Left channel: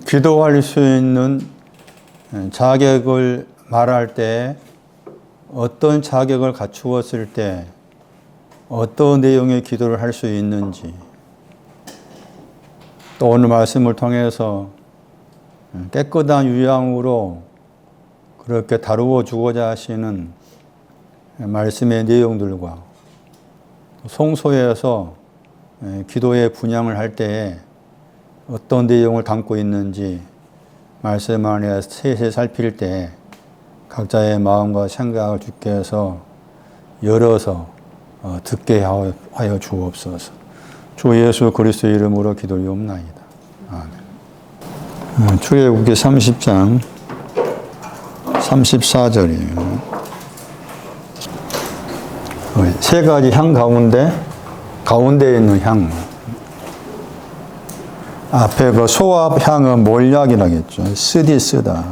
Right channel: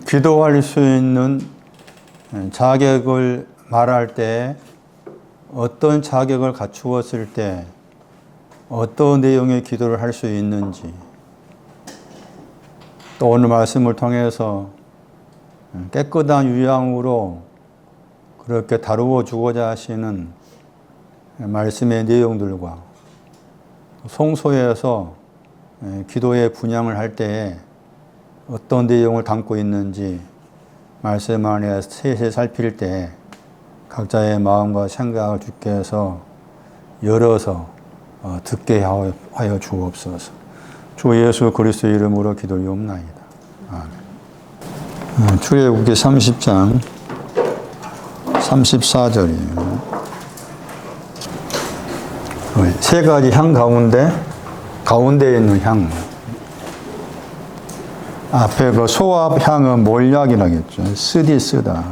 기도할 수 있는 자격을 말할 때 어떤 자격을 갖추었을 때 어떤 내용의 기도를 할 수 있는지, 또 오늘 말씀을 통해서 깨끗한 유양으로 그렇게 다루어 주고자 하시는 말씀의 내용들과 성소에서 기도의 분양을 할 때에 어떤 내용을 담고 있는지 말씀 안에 세세 살필 때 각자의 마음과 생각을 주께서 열어서 듣게 하여 주옵소서. 주 예수 그리스도의 이름으로 기도리옵나이다. 아멘. 출애굽기 30장 34절이에요. 세 가지 향 가운데에 있는 향. 앞에 그 소합 향은 몰약이라겠죠. 쓰다.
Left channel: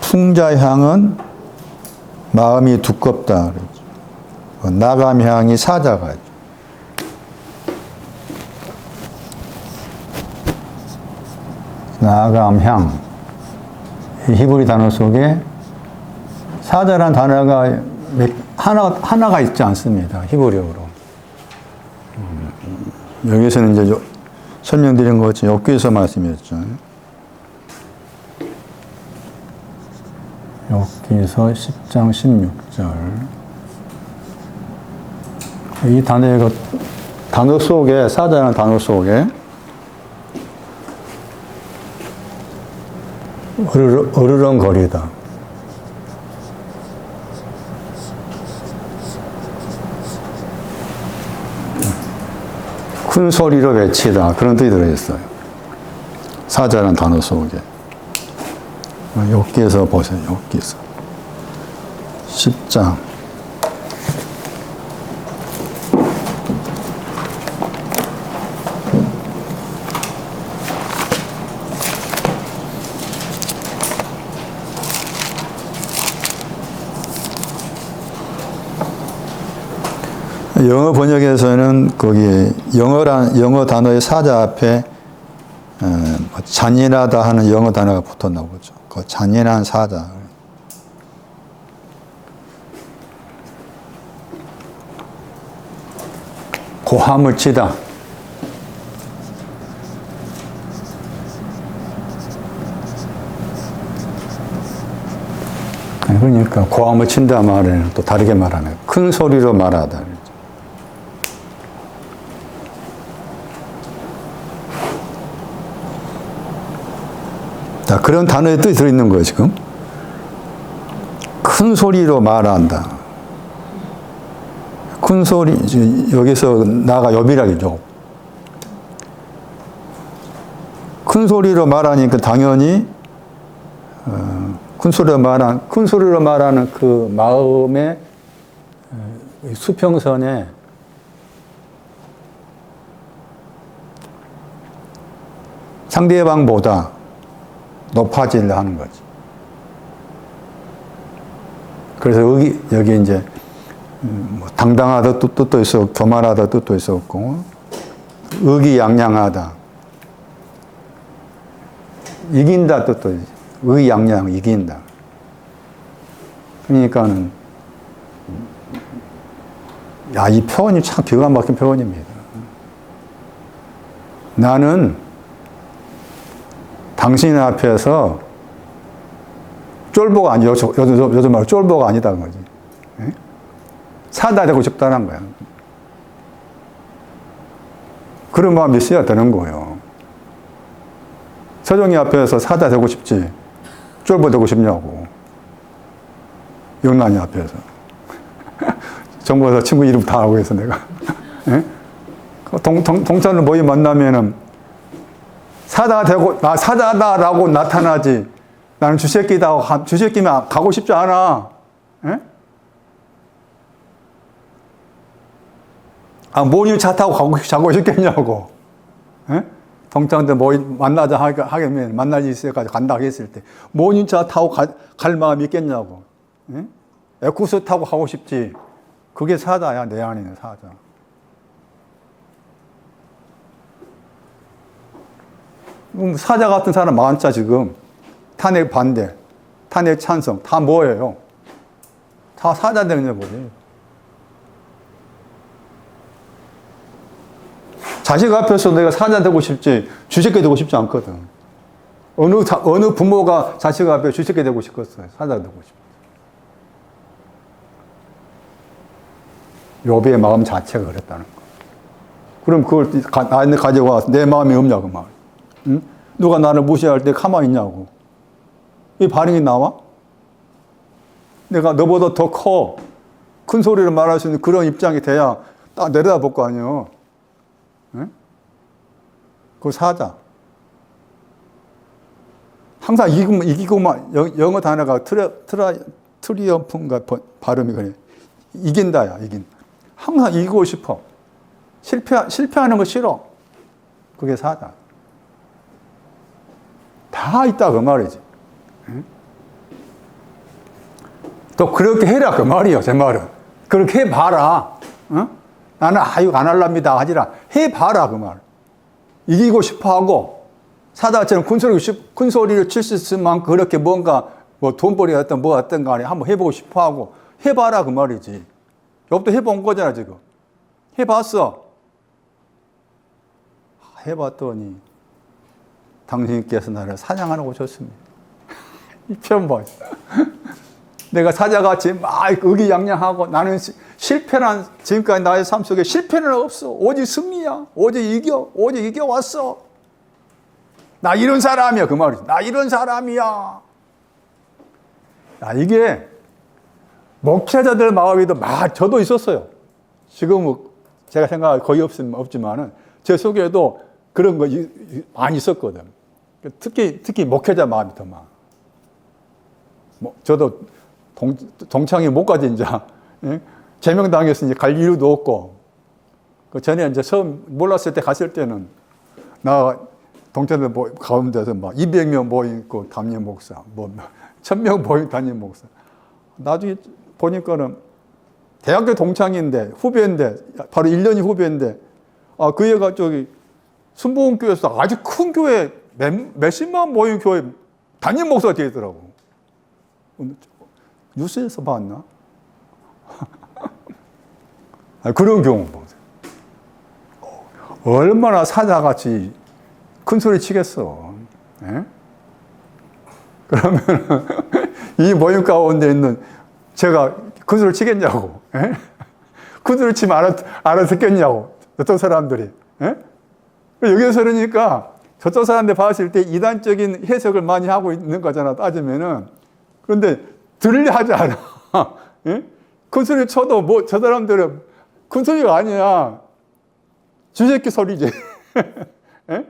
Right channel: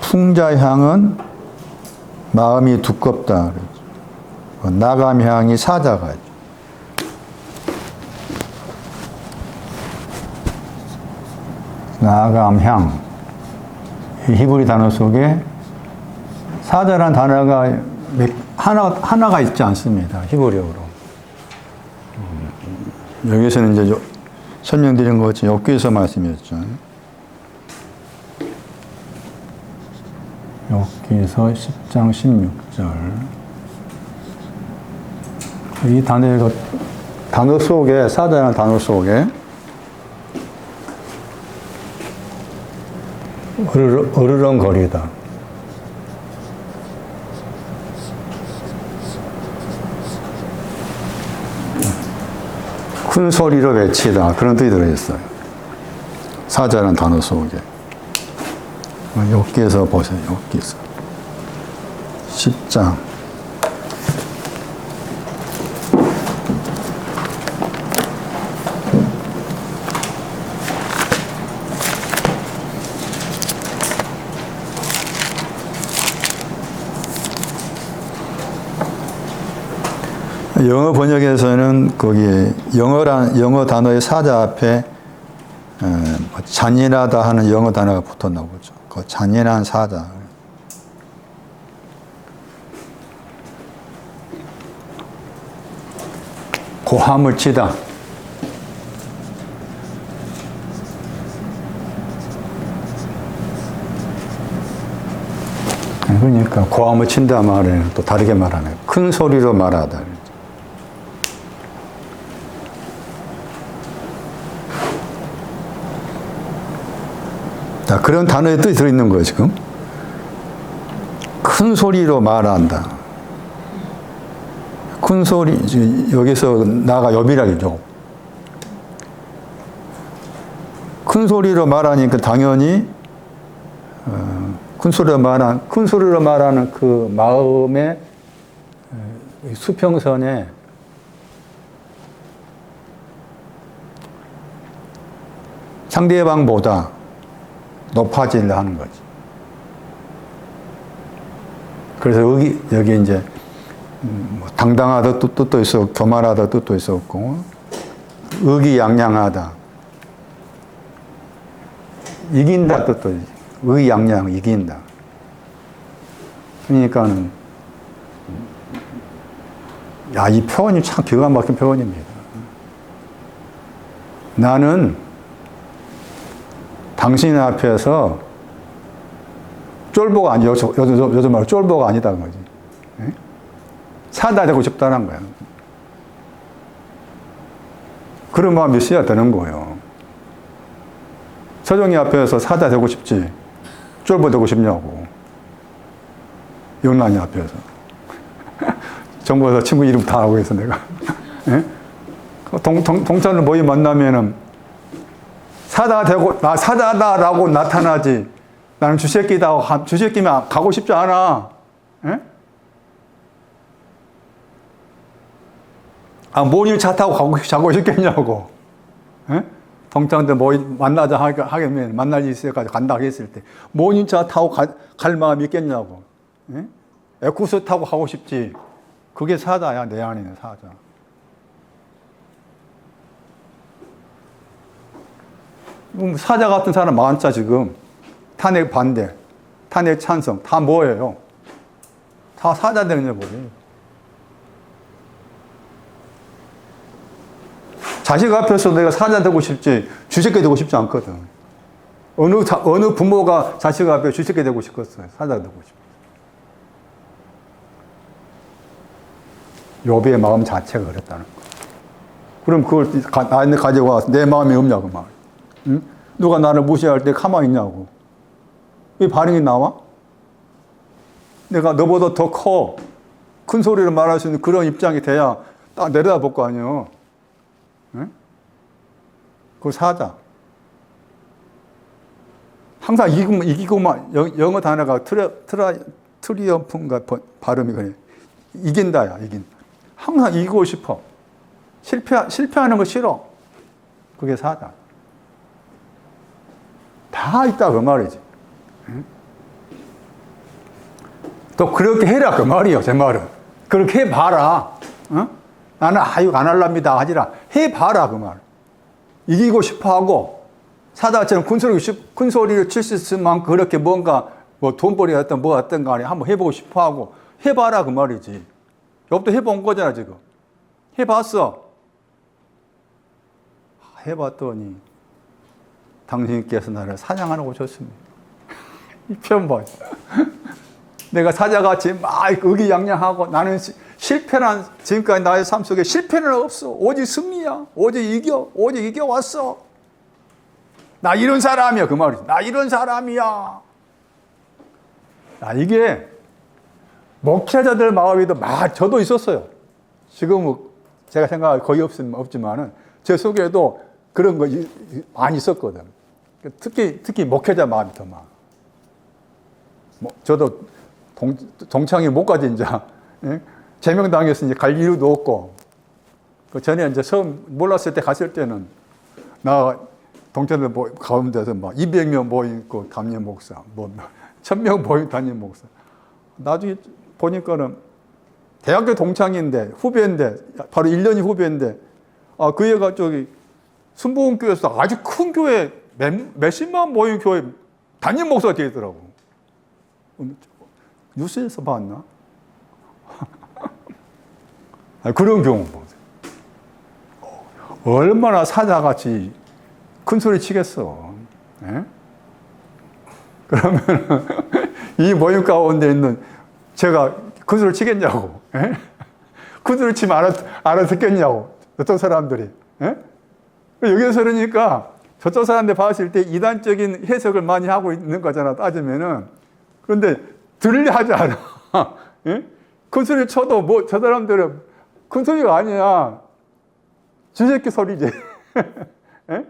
풍자 향은 마음이 두껍다. 나감 향이 사자가 있죠. 나감 향. 히브리 단어 속에 사자란 단어가 하나가 있지 않습니다. 히브리어로. 여기서는 이제 설명드린 것이 욥기서 말씀이었죠. 욥기서 10장 16절. 이 단어 속에, 사자라는 단어 속에 으르렁거리다. 큰 소리로 외치다. 그런 뜻이 들어있어요. 사자라는 단어 속에. 욥기에서 보세요. 욥기에서 10장 영어 번역에서는 거기에 영어 단어의 사자 앞에 잔인하다 하는 영어 단어가 붙어 나오죠. 그 잔인한 사자. 고함을 치다. 그러니까 고함을 친다 말에는 또 다르게 말하네. 큰 소리로 말하다. 자, 그런 단어의 뜻이 들어있는 거예요, 지금. 큰 소리로 말한다. 큰 소리, 여기서 나가 욥이라죠. 큰 소리로 말하니까 당연히, 큰 소리로 말하는 그 마음의 수평선에 상대방보다 높아지려 하는 거지. 그래서 여기 이제 당당하다 뜻도 있었고, 교만하다 뜻도 있었고, 의기양양하다, 이긴다 뜻도 있어. 의기양양, 이긴다. 그러니까는 이 표현이 참 기가 막힌 표현입니다. 나는 당신 앞에서 쫄보가 아니야. 요즘 말로 쫄보가 아니다는 거지. 사다 되고 싶다는 거야. 그런 마음이 있어야 되는 거예요. 서정이 앞에서 사다 되고 싶지, 쫄보 되고 싶냐고. 용난이 앞에서. 정부에서 친구 이름 다 하고 있어, 내가. 동창을 모임 만나면은 사다다라고 나타나지. 나는 주새끼다. 주새끼면 가고 싶지 않아. 모닝 차 타고 가고 싶겠냐고. 동창들 만나자 하겠면 만날 일 있을까지 간다 했을 때 모닝 차 타고 갈 마음이 있겠냐고. 에쿠스 타고 가고 싶지. 그게 사자야, 내 안에 있는 사자. 사자 같은 사람 많자, 지금. 탄핵 반대, 탄핵 찬성, 다 뭐예요? 다 사자 되는 거예요. 자식 앞에서 내가 사자 되고 싶지, 쥐새끼 되고 싶지 않거든. 어느 부모가 자식 앞에 쥐새끼 되고 싶겠어요? 사자 되고 싶어. 욥의 마음 자체가 그랬다는 거. 그럼 그걸 나한테 가져와 내 마음이 없냐고, 막. 응? 누가 나를 무시할 때 가만히 있냐고. 이 반응이 나와? 내가 너보다 더 커. 큰 소리로 말할 수 있는 그런 입장이 돼야 딱 내려다볼 거 아니에요. 응? 그거 사자. 항상 이기고만, 영어 단어가 트리엄프인가 발음이 그래. 이긴다야, 항상 이기고 싶어. 실패하는 거 싫어. 그게 사자. 다 있다, 그 말이지. 응? 또 그렇게 해라, 그 말이요, 제 말은. 그렇게 해봐라. 응? 나는 이거 안 할랍니다 하지라. 해봐라, 그 말. 이기고 싶어 하고, 사자처럼 큰 소리를 칠 수 있을 만큼 그렇게 뭔가, 뭐 돈벌이 어떤 뭐 어떤 간에 한번 해보고 싶어 하고, 해봐라, 그 말이지. 욥도 해본 거잖아, 지금. 해봤어. 해봤더니, 당신께서 나를 사냥하라고 줬습니다. 이 편 봐. 내가 사자같이 막 의기양양하고 나는 실패란, 지금까지 나의 삶 속에 실패는 없어. 오직 승리야. 오직 이겨왔어. 나 이런 사람이야. 그 말이지. 나 이런 사람이야. 이게 목회자들 마음에도 저도 있었어요. 지금은 제가 생각할 거의 없지만은 제 속에도 그런 거 많이 있었거든. 특히 목회자 마음이 더 많아. 저도 동창회 못 가지, 이제. 예? 제명당해서 이제 갈 이유도 없고. 그 전에 이제 처음 몰랐을 때 갔을 때는, 나 동창회 가운데서 막 200명 모이고 담임 목사, 1000명 모이고 담임 목사. 나중에 보니까는 대학교 동창인데, 후배인데, 바로 1년이 후배인데, 그 애가 순복음교회에서 아주 큰 교회, 몇십만 모인 교회 담임 목사가 되더라고. 뉴스에서 봤나? 그런 경우 보세요. 얼마나 사자같이 큰 소리 치겠어. 예? 그러면 이 모임 가운데 있는 제가 큰 소리 치겠냐고. 예? 큰 소리 치면 알아듣겠냐고. 어떤 사람들이. 예? 여기서 그러니까 저쪽 사람들 봤을 때 이단적인 해석을 많이 하고 있는 거잖아, 따지면은. 그런데 들으려 하지 않아. 예? 큰 소리 쳐도 저 사람들은 큰 소리가 아니야. 쥐새끼 소리지. 예?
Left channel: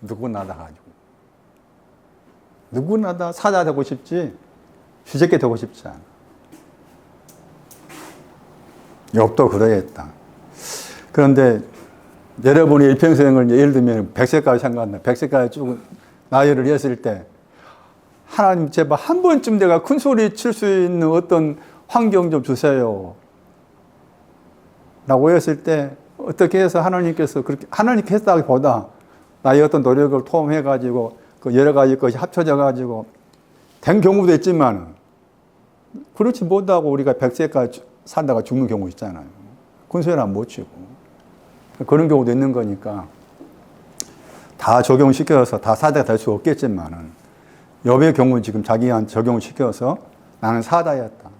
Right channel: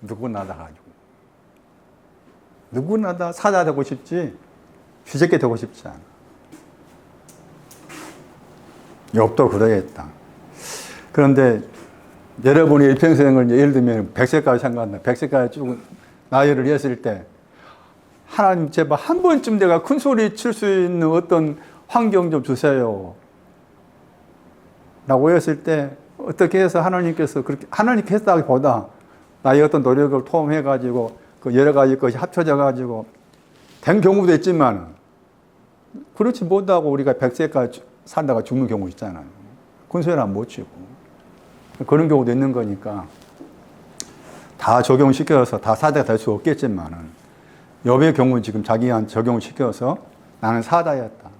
누구나 다 가지고. 누구나 다 사자 되고 싶지, 쥐새끼 되고 싶지 않아. 욥도 그러했다. 그런데 여러분이 일평생을 예를 들면 100세까지 생각한다. 100세까지 쭉 나이를 했을 때, 하나님 제발 한 번쯤 내가 큰 소리 칠 수 있는 어떤 환경 좀 주세요. 라고 했을 때, 어떻게 해서 하나님께서 그렇게, 하나님께 했다기보다 나의 어떤 노력을 통해가지고 그 여러 가지 것이 합쳐져가지고 된 경우도 있지만, 그렇지 못하고 우리가 100세까지 살다가 죽는 경우 있잖아요. 큰 소리는 못 치고. 그런 경우도 있는 거니까 다 적용시켜서 다 사자가 될 수 없겠지만은, 욥의 경우는 지금 자기한테 적용시켜서 나는 사자였다.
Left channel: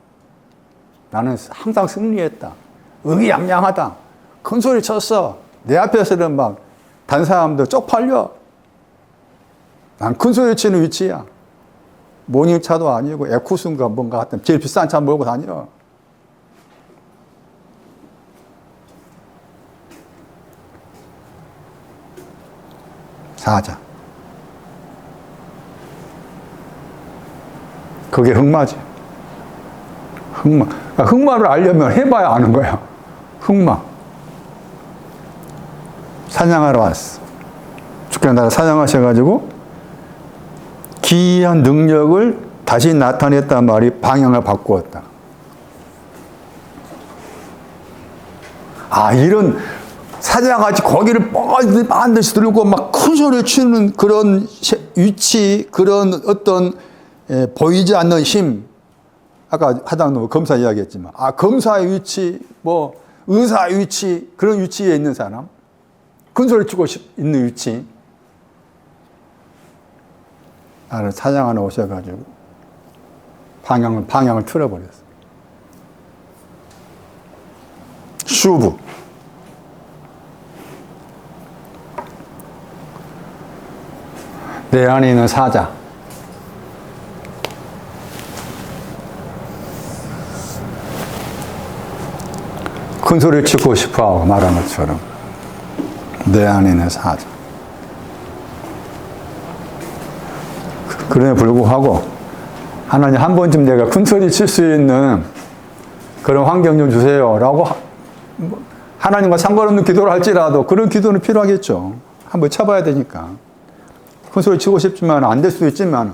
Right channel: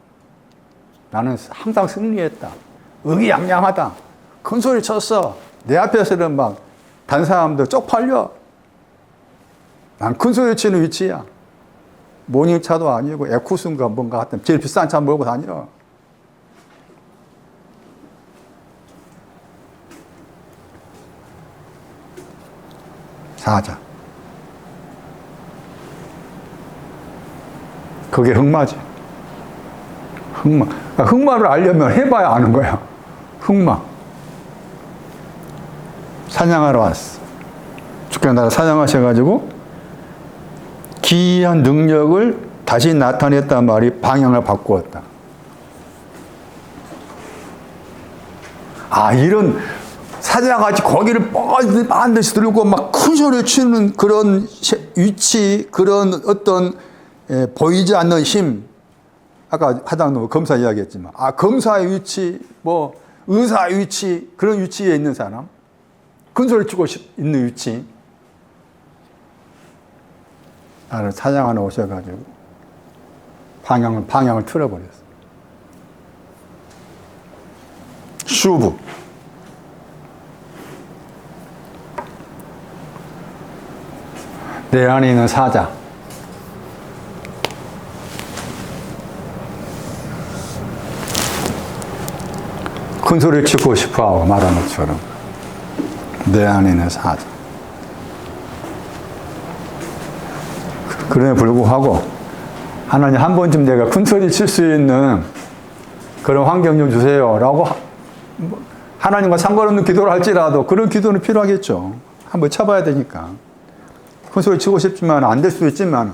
나는 항상 승리했다. 의기양양하다. 큰 소리 쳤어. 내 앞에서는 막 다른 사람들 쪽팔려. 난 큰 소리 치는 위치야. 모닝차도 아니고 에쿠스인가 뭔가 하여튼 제일 비싼 차 몰고 다니라. 사자. 그게 흑마지. 흑마. 흑마를 알려면 해봐야 아는 거야. 흑마. 사냥하러 왔어. 주께서 나를 사냥하셔가지고 기이한 능력을 다시 나타냈단 말이 방향을 바꾸었다. 이런 사자같이 고기를 반드시 들고 막 큰 소리를 치는 그런 위치, 그런 어떤 보이지 않는 힘. 아까 하다는 검사 이야기했지만, 검사의 위치, 뭐 의사의 위치, 그런 위치에 있는 사람, 큰 소리 치고 있는 위치. 나를 사장 하나 오셔가지고 방향을 틀어버렸어. 슈브. 내 안에 있는 사자. 큰 소리를 치고 싶어하고 말한 것처럼 내 안에 있는 사자. 그럼에 불구하고 하나님 한 번쯤 내가 큰 소리 칠 수 있는 그런 환경 좀 주세요 라고 하나님과 상관없는 기도를 할지라도 그런 기도는 필요하겠죠. 한번 쳐봐야 되니까. 큰 소리 치고 싶지만 안 될 수도 있지만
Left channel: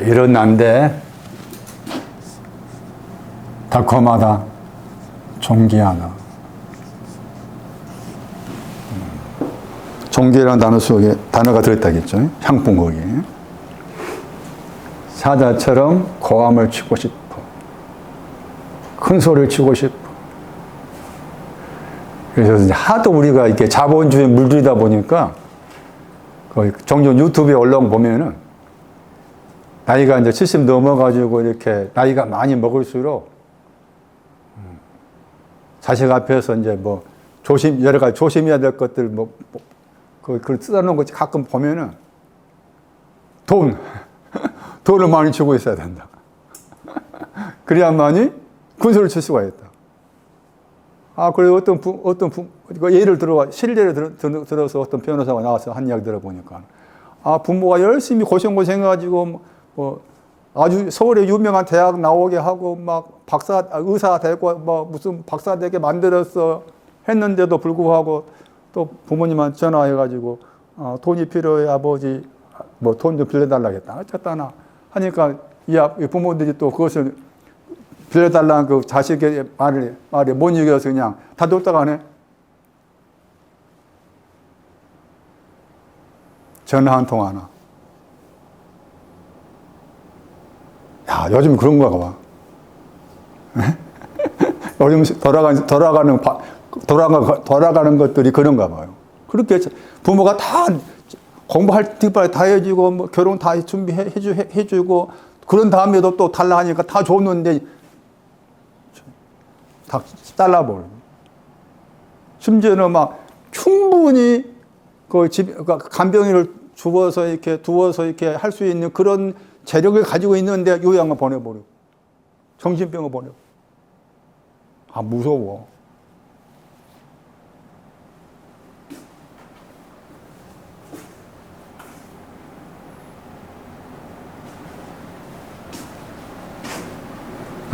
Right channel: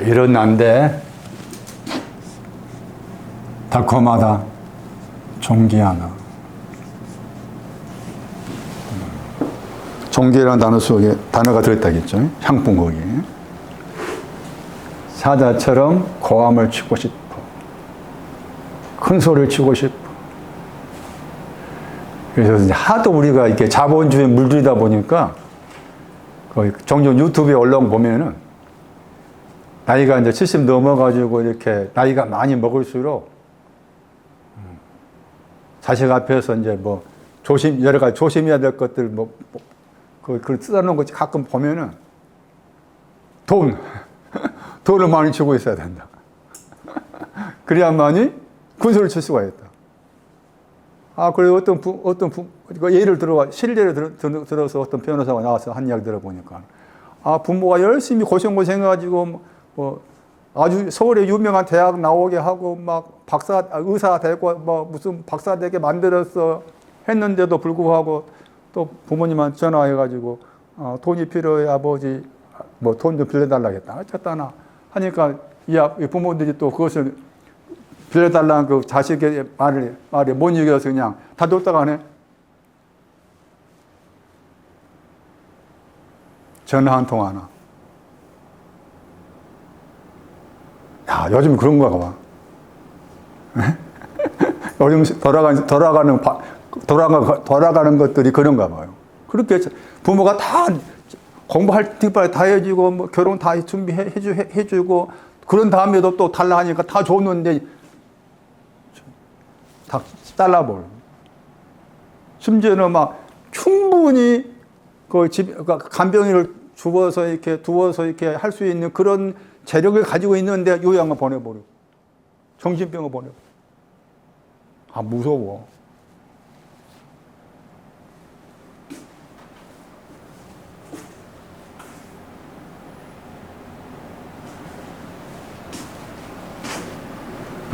이런 난데 달콤하다, 존귀하다. 존귀라는 단어 속에 단어가 들어있다겠죠. 향품 거기에. 사자처럼 고함을 치고 싶어. 큰 소리를 치고 싶어. 그래서 이제 하도 우리가 이렇게 자본주의 물들이다 보니까 거의 종종 유튜브에 올라온 보면은 나이가 이제 70 넘어가지고 이렇게 나이가 많이 먹을수록 자식 앞에서 이제 뭐 여러 가지 조심해야 될 것들 그걸 써놓은 거 가끔 보면은 돈을 많이 주고 있어야 된다. 그래야만이 큰 소리를 칠 수가 있다. 그리고 예를 실례를 들어서 어떤 변호사가 나와서 한 이야기 들어보니까, 부모가 열심히 고생해가지고, 아주 서울에 유명한 대학 나오게 하고, 막 의사 되고, 무슨 박사 되게 만들었어. 했는데도 불구하고, 또 부모님한테 전화해가지고, 돈이 필요해, 아버지, 돈 좀 빌려달라겠다. 어쨌다나. 하니까, 이 부모들이 또 그것을 빌려달라는 그 자식의 말에 못 이겨서 그냥 다 뒀다가 하네. 전화 한 통 하나. 야, 요즘 그런가 봐. 요즘 돌아가는 것들이 그런가 봐요. 그렇게 부모가 다 공부할 때까지 다 해주고, 결혼 다 준비해주고, 그런 다음에도 또 달라 하니까 다 줬는데, 다 잘라버려. 심지어는 막 충분히 간병인을 두어서 이렇게 할 수 있는 그런 재력을 가지고 있는데 요양을 보내버려. 정신병을 보내. 무서워.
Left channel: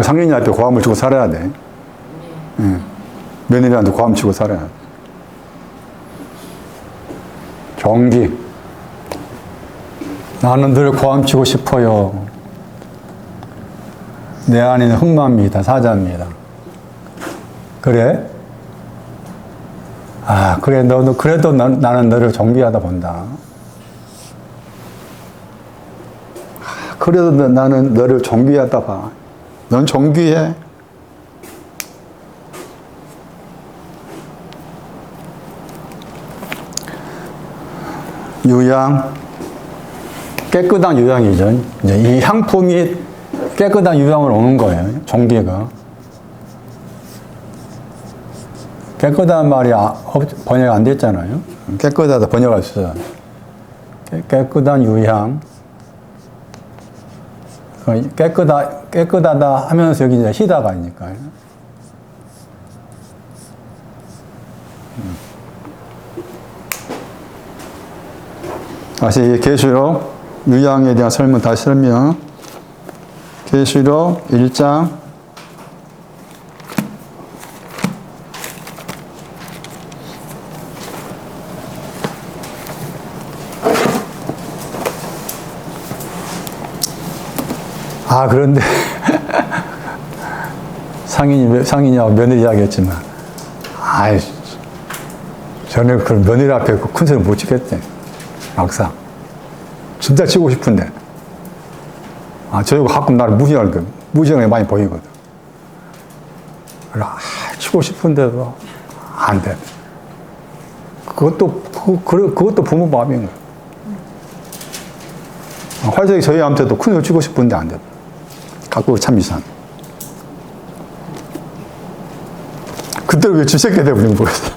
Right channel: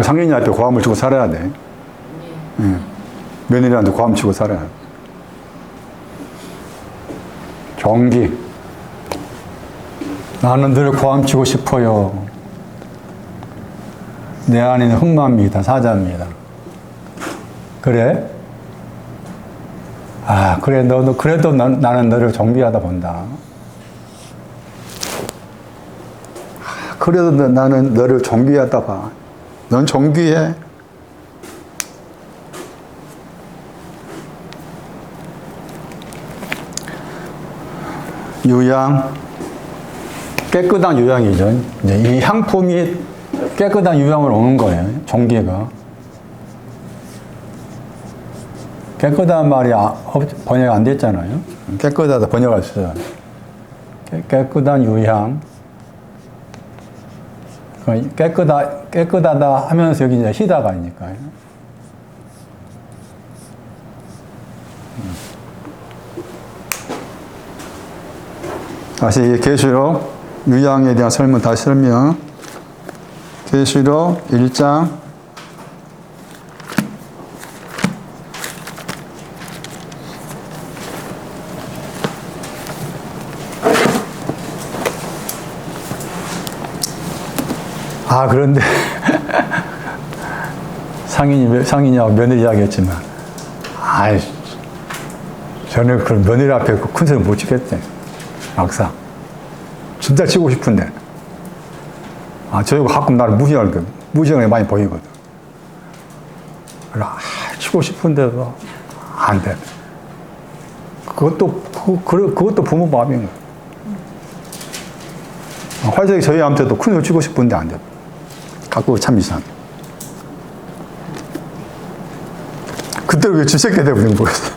상인이한테 고함을 주고 살아야 돼. 며느리한테 고함 치고 살아야 돼. 경기. 나는 늘 고함 치고 싶어요. 내 안에는 흑마입니다. 사자입니다. 그래? 그래. 그래도 나는 너를 존귀하다 본다. 그래도 나는 너를 존귀하다 봐. 넌 존귀해. 유양, 깨끗한 유양이죠. 이제 이 향품이 깨끗한 유양을 오는 거예요. 종기가. 깨끗한 말이 번역 안 됐잖아요. 깨끗하다 번역할 수 있어요. 깨끗한 유향. 깨끗하다 하면서 여기 이제 희다가 아니까요. 다시 계시록 유양에 대한 설명 다시 설명. 계시록 1장 그런데 상인이하고 며느리 하겠지만, 아이, 저는 그 며느리 앞에 그 큰 소리 못 치겠대. 막상. 진짜 치고 싶은데. 저희가 가끔 나를 무시하는 게 많이 보이거든. 치고 싶은데도 안 돼. 그것도 부모 마음인 거야. 활석이 저희한테도 큰 소리 치고 싶은데 안 돼. 갖고 참 이상. 그때 왜 쥐새끼 돼버린 거였어.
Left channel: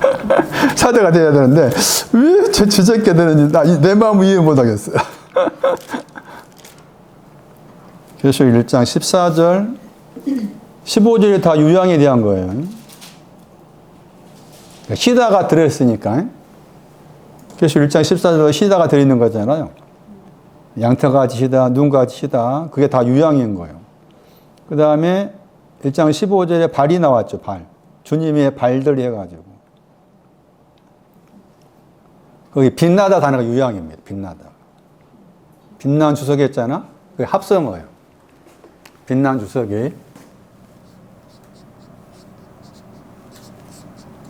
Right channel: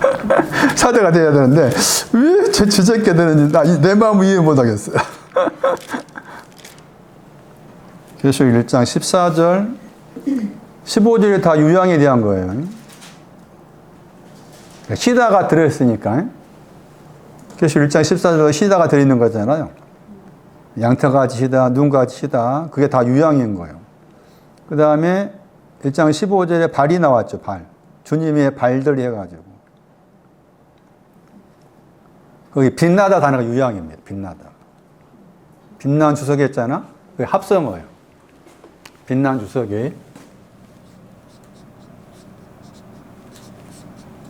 사자가 돼야 되는데, 왜 쥐새끼 되는지, 내 마음을 이해 못 하겠어요. 계시록 1장 14절, 15절이 다 유양에 대한 거예요. 시다가 들어있으니까. 계시록 1장 14절에 시다가 들어있는 거잖아요. 양털같이 시다, 눈같이 시다. 그게 다 유양인 거예요. 그 다음에 1장 15절에 발이 나왔죠, 발. 주님의 발들이 해가지고. 거기 빛나다 단어가 유양입니다. 빛나다. 빛난 주석이 했잖아? 그게 합성어예요. 빛난 주석이.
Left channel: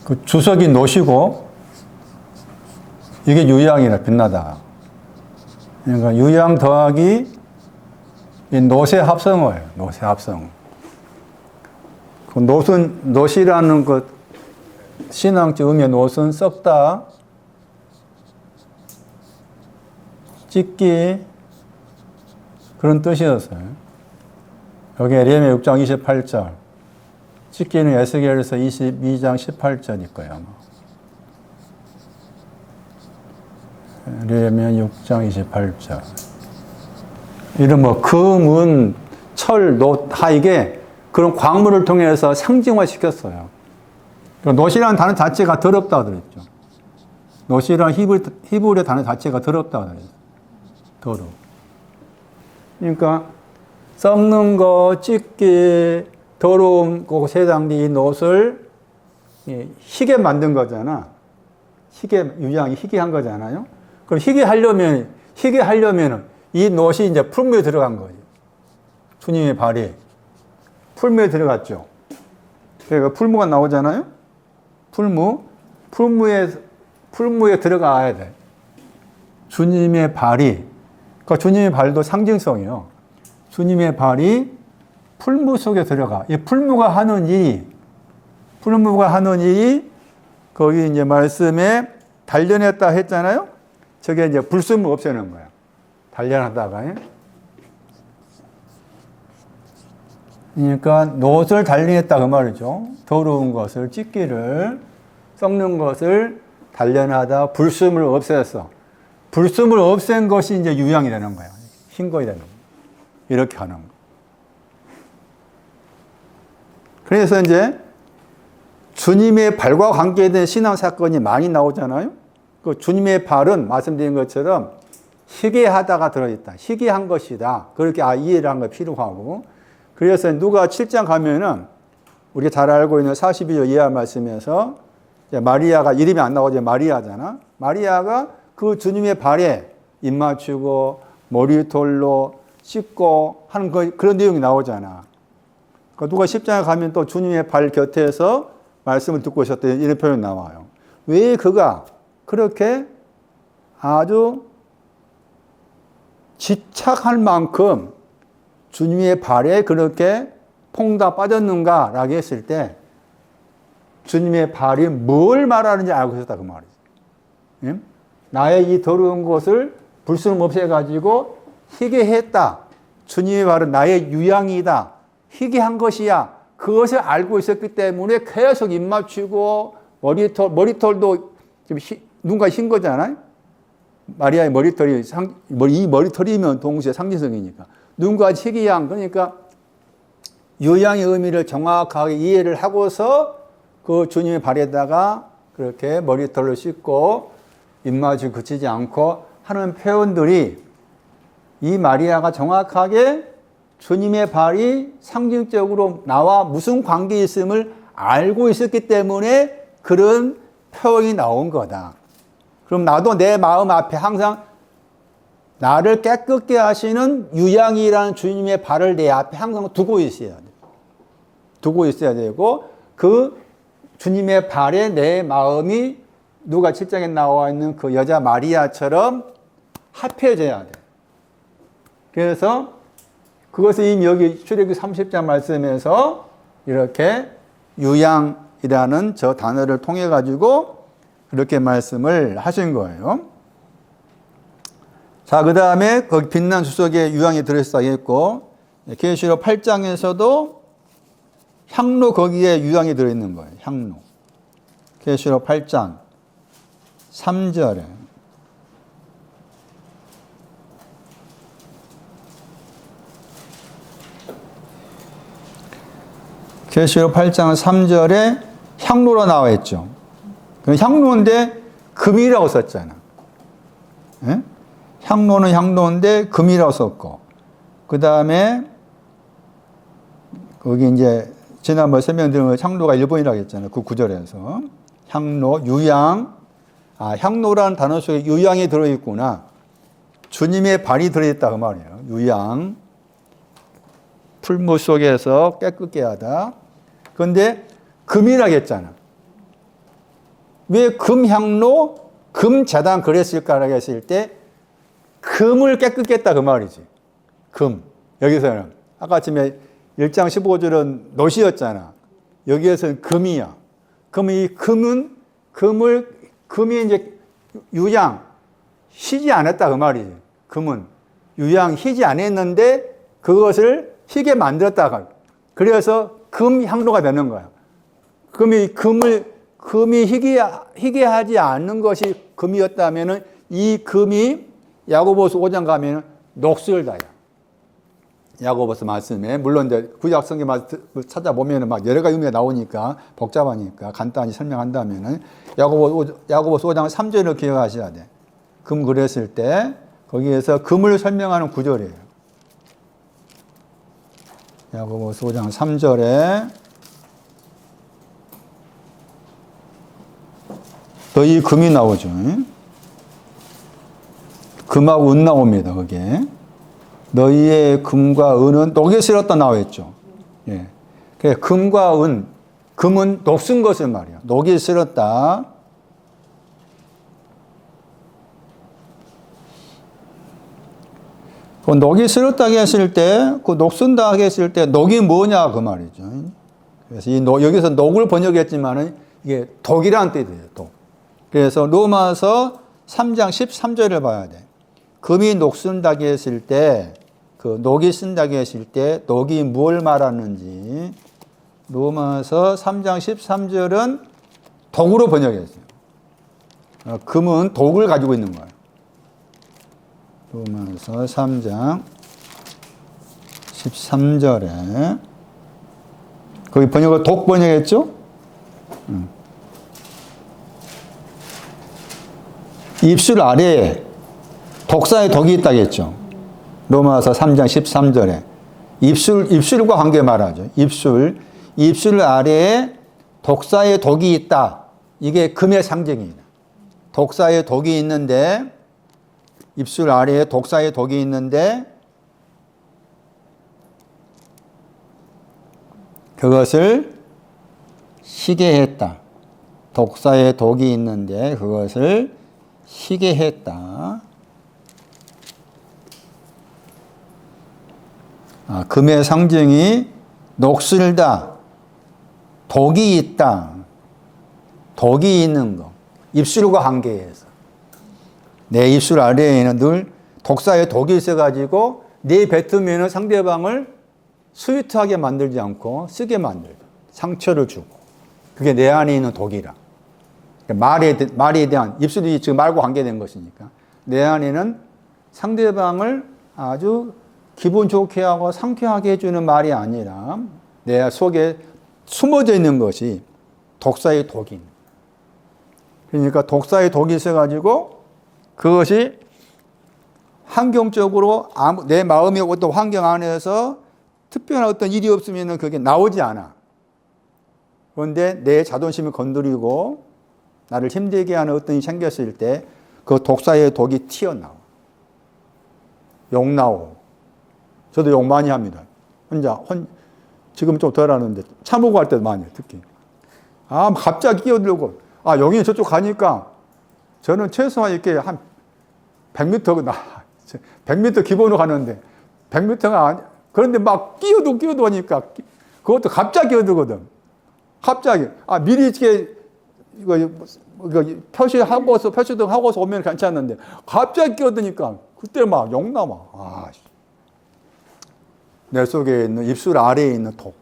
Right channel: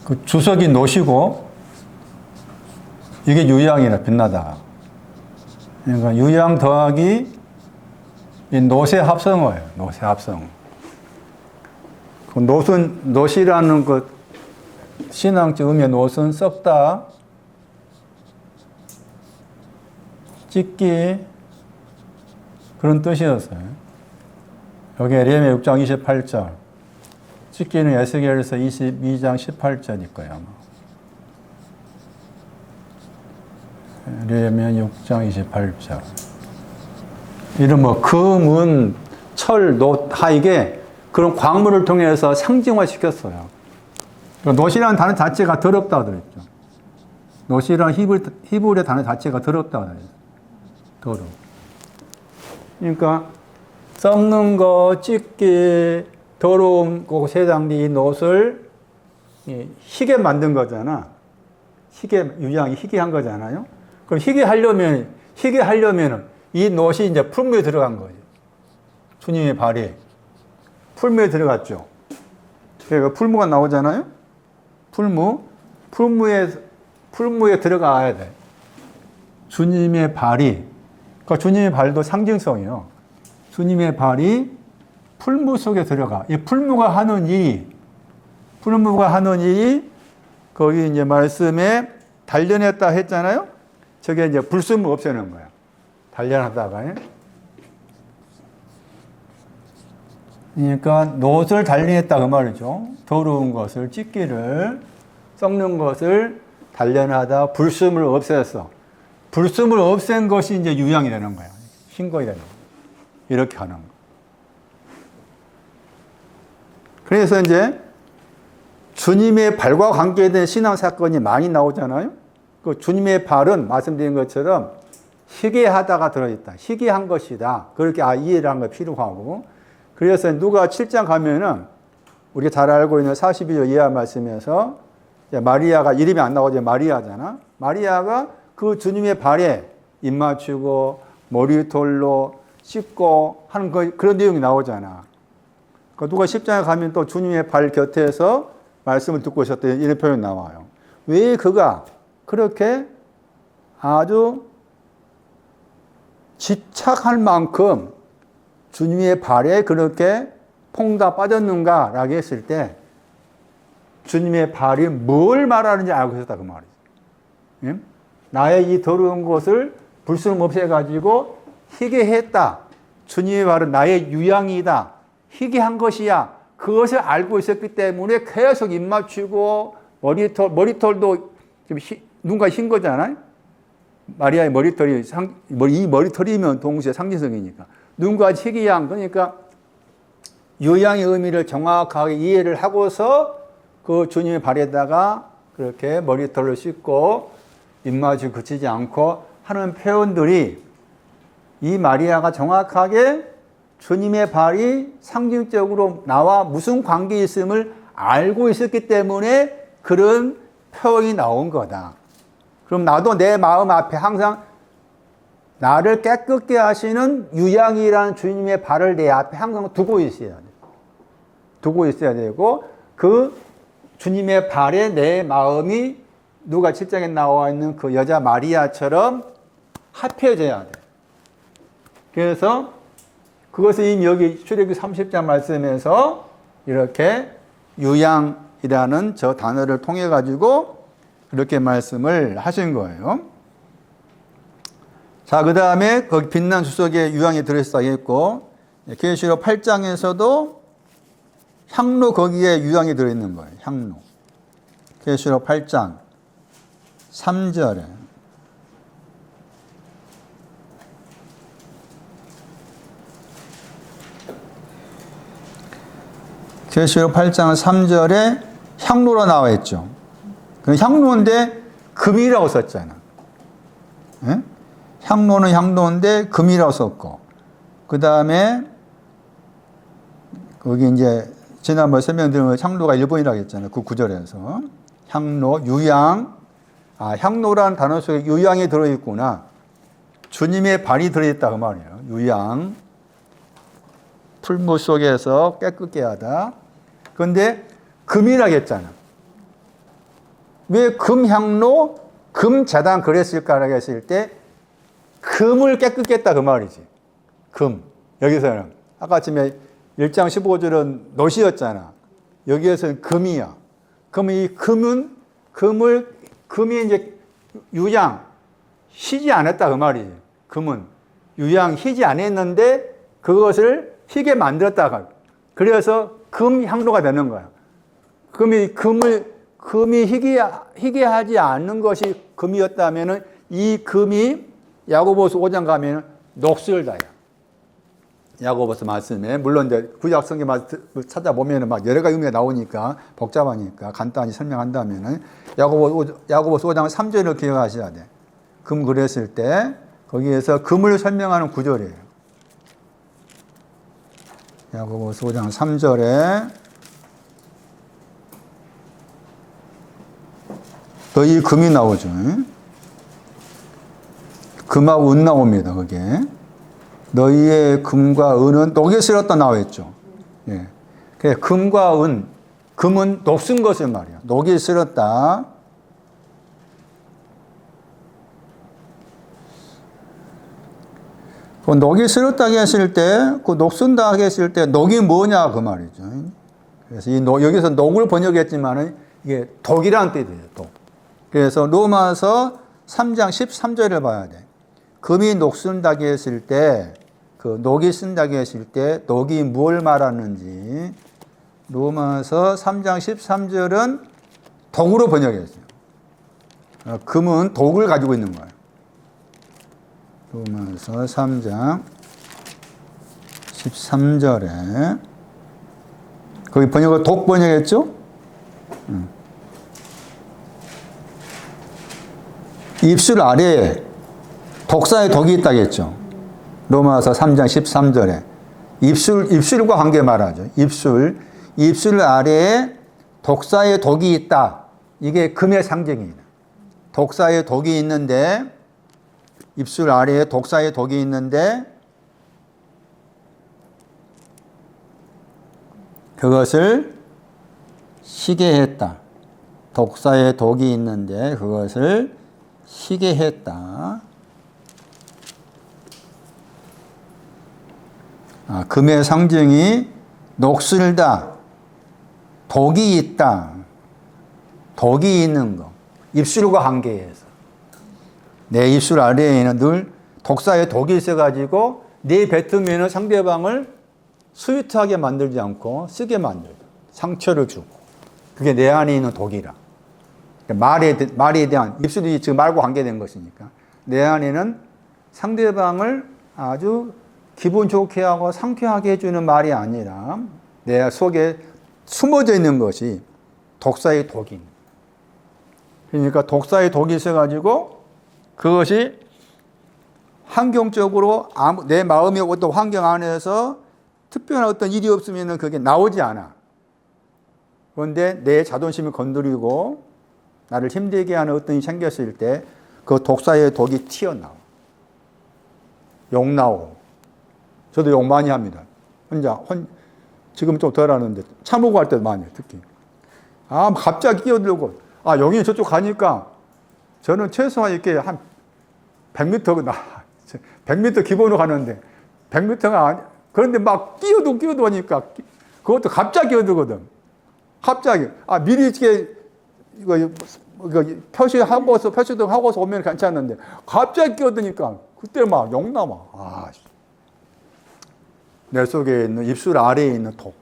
그 주석이 노시고, 이게 유양이라, 빛나다. 그러니까 유양 더하기 이 노세 합성어예요. 노세 합성어. 그 노시라는 것, 신앙적 의미의 노는 썩다, 찢기, 그런 뜻이었어요. 여기 에레미야 6장 28절. 찢기는 에스겔에서 22장 18절일 거예요, 아마. 에레미야 6장 28절. 이런 금, 은, 철, 노, 이게 그런 광물을 통해서 상징화 시켰어요. 노시라는 단어 자체가 더럽다고 그랬죠. 노시라는 히브리어 단어 자체가 더럽다고 그랬죠. 더러워. 그러니까 썩는 거, 찢기, 더러운 거, 세상에 이 노를 희게 만든 거잖아. 유양이 희게한 거잖아요. 그럼 희게 하려면 이 노시 이제 풀무에 들어간 거예요. 주님의 발이 풀무에 들어갔죠. 그러니까 풀무가 나오잖아요. 풀무에 들어가야 돼. 주님의 발이, 그러니까 주님의 발도 상징성이요. 주님의 발이 풀무 속에 들어가. 이 풀무가 하는 일이, 거기 이제 말씀에 단련했다 했잖아요. 저게 이제 불순물 없애는 거야. 단련하다가. 그러니까 노를 단련했다 그 말이죠. 더러운 것을, 찢기를, 썩는 것을 단련하다 불순물을 없앴어. 불순물을 없앤 것이 이제 유양이 되는 거야. 신거이 되는 거야. 이렇게 하는 거. 그래서 이제 주님의 발과 관계된 신앙 사건이 많이 나오잖아요. 그 주님의 발은 말씀드린 것처럼 희게하다가 들어있다. 희게한 것이다. 그렇게 이해를 한 거 필요하고. 그래서 누가 7장 가면은 우리가 잘 알고 있는 42절 이하 말씀에서 마리아가 이름이 안 나오죠. 마리아잖아. 마리아가 그 주님의 발에 입 맞추고 머리털로 씻고 하는 그런 내용이 나오잖아. 누가 10장에 가면 또 주님의 발 곁에서 말씀을 듣고 있었던 이런 표현이 나와요. 왜 그가 그렇게 아주 집착할 만큼 주님의 발에 그렇게 퐁다 빠졌는가라고 했을 때 주님의 발이 뭘 말하는지 알고 있었다 그 말이지. 예? 나의 이 더러운 것을 불순물 없애가지고 희게 했다. 주님의 발은 나의 유양이다. 희게 한 것이야. 그것을 알고 있었기 때문에 계속 입 맞추고 머리털도 누군가 흰 거잖아요. 마리아의 머리털이 이 머리털이면 동시에 상징성이니까 누군가 희귀한 그러니까 유양의 의미를 정확하게 이해를 하고서 그 주님의 발에다가 그렇게 머리털을 씻고 입맞추고 그치지 않고 하는 표현들이 이 마리아가 정확하게 주님의 발이 상징적으로 나와 무슨 관계 있음을 알고 있었기 때문에 그런 표현이 나온 거다. 그럼 나도 내 마음 앞에 항상 나를 깨끗게 하시는 유양이라는 주님의 발을 내 앞에 항상 두고 있어야 돼. 두고 있어야 되고, 그 주님의 발에 내 마음이 누가 7장에 나와 있는 그 여자 마리아처럼 합해져야 돼. 그래서 그것을 이미 여기 출애굽기 30장 말씀에서 이렇게 유양이라는 저 단어를 통해 가지고 그렇게 말씀을 하신 거예요. 자, 그 다음에 거기 빛난 주석에 유양이 들어있어 있고, 계시록 8장에서도 향로 거기에 유양이 들어있는 거예요. 향로. 계시록 8장 3절에. 계시록 8장 3절에 향로로 나와 있죠. 그 향로인데 금이라고 썼잖아. 예? 향로는 향로인데 금이라고 썼고, 그 다음에 거기 이제 지난번에 설명드린 향로가 일본이라고 했잖아요. 그 구절에서 향로, 유양. 아, 향로라는 단어 속에 유양이 들어있구나. 주님의 발이 들어있다 그 말이에요. 유양. 풀무 속에서 깨끗게 하다. 그런데 금이라고 했잖아. 왜 금향로, 금재단 그랬을까라고 했을 때 금을 깨끗게 했다 그 말이지. 금. 여기서는 아까 아침에 1장 15절은 놋이었잖아. 여기에서는 금이야. 그럼 이 금이 이제 유양, 희지 않았다 그 말이지. 금은. 유양, 희지 안 했는데 그것을 희게 만들었다가. 그래서 금향로가 되는 거야. 금이 희게 하지 않는 것이 금이었다면은 이 금이 야고보서 5장 가면 녹슬다야. 야고보서 말씀에 물론 이제 구약 성경 찾아보면은 막 여러 가지 의미가 나오니까 복잡하니까 간단히 설명한다면은 야고보서 5장 3절을 기억하셔야 돼. 금 그랬을 때 거기에서 금을 설명하는 구절이에요. 야고보서 5장 3절에 너희 금이 나오죠. 금하고 은 나옵니다. 거기에. 너희의 금과 은은 녹에 쓸었다 나와 있죠. 예. 금과 은, 금은 녹슨 것을 말이야. 녹에 쓸었다. 그 녹이 쓸었다고 했을 때, 그 녹순다 했을 때, 녹이 뭐냐, 그 말이죠. 그래서 여기서 녹을 번역했지만은, 이게 독이라는 뜻이에요, 독. 그래서 로마서 3장 13절을 봐야 돼. 금이 녹순다고 했을 때, 그 녹이 쓴다고 했을 때, 녹이 뭘 말하는지, 로마서 3장 13절은 독으로 번역했어요. 금은 독을 가지고 있는 거예요. 로마서 3장 13절에 거기 번역을 독 번역했죠? 입술 아래에 독사의 독이 있다고 했죠. 로마서 3장 13절에 입술과 관계 말하죠. 입술 아래에 독사의 독이 있다. 이게 금의 상징입니다. 독사의 독이 있는데 입술 아래에 독사의 독이 있는데 그것을 희게 했다. 독사의 독이 있는데 그것을 희게 했다. 금의 상징이 녹슬다. 독이 있다. 독이 있는 거. 입술과 관계해서. 내 입술 아래에는 늘 독사의 독이 있어가지고 내 뱉으면 상대방을 스위트하게 만들지 않고 쓰게 만들다. 상처를 주고. 그게 내 안에 있는 독이라. 말에 대한, 입술이 지금 말과 관계된 것이니까. 내 안에는 상대방을 아주 기분 좋게 하고 상쾌하게 해주는 말이 아니라 내 속에 숨어져 있는 것이 독사의 독입니다. 그러니까 독사의 독이 있어가지고 그것이 환경적으로 내 마음의 어떤 환경 안에서 특별한 어떤 일이 없으면 그게 나오지 않아. 그런데 내 자존심을 건드리고 나를 힘들게 하는 어떤 일이 생겼을 때 그 독사의 독이 튀어나와. 욕 나오고. 저도 욕 많이 합니다. 지금 좀 덜 하는데 차보고 할 때도 많이 해요, 특히. 갑자기 끼어들고 여기 저쪽 가니까 저는 최소한 이렇게 한 100m 100m 기본으로 가는데 100m가 그런데 막 끼어도 하니까 그것도 갑자기 끼어들거든. 갑자기 미리 이렇게 이거 표시도 하고서 오면 괜찮은데 갑자기 끼어드니까 그때 막 욕 나와. 내 속에 있는 입술 아래에 있는 독.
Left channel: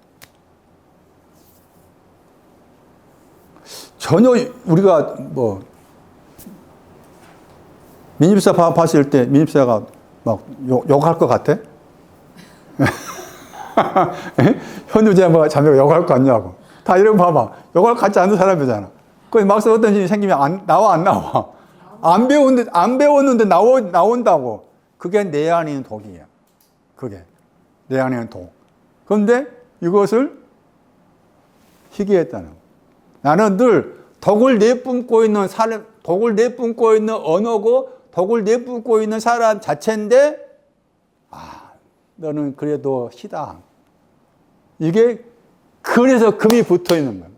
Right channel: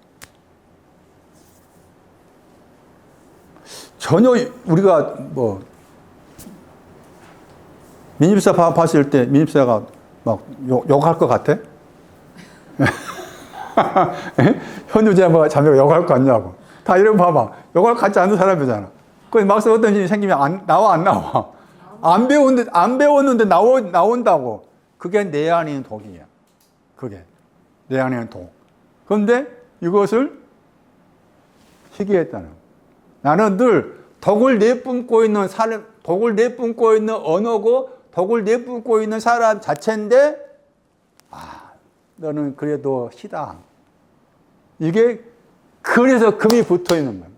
전혀 우리가 민입사 봤을 때 민입사가 막 욕할 것 같아? 현우제 뭐 자매가 욕할 것 같냐고. 다 이런 봐봐. 욕할 것 같지 않은 사람이잖아. 그럼 막상 어떤 일이 생기면 안 나와. 안 배웠는데 나온다고. 그게 내 안에 있는 독이야. 그게. 내 안에 있는 독. 그런데 이것을 희귀했다는. 나는 늘 독을 내뿜고 있는 사람, 독을 내뿜고 있는 언어고, 독을 내뿜고 있는 사람 자체인데, 너는 그래도 희다. 이게, 그래서 금이 붙어 있는 거야.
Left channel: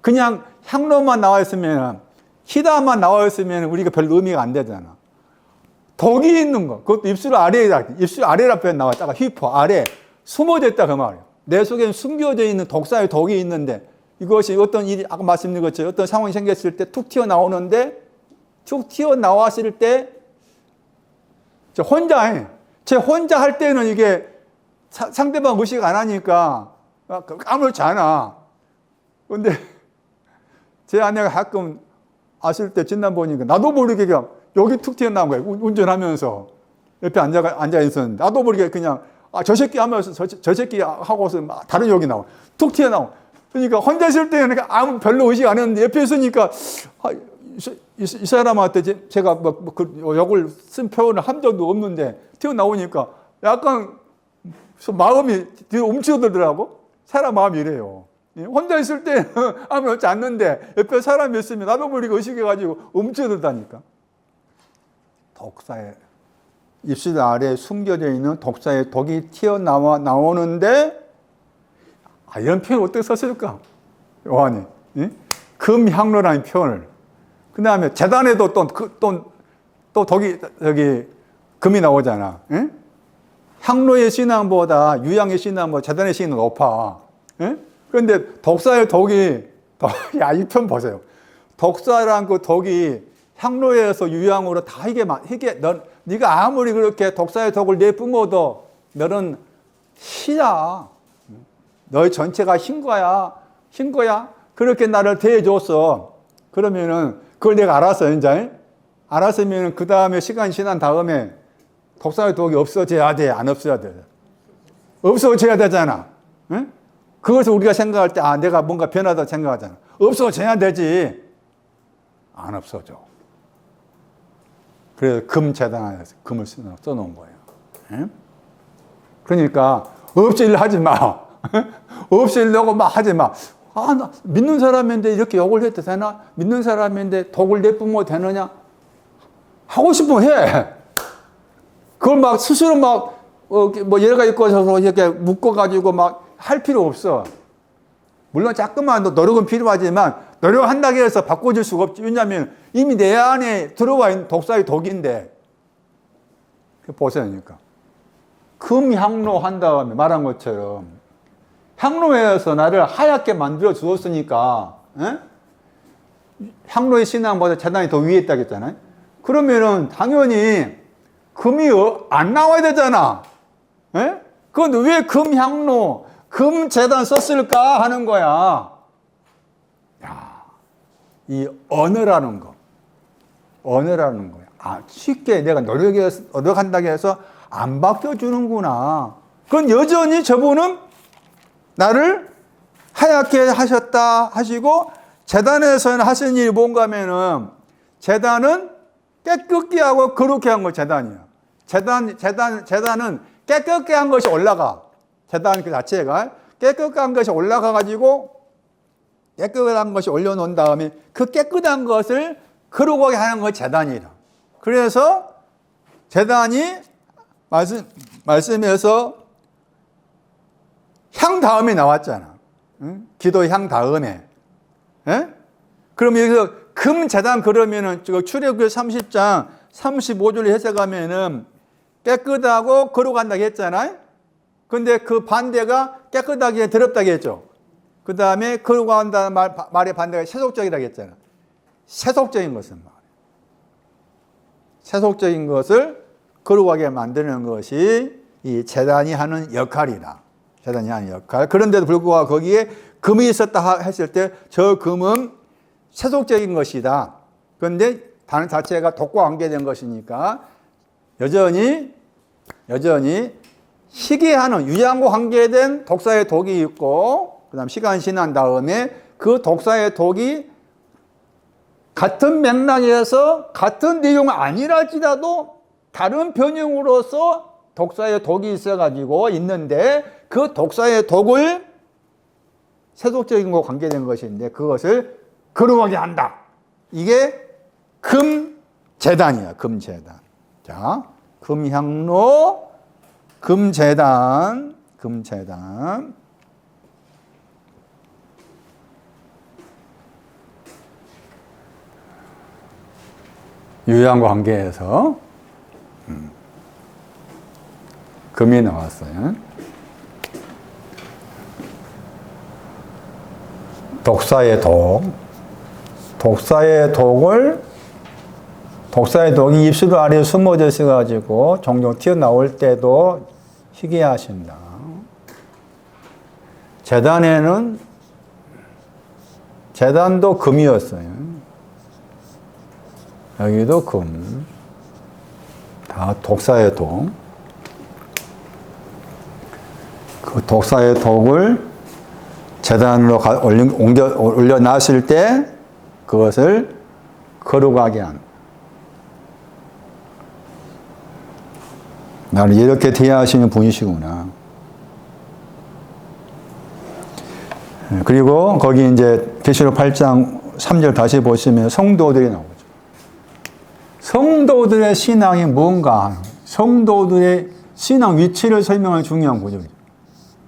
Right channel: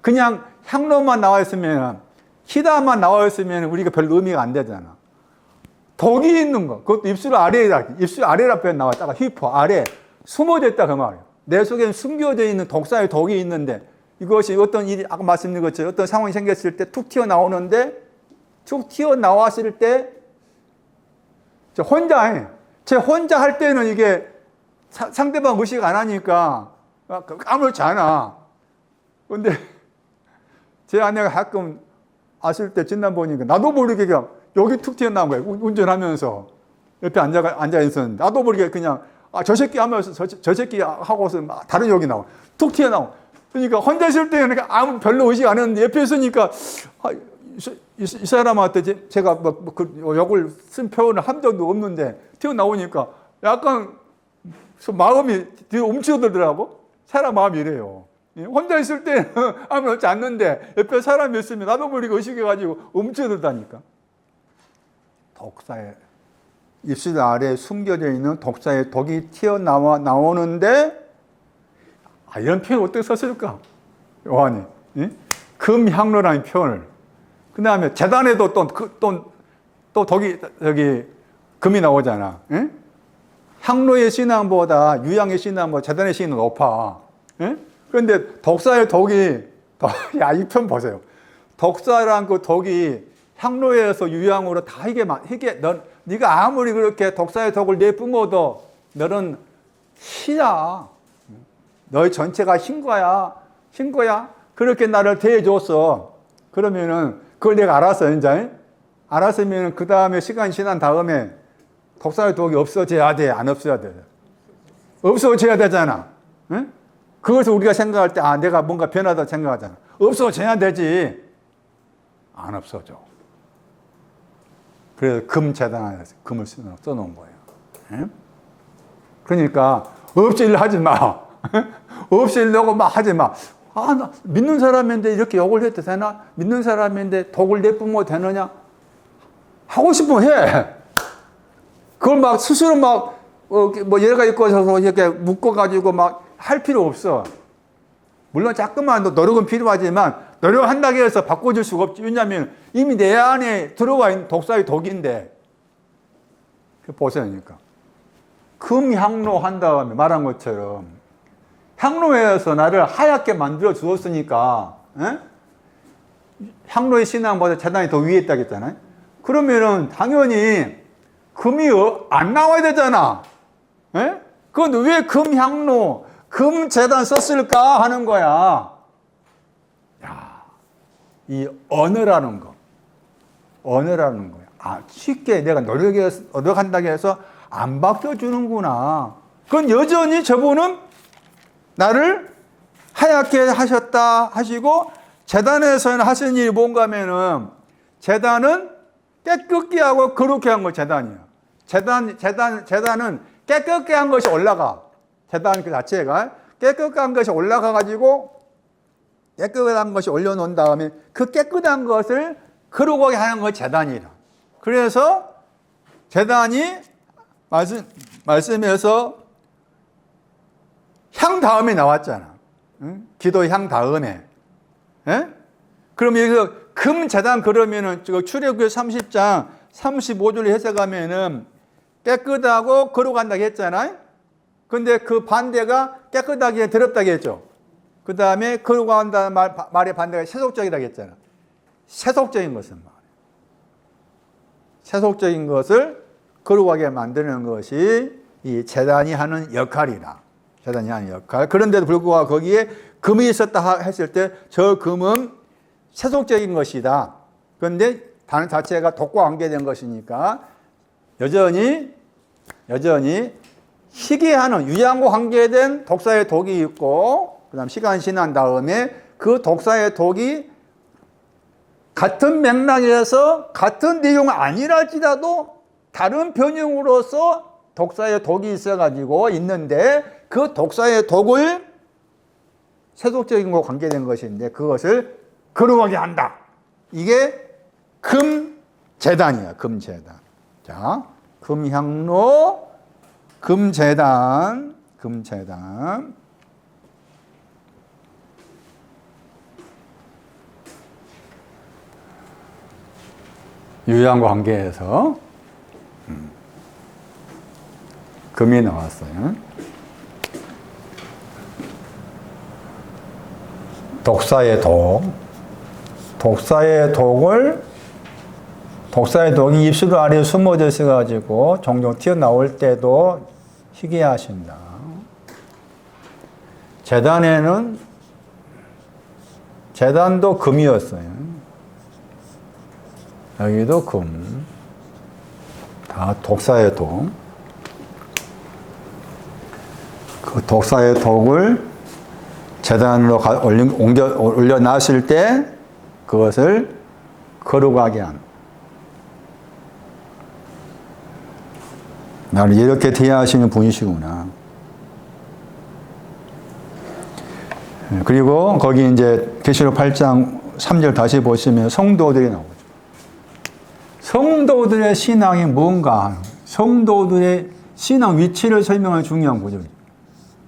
그냥 향로만 나와 있으면, 희다만 나와 있으면 우리가 별 의미가 안 되잖아. 독이 있는 거. 그것도 입술 아래라 표현 나왔다가 휘포, 아래. 숨어져 있다, 그 말이야. 내 속에 숨겨져 있는 독사의 독이 있는데, 이것이 어떤 일이, 아까 말씀드린 것처럼 어떤 상황이 생겼을 때 툭 튀어나오는데, 툭 튀어나왔을 때, 제 혼자 할 때는 이게 상대방 의식 안 하니까 아무렇지 않아. 근데 제 아내가 가끔 왔을 때 진단 보니까 나도 모르게 그냥 여기 툭 튀어나온 거야. 운전하면서 옆에 앉아 있었는데 나도 모르게 그냥 저 새끼 하면서 저 새끼 하고서 막 다른 욕이 나와. 툭 튀어나와. 그러니까 혼자 있을 때는 아무 별로 의식 안 했는데 옆에 있으니까 이 사람한테 제가 욕을 쓴 표현을 한 적도 없는데 튀어나오니까 약간 마음이 되게 움츠러들더라고. 사람 마음이 이래요. 혼자 있을 때는 아무렇지 않는데 옆에 사람이 있으면 나도 모르게 의식해가지고 움츠러들다니까. 독사의 입술 아래에 숨겨져 있는 독사의 독이 튀어나오는데 이런 표현을 어떻게 썼을까? 요한이. 금향로라는 표현을. 그 다음에 재단에도 또 금이 나오잖아. 향로의 신앙보다 유향의 신앙보다 재단의 신앙이 높아. 그런데 독사의 독이, 이 편 보세요. 독사란 그 독이 향로에서 유향으로 다 네가 아무리 그렇게 독사의 독을 내뿜어도 너는 희야. 너의 전체가 흰 거야. 그렇게 나를 대해줬어. 그러면은, 그걸 내가 알았어, 이제. 알았으면, 그 다음에 시간이 지난 다음에, 독사의 독이 없어져야 돼, 안 없어야 돼? 없어져야 되잖아. 응? 그것을 우리가 생각할 때, 내가 뭔가 변하다 생각하잖아. 없어져야 되지. 안 없어져. 그래서 금재단에서 금을 써놓은 거예요. 응? 그러니까, 없애려 하지 마. 없애려고 막 하지 마. 나 믿는 사람인데 이렇게 욕을 해도 되나? 믿는 사람인데 독을 내뿜어도 되느냐? 하고 싶으면 해. 그걸 막 스스로 얘가 있고 저서 이렇게 묶어가지고 막 할 필요 없어. 물론 자꾸만 노력은 필요하지만 노력한다고 해서 바꿔줄 수가 없지. 왜냐하면 이미 내 안에 들어와 있는 독사의 독인데. 보세요. 그러니까. 금향로 한 다음에 말한 것처럼 향로에서 나를 하얗게 만들어 주었으니까 향로의 신앙보다 재단이 더 위에 있다고 했잖아요. 그러면은 당연히 금이 안 나와야 되잖아. 그건 왜 금향로, 금재단 썼을까 하는 거야. 이 언어라는 거야. 쉽게 내가 노력한다고 해서 안 바뀌어주는구나. 그건 여전히 저분은 나를 하얗게 하셨다 하시고, 재단에서는 하신 일이 뭔가 하면은, 재단은 깨끗게 하고 거룩게 한 거 재단이야. 재단은 깨끗게 한 것이 올라가. 재단 그 자체가 깨끗한 것이 올라가가지고, 깨끗한 것이 올려놓은 다음에 그 깨끗한 것을 거룩하게 하는 것이 재단이라. 그래서 재단이 말씀에서 향 다음에 나왔잖아. 응? 기도의 향 다음에. 예? 그럼 여기서 금제단 그러면은 출애굽기 30장 35절을 해석하면은 깨끗하고 거룩한다고 했잖아요. 근데 그 반대가 깨끗하게 더럽다고 했죠. 그 다음에 거룩한다는 말의 반대가 세속적이라고 했잖아. 세속적인 것은 말. 세속적인 것을 거룩하게 만드는 것이 이 제단이 하는 역할이다. 제단이 하는 역할. 그런데도 불구하고 거기에 금이 있었다 했을 때 저 금은 세속적인 것이다. 그런데 단 자체가 독과 관계된 것이니까 여전히 희귀하는 유양과 관계된 독사의 독이 있고 그 다음 시간이 지난 다음에 그 독사의 독이 같은 맥락에서 같은 내용 아니랄지라도 다른 변형으로서 독사의 독이 있어가지고 있는데 그 독사의 독을 세속적인 것과 관계된 것인데 그것을 거룩하게 한다. 이게 금제단이야. 금제단. 자, 금향로, 금제단. 유양과 관계에서 금이 나왔어요. 독사의 독. 독사의 독이 입술 아래에 숨어져 있어가지고 종종 튀어나올 때도 희귀하신다. 제단도 금이었어요. 여기도 금. 다 독사의 독. 그 독사의 독을 제단으로 올려놨을 때 그것을 거룩하게 한. 나를 이렇게 대하시는 분이시구나. 그리고 거기 이제 계시록 8장 3절 다시 보시면 성도들이 나오죠. 성도들의 신앙이 뭔가, 성도들의 신앙 위치를 설명하는 중요한 구조입니다.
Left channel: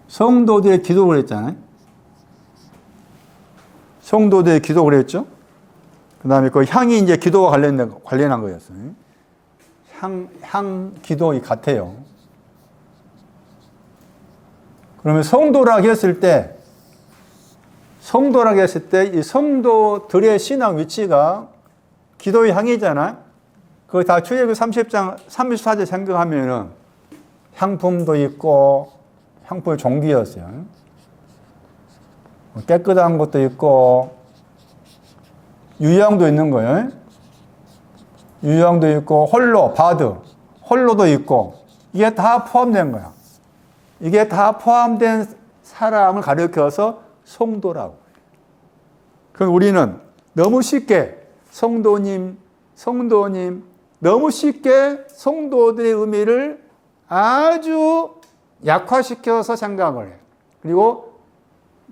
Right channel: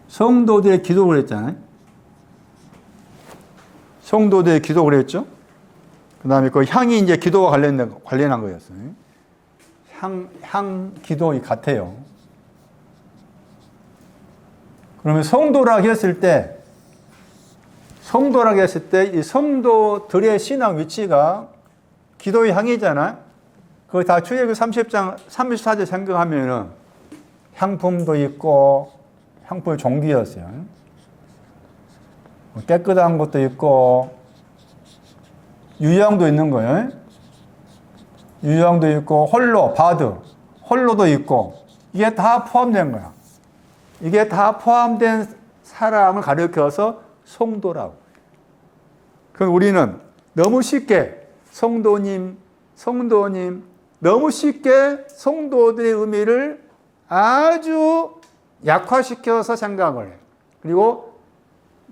성도들의 기도를 했잖아요. 성도들의 기도를 했죠. 그 다음에 그 향이 이제 기도와 관련한 거였어요. 향 기도 같아요. 그러면 성도라고 했을 때 이 성도들의 신앙 위치가 기도의 향이잖아. 그거 다 출애굽기 30장 34절 생각하면은 향품도 있고 향품 종기였어요. 깨끗한 것도 있고 유향도 있는 거예요. 유향도 있고 홀로도 있고 이게 다 포함된 거야. 이게 다 포함된 사람을 가리켜서 성도라고. 그럼 우리는 너무 쉽게 성도님 너무 쉽게 성도들의 의미를 아주 약화시켜서 생각을 해. 그리고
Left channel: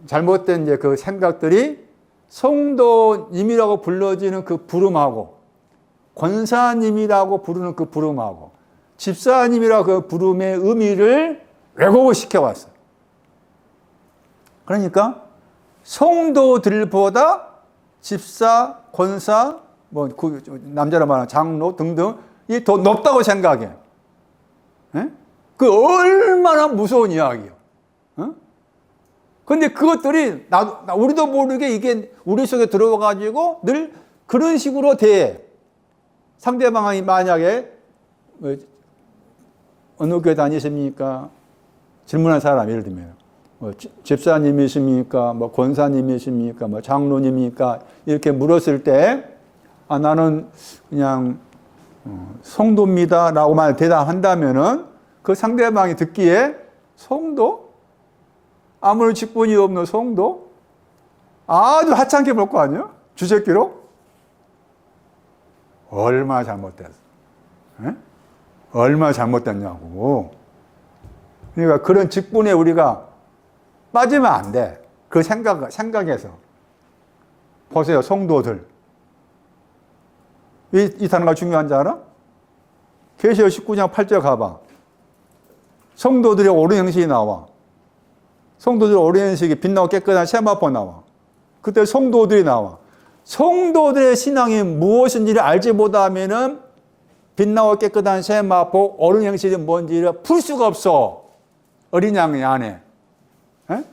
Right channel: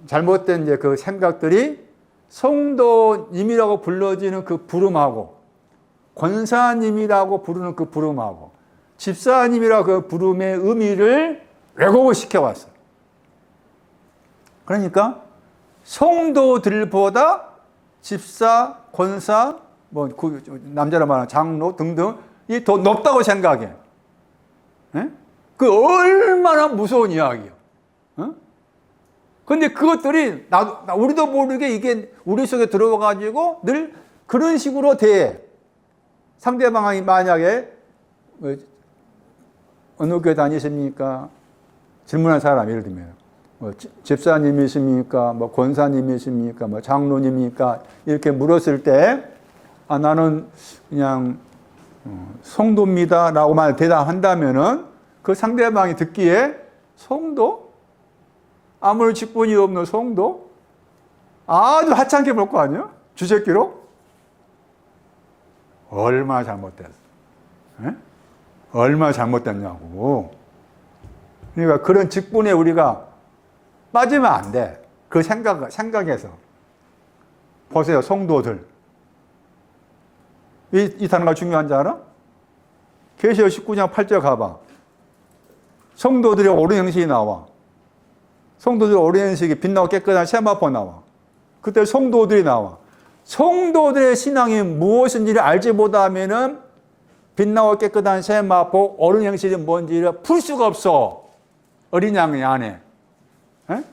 잘못된 이제 그 생각들이 성도님이라고 불러지는 그 부름하고 권사님이라고 부르는 그 부름하고 집사님이라고 그 부름의 의미를 왜곡을 시켜왔어. 그러니까 성도들보다 집사, 권사, 남자로 말하는 장로 등등 이 더 높다고 생각해. 에? 그 얼마나 무서운 이야기야. 근데 그것들이 우리도 모르게 이게 우리 속에 들어와가지고 늘 그런 식으로 대해. 상대방이 만약에 어느 교회 다니십니까? 질문한 사람 예를 들면 집사님이십니까? 권사님이십니까? 장로님입니까? 이렇게 물었을 때 나는 그냥 성도입니다 라고만 대답한다면은 그 상대방이 듣기에 성도? 아무런 직분이 없는 성도? 아주 하찮게 볼 거 아니야? 주제기로? 얼마나 잘못됐어. 에? 얼마나 잘못됐냐고. 그러니까 그런 직분에 우리가 빠지면 안 돼. 그 생각에서. 보세요, 성도들. 이 단어가 중요한지 알아? 계시록 19장 8절 가봐. 성도들의 옳은 행실이 나와. 성도들 오랜식이 빛나고 깨끗한 세마포 나와. 그때 성도들이 나와. 성도들의 신앙이 무엇인지를 알지 못하면은 빛나고 깨끗한 세마포 어른 행실이 뭔지를 풀 수가 없어. 어린 양의 안에. 에?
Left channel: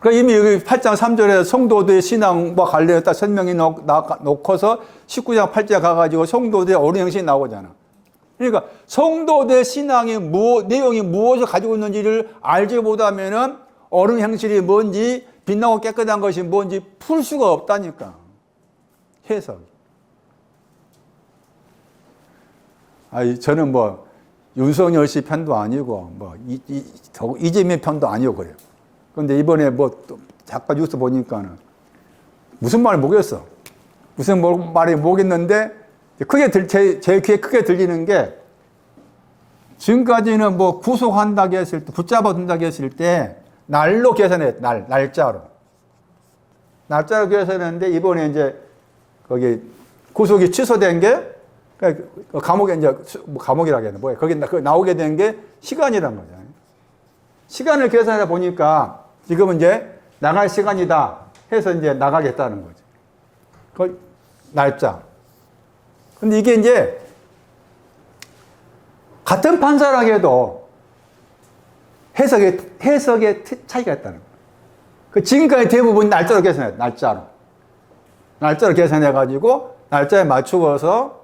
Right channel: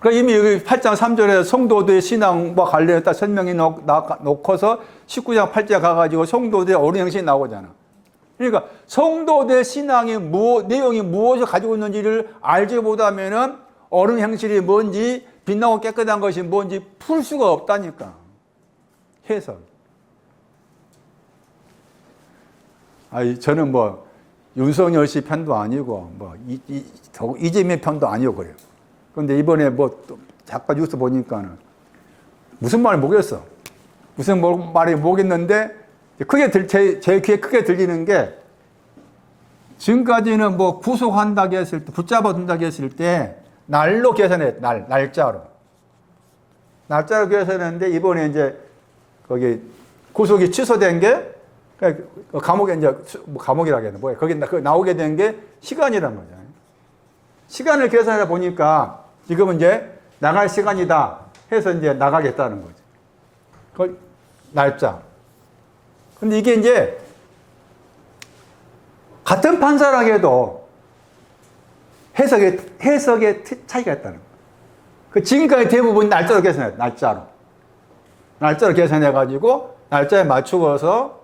그러니까 이미 여기 8장 3절에 성도들의 신앙과 관련해서 설명이 놓고서 19장 8절에 가가지고 성도들의 어린 행실이 나오잖아. 그러니까 성도들의 신앙이 내용이 무엇을 가지고 있는지를 알지 못하면은 어른 행실이 뭔지 빛나고 깨끗한 것이 뭔지 풀 수가 없다니까. 해석. 저는 뭐 윤석열 씨 편도 아니고 뭐 이재명 편도 아니고 그래요. 그런데 이번에 뭐 잠깐 뉴스 보니까는 무슨 말 모르겠어. 무슨 말이 모르겠는데 제 귀에 크게 들리는 게 지금까지는 뭐 구속한다고 했을 때, 붙잡아둔다고 했을 때 날로 계산해, 날짜로 계산했는데 이번에 이제 거기 구속이 취소된 게 감옥에 이제 감옥이라겠네 뭐야 거기 나오게 된 게 시간이란 거죠. 시간을 계산해 보니까 지금은 이제 나갈 시간이다 해서 이제 나가겠다는 거죠. 그 날짜. 근데 이게 이제 같은 판사라 해도 해석의 차이가 있다는 거예요. 지금까지 대부분 날짜로 계산해요. 날짜로 계산해가지고 날짜에 맞추어서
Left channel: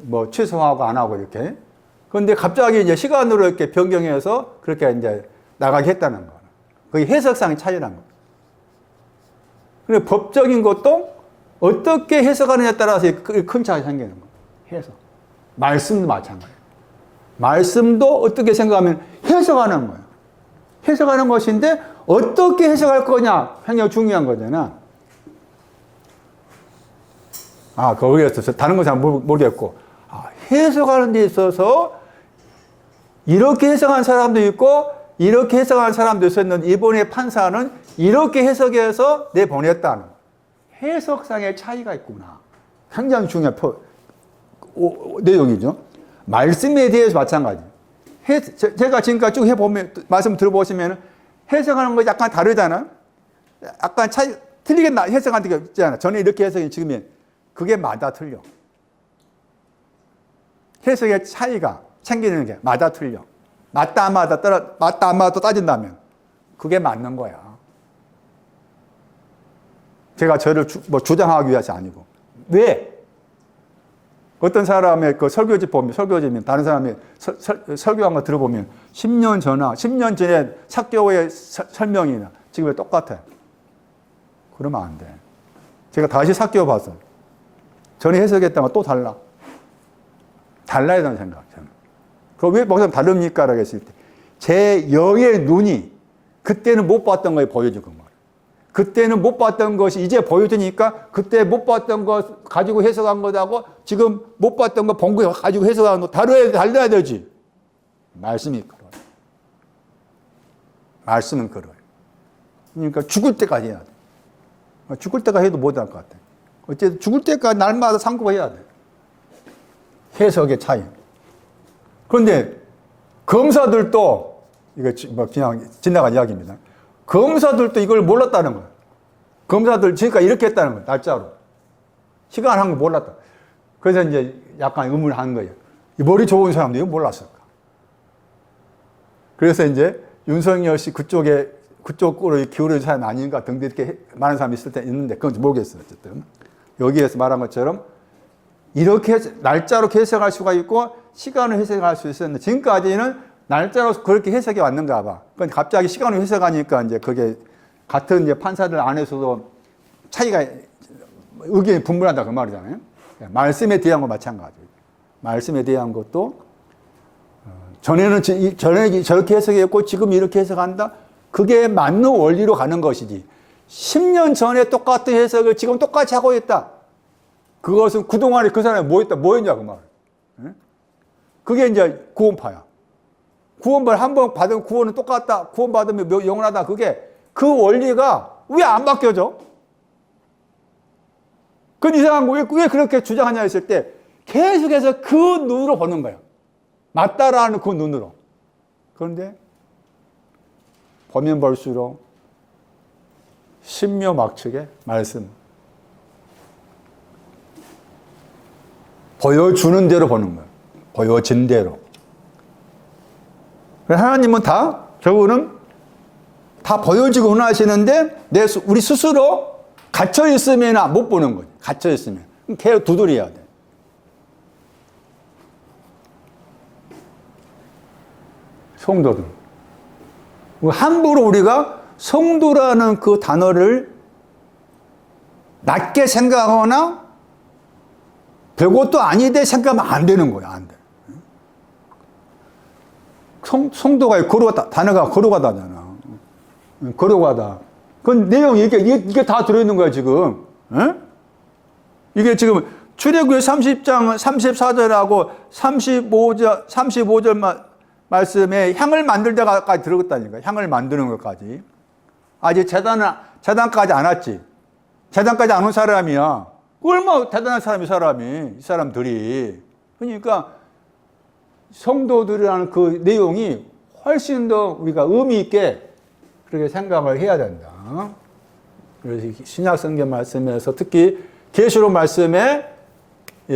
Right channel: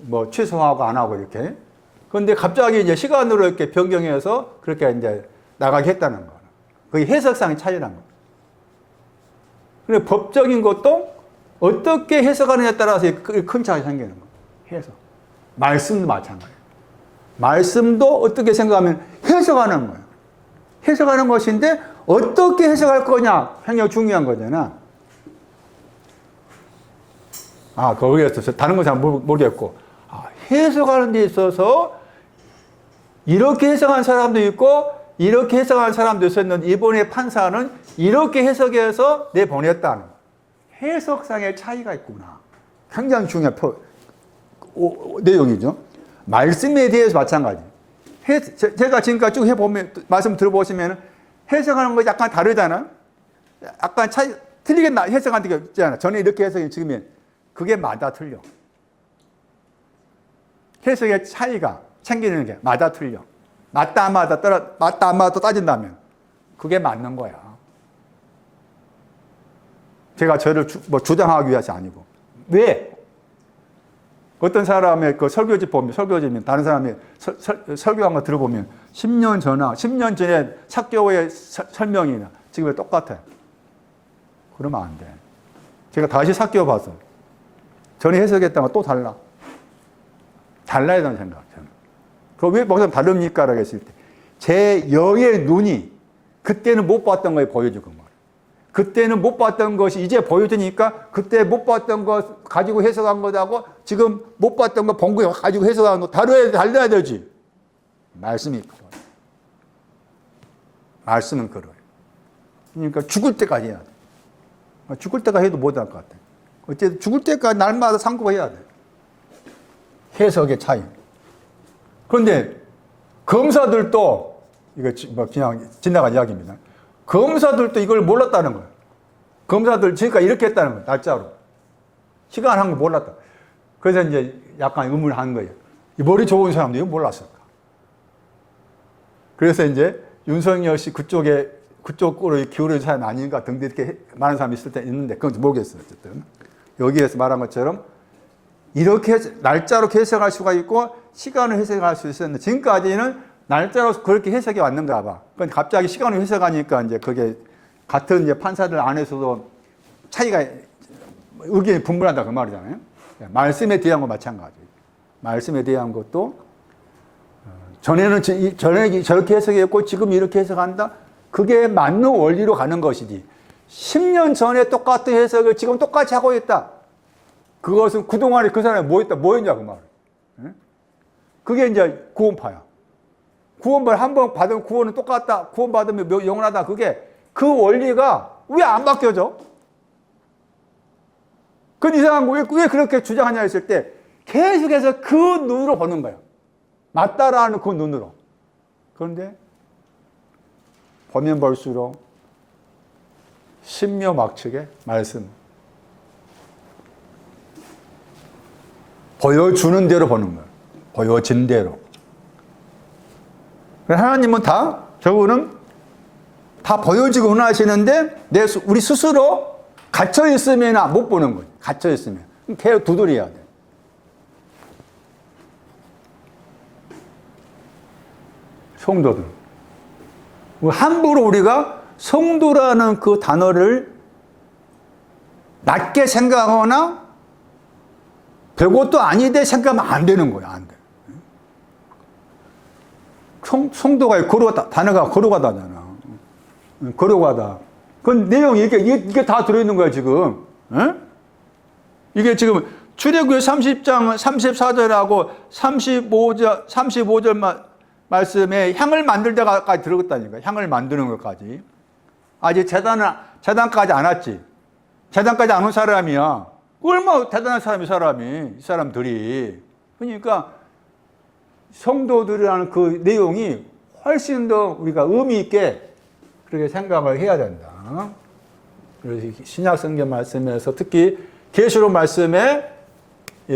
뭐 취소하고 안 하고 이렇게. 그런데 갑자기 이제 시간으로 이렇게 변경해서 그렇게 이제 나가게 했다는 거예요. 그게 해석상의 차이라는 거예요. 그리고 법적인 것도 어떻게 해석하느냐에 따라서 큰 차이가 생기는 거예요. 해석. 말씀도 마찬가지예요. 말씀도 어떻게 생각하면 해석하는 거예요. 해석하는 것인데 어떻게 해석할 거냐 굉장히 중요한 거잖아. 거기에서 다른 건 잘 모르겠고 해석하는 데 있어서 이렇게 해석한 사람도 있고 이렇게 해석한 사람도 있었는데 이번에 판사는 이렇게 해석해서 내보냈다는 해석상의 차이가 있구나. 굉장히 중요한 내용이죠. 말씀에 대해서 마찬가지. 제가 지금까지 쭉 해보면, 말씀 들어보시면 해석하는 거 약간 다르잖아. 약간 차이, 틀리게 해석하는 게 있잖아. 전에 이렇게 해석이 지금은 그게 맞아 틀려. 해석의 차이가 생기는 게 맞아 틀려. 맞다 안 맞다 따진다면 그게 맞는 거야. 제가 저를 주장하기 위해서 아니고. 왜? 어떤 사람의 그 설교지면 다른 사람이 설교한 거 들어보면 10년 전에 사교의 설명이나 지금 똑같아요. 그러면 안 돼. 제가 다시 사교 봐서 전에 해석했다면 또 달라. 달라야 된다는 생각. 그럼 왜 뭐가 다릅니까? 라고 했을 때 제 영의 눈이 그때는 못 봤던 걸 보여주는 거예요. 그때는 못 봤던 것이 이제 보여주니까 그때 못 봤던 것 가지고 해석한 것하고 지금 못 봤던 거 본 거 가지고 해석한 거 달라야 되지. 말씀이 그래요. 말씀은 그래요. 그러니까 죽을 때까지 해야 돼. 죽을 때까지 해도 못할 것 같아. 어쨌든 죽을 때까지 날마다 상고해야 돼. 해석의 차이. 그런데 검사들도 이거 그냥 지나간 이야기입니다. 검사들도 이걸 몰랐다는 거예요. 검사들 지금까지 이렇게 했다는 거예요. 날짜로. 시간 한 거 몰랐다. 그래서 이제 약간 의문을 한 거예요. 이 머리 좋은 사람도 이거 몰랐을까? 그래서 이제 윤석열 씨 그쪽으로 기울어진 사람이 아닌가 등등 이렇게 많은 사람이 있을 때 있는데 그건 모르겠어요. 어쨌든. 여기에서 말한 것처럼 이렇게 날짜로 해석할 수가 있고 시간을 해석할 수 있었는데 지금까지는 날짜로 그렇게 해석이 왔는가 봐. 그러니까 갑자기 시간을 해석하니까 이제 그게 같은 이제 판사들 안에서도 차이가 의견이 분분하다 그 말이잖아요. 말씀에 대한 거 마찬가지예요. 말씀에 대한 것도 전에 저렇게 해석했고 지금 이렇게 해석한다. 그게 맞는 원리로 가는 것이지. 10년 전에 똑같은 해석을 지금 똑같이 하고 있다. 그것은 그동안에 그 사람이 뭐 했냐 그 말. 그게 이제 구원파야. 구원받 한번 받은 구원은 똑같다. 구원받으면 영원하다. 그게 그 원리가 왜 안 바뀌어져? 그 이상한 거 왜 그렇게 주장하냐 했을 때 계속해서 그 눈으로 보는 거야. 맞다라는 그 눈으로. 그런데 보면 볼수록 신묘막측의 말씀. 보여주는 대로 보는 거예요. 보여진 대로. 하나님은 다 결국은 다 보여지고 원하시는데 우리 스스로 갇혀 있으면 못 보는 거죠. 갇혀 있으면 계속 두드려야 돼. 성도들. 함부로 우리가 성도라는 그 단어를 낮게 생각하거나 별것도 아니되 생각하면 안 되는 거야. 안 돼. 성도가 단어가 거룩하다잖아. 거룩하다. 그 내용 이게 다 들어있는 거야 지금. 에? 이게 지금 출애굽기 30장 34절하고 35절 말씀에 향을 만들 때까지 들어갔다니까. 향을 만드는 것까지. 아직 재단까지 안 왔지. 재단까지 안 온 사람이야. 얼마나 대단한 사람이 이 사람들이. 그러니까 성도들이라는 그 내용이 훨씬 더 우리가 의미 있게 그렇게 생각을 해야 된다. 그래서 신약 성경 말씀에서 특히 계시록 말씀에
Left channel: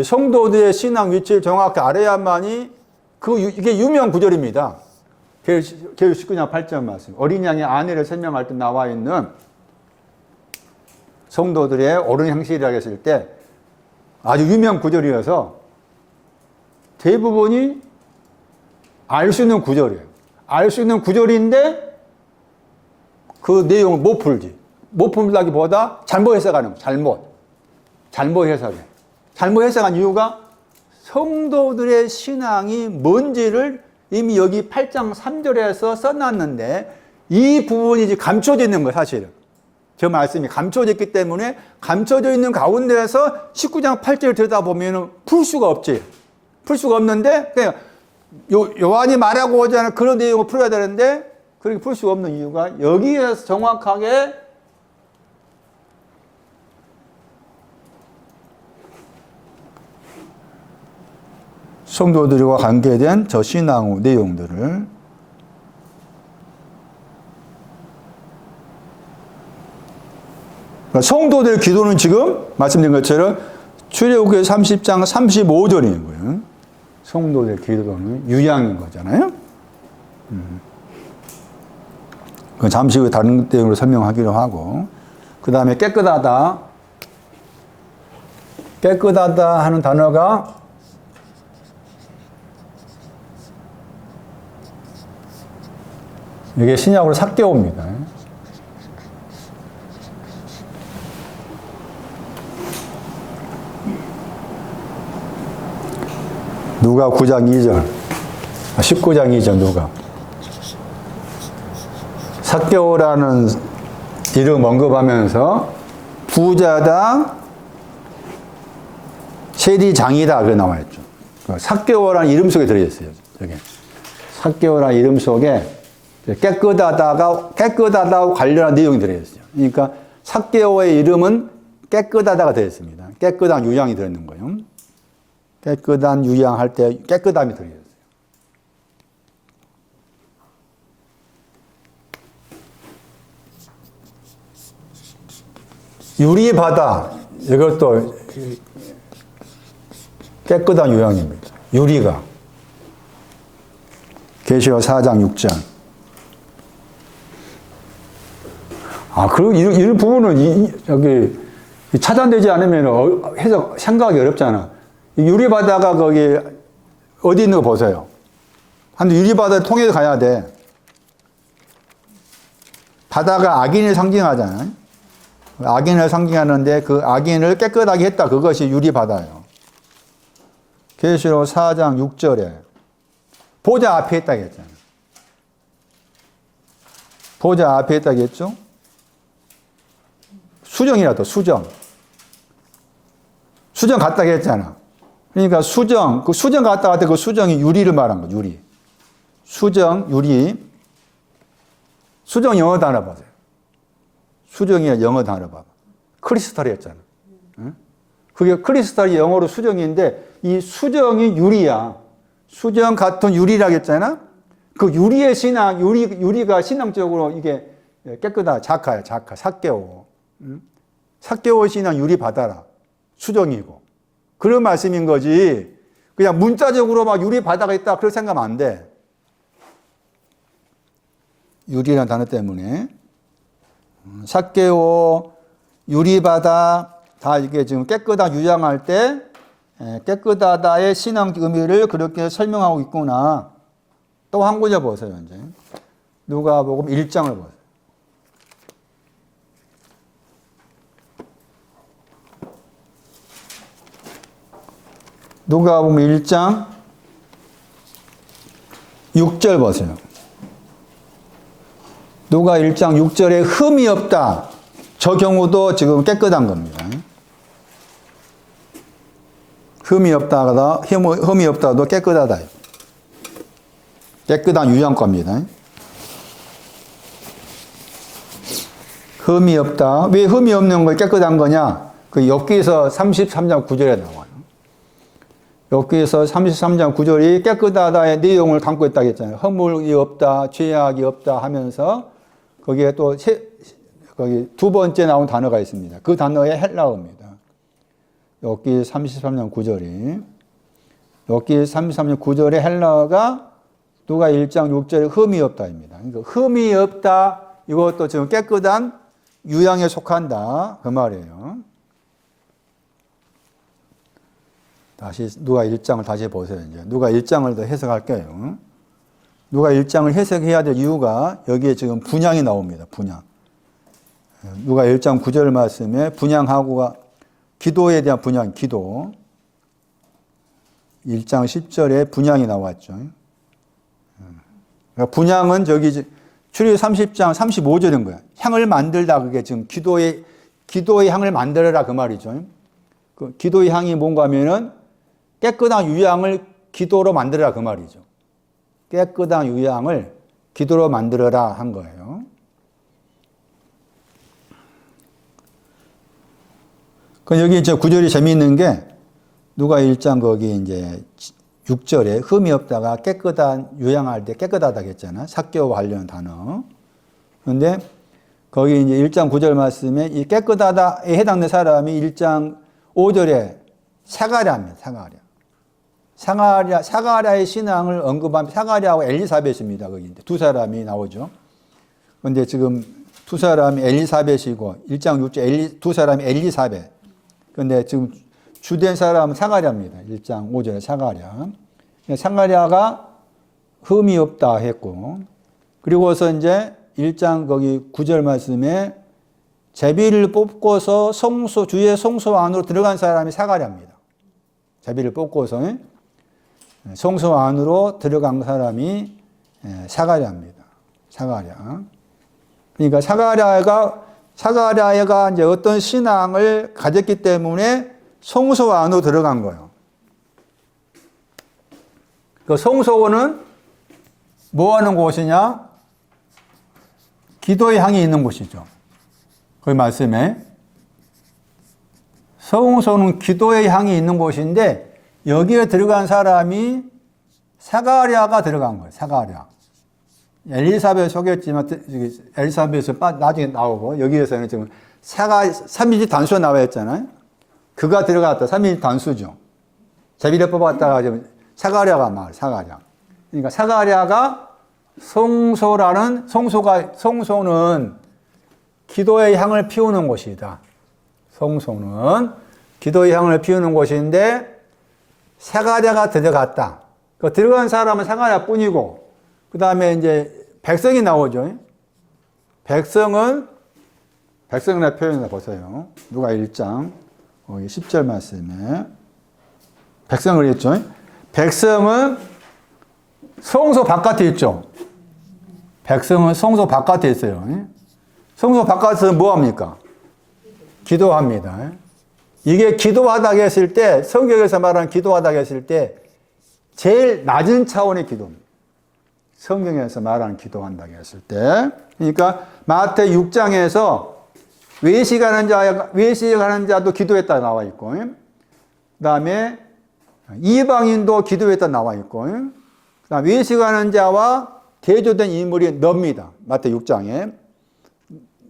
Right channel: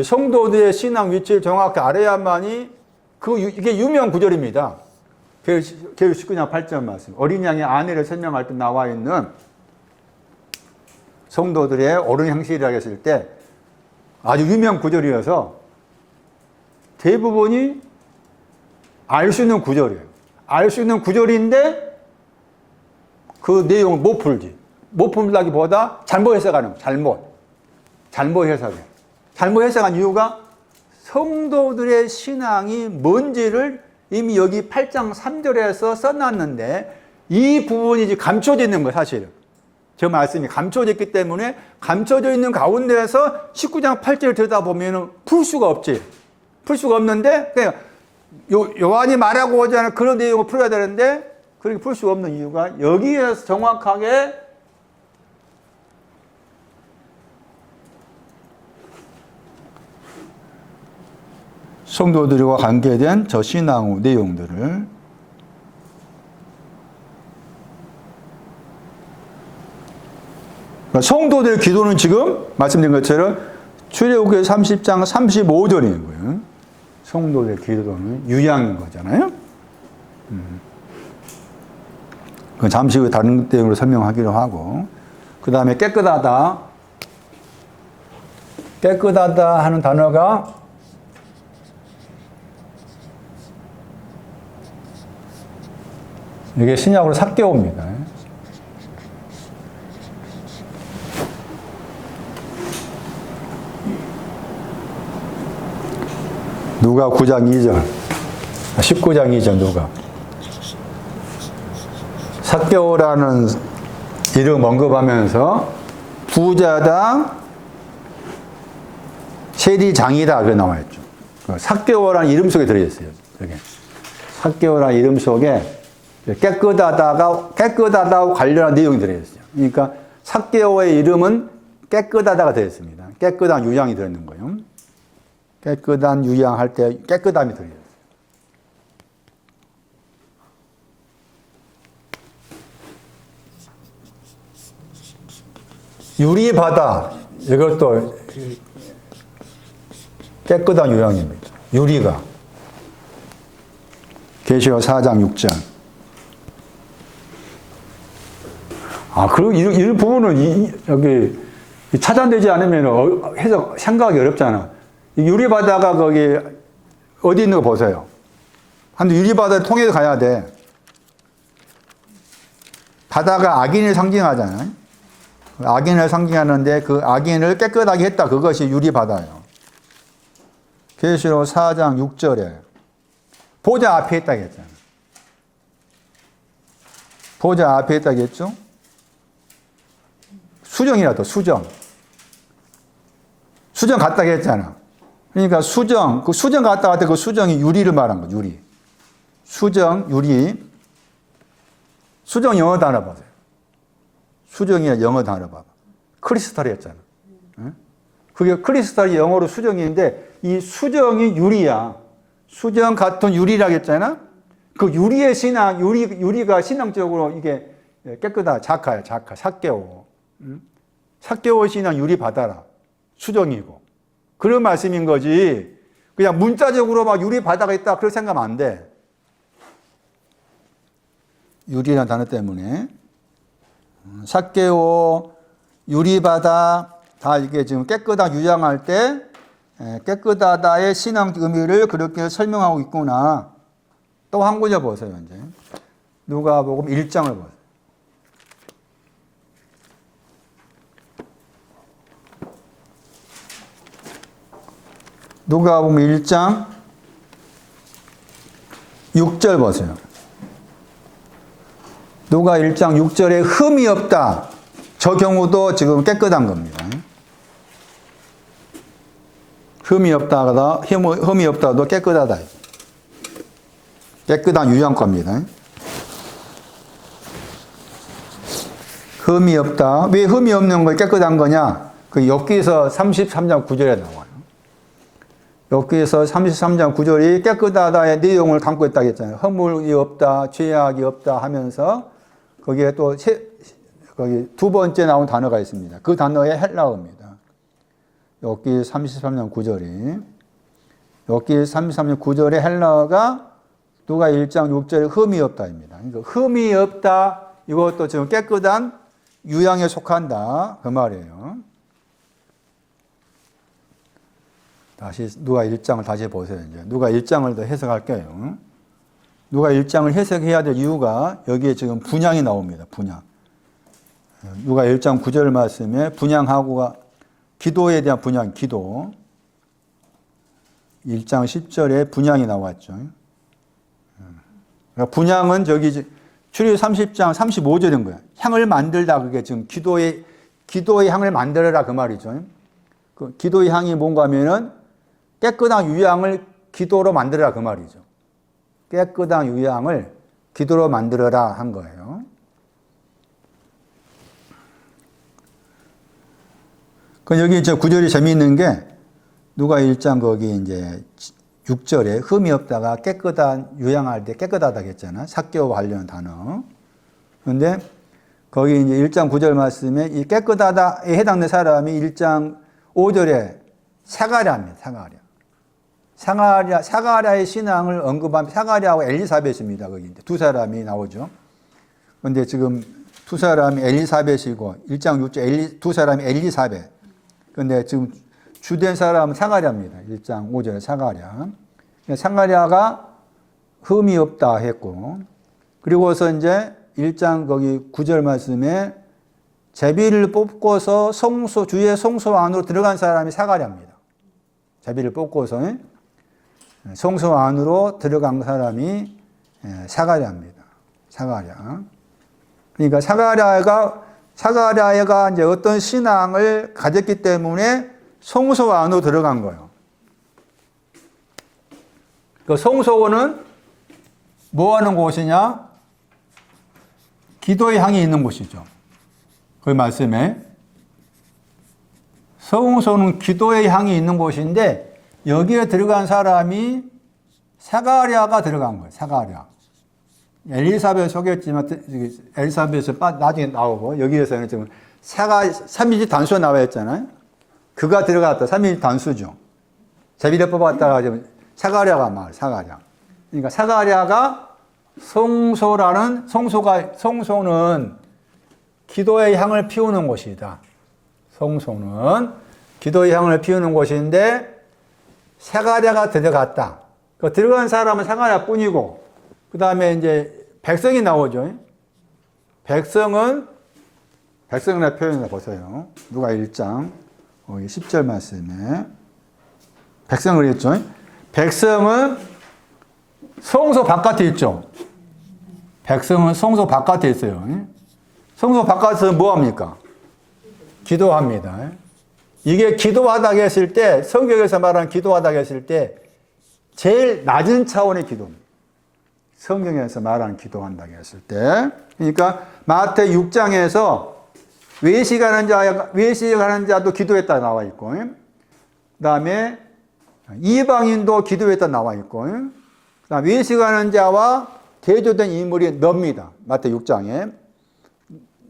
성도들의 신앙 위치를 정확히 알아야만이 이게 유명 구절입니다. 계시록 19장 8절 말씀. 어린 양의 아내를 설명할 때 나와 있는 성도들의 옳은 행실이라고 했을 때 아주 유명 구절이어서 대부분이 알 수 있는 구절이에요. 알 수 있는 구절인데 그 내용을 못 풀지. 못 풀다기보다 잘못 해석하는 거예요. 잘못 해석해. 잘못 해석한 이유가 성도들의 신앙이 뭔지를 이미 여기 8장 3절에서 써놨는데 이 부분이 이제 감춰져 있는 거예요, 사실은. 저 말씀이 감춰져 있기 때문에 감춰져 있는 가운데에서 19장 8절을 들여다보면 풀 수가 없지. 풀 수가 없는데 그냥 요한이 말하고자 하는 그런 내용을 풀어야 되는데 그렇게 풀 수가 없는 이유가 여기에서 정확하게 성도들과 관계된 저 신앙의 내용들을 성도들의 기도는 지금 말씀드린 것처럼 출애굽기 30장 35절인 거예요. 성도들의 기도는 유양인 거잖아요. 잠시 후에 다른 내용으로 설명하기로 하고 그 다음에 깨끗하다 하는 단어가 이게 신약으로 삭개오입니다. 누가 9장 2절 19장 2절 누가 삭개오라는 이름 언급하면서 부자다 세리장이다 그게 나와있죠. 삭개오라는 이름 속에 들어있어요. 삭개오라는 이름 속에 깨끗하다고 관련한 내용이 들어있어요. 그러니까 삭개오의 이름은 깨끗하다가 들어있습니다. 깨끗한 유양이 들어있는 거예요. 깨끗한 유양할 때 깨끗함이 들어있어요. 유리바다 이것도 깨끗한 유양입니다. 유리가 계시록 4장 6장 그럼 이런 부분은 여기 차단되지 않으면 해석 생각하기 어렵잖아. 유리바다가 거기 어디 있는 거 보세요. 근데 유리바다를 통해서 가야 돼. 바다가 악인을 상징하잖아요. 악인을 상징하는데 그 악인을 깨끗하게 했다. 그것이 유리바다예요. 계시록 4장 6절에 보좌 앞에 있다고 했잖아요. 보좌 앞에 있다고 했죠. 수정이라도 수정 갔다고 했잖아. 그러니까 그 수정 갔다 할 때 그 수정이 유리를 말한 거, 유리. 수정, 유리. 수정 영어 단어 보세요. 수정이 영어 단어 봐봐. 크리스탈이었잖아. 응? 그게 크리스탈이 영어로 수정인데 이 수정이 유리야. 수정 같은 유리라고 했잖아. 그 유리의 신앙, 유리가 신앙적으로 이게 깨끗하다. 작하야, 작하. 삭개오. 삭개오 신앙 유리 받아라. 수정이고. 그런 말씀인 거지. 그냥 문자적으로 막 유리 바다가 있다. 그렇게 생각하면 안 돼. 유리라는 단어 때문에. 삭개오, 유리바다, 다 이게 지금 깨끗하다 유장할 때 깨끗하다의 신앙 의미를 그렇게 설명하고 있구나. 또 한 구절 보세요, 이제. 누가복음 1장을 보세요. 누가복음 1장 6절 보세요. 누가 1장 6절에 흠이 없다. 저 경우도 지금 깨끗한 겁니다. 흠이 없다도 깨끗하다. 깨끗한 유형과입니다. 흠이 없다. 왜 흠이 없는 걸 깨끗한 거냐? 그 여기서 33장 9절에 나와요. 여기서 33장 9절이 깨끗하다의 내용을 담고 있다고 했잖아요. 허물이 없다, 죄악이 없다 하면서 거기에 또 거기 두 번째 나온 단어가 있습니다. 그 단어의 헬라어입니다. 여기 33장 9절이. 여기 33장 9절의 헬라어가 누가 1장 6절에 흠이 없다입니다. 그러니까 흠이 없다. 이것도 지금 깨끗한 유형에 속한다. 그 말이에요. 다시 누가 1장을 다시 보세요. 이제 누가 1장을 더 해석할게요. 누가 1장을 해석해야 될 이유가 여기에 지금 분향이 나옵니다. 분향. 누가 1장 9절 말씀에 분향하고 기도에 대한 분향, 기도. 1장 10절에 분향이 나왔죠. 그러니까 분향은 저기 출애굽 30장 35절인 거야. 향을 만들다. 그게 지금 기도의 향을 만들어라 그 말이죠. 그 기도의 향이 뭔가 하면은 깨끗한 유향을 기도로 만들어라 그 말이죠. 깨끗한 유향을 기도로 만들어라 한 거예요. 그 여기 이제 구절이 재미있는 게 누가 1장 거기 이제 6절에 흠이 없다가 깨끗한 유향할 때 깨끗하다 했잖아. 삭개오 관련 단어. 그런데 거기 이제 1장 9절 말씀에 이 깨끗하다에 해당되는 사람이 1장 5절에 사가랴입니다. 사가랴의 신앙을 언급한 사가랴하고 엘리사벳입니다. 거기 두 사람이 나오죠. 그런데 지금 두 사람이 엘리사벳이고 1장 6절 두 사람이 엘리사벳. 그런데 지금 주된 사람은 사가랴입니다. 1장 5절에 사가랴. 사가랴가 흠이 없다 했고, 그리고서 이제 1장 거기 9절 말씀에 제비를 뽑고서 주의 성소 안으로 들어간 사람이 사가랴입니다. 제비를 뽑고서 성소 안으로 들어간 사람이 사가랴입니다. 사가랴. 그러니까 사가랴가 이제 어떤 신앙을 가졌기 때문에 성소 안으로 들어간 거예요. 그 성소는 뭐 하는 곳이냐? 기도의 향이 있는 곳이죠. 그 말씀에. 성소는 기도의 향이 있는 곳인데 여기에 들어간 사람이 사가랴가 들어간 거예요. 사가랴. 엘리사벳 속였지만 엘리사벳은 나중에 나오고 여기에서는 지금 삼위일체 단수 나와 있잖아요. 그가 들어갔다. 삼위일체 단수죠. 제비를 뽑았다가 사가랴가 말 사가랴. 그러니까 사가랴가 성소는 기도의 향을 피우는 곳이다. 성소는 기도의 향을 피우는 곳인데 사가랴가 들어갔다. 그 들어간 사람은 사가랴뿐이고 그 다음에 이제 백성이 나오죠. 백성이라 표현을 보세요. 누가 1장 10절 말씀에 백성을 했죠. 백성은 성소 바깥에 있죠. 백성은 성소 바깥에 있어요. 성소 바깥에서 뭐 합니까? 기도합니다. 이게 기도하다고 했을 때, 성경에서 말하는 기도하다고 했을 때 제일 낮은 차원의 기도입니다. 성경에서 말하는 기도한다고 했을 때. 그러니까 마태 6장에서 외식하는 자도 기도했다 나와 있고, 그 다음에 이방인도 기도했다 나와 있고, 그다음 외식하는 자와 대조된 인물이 너입니다. 마태복음 6장에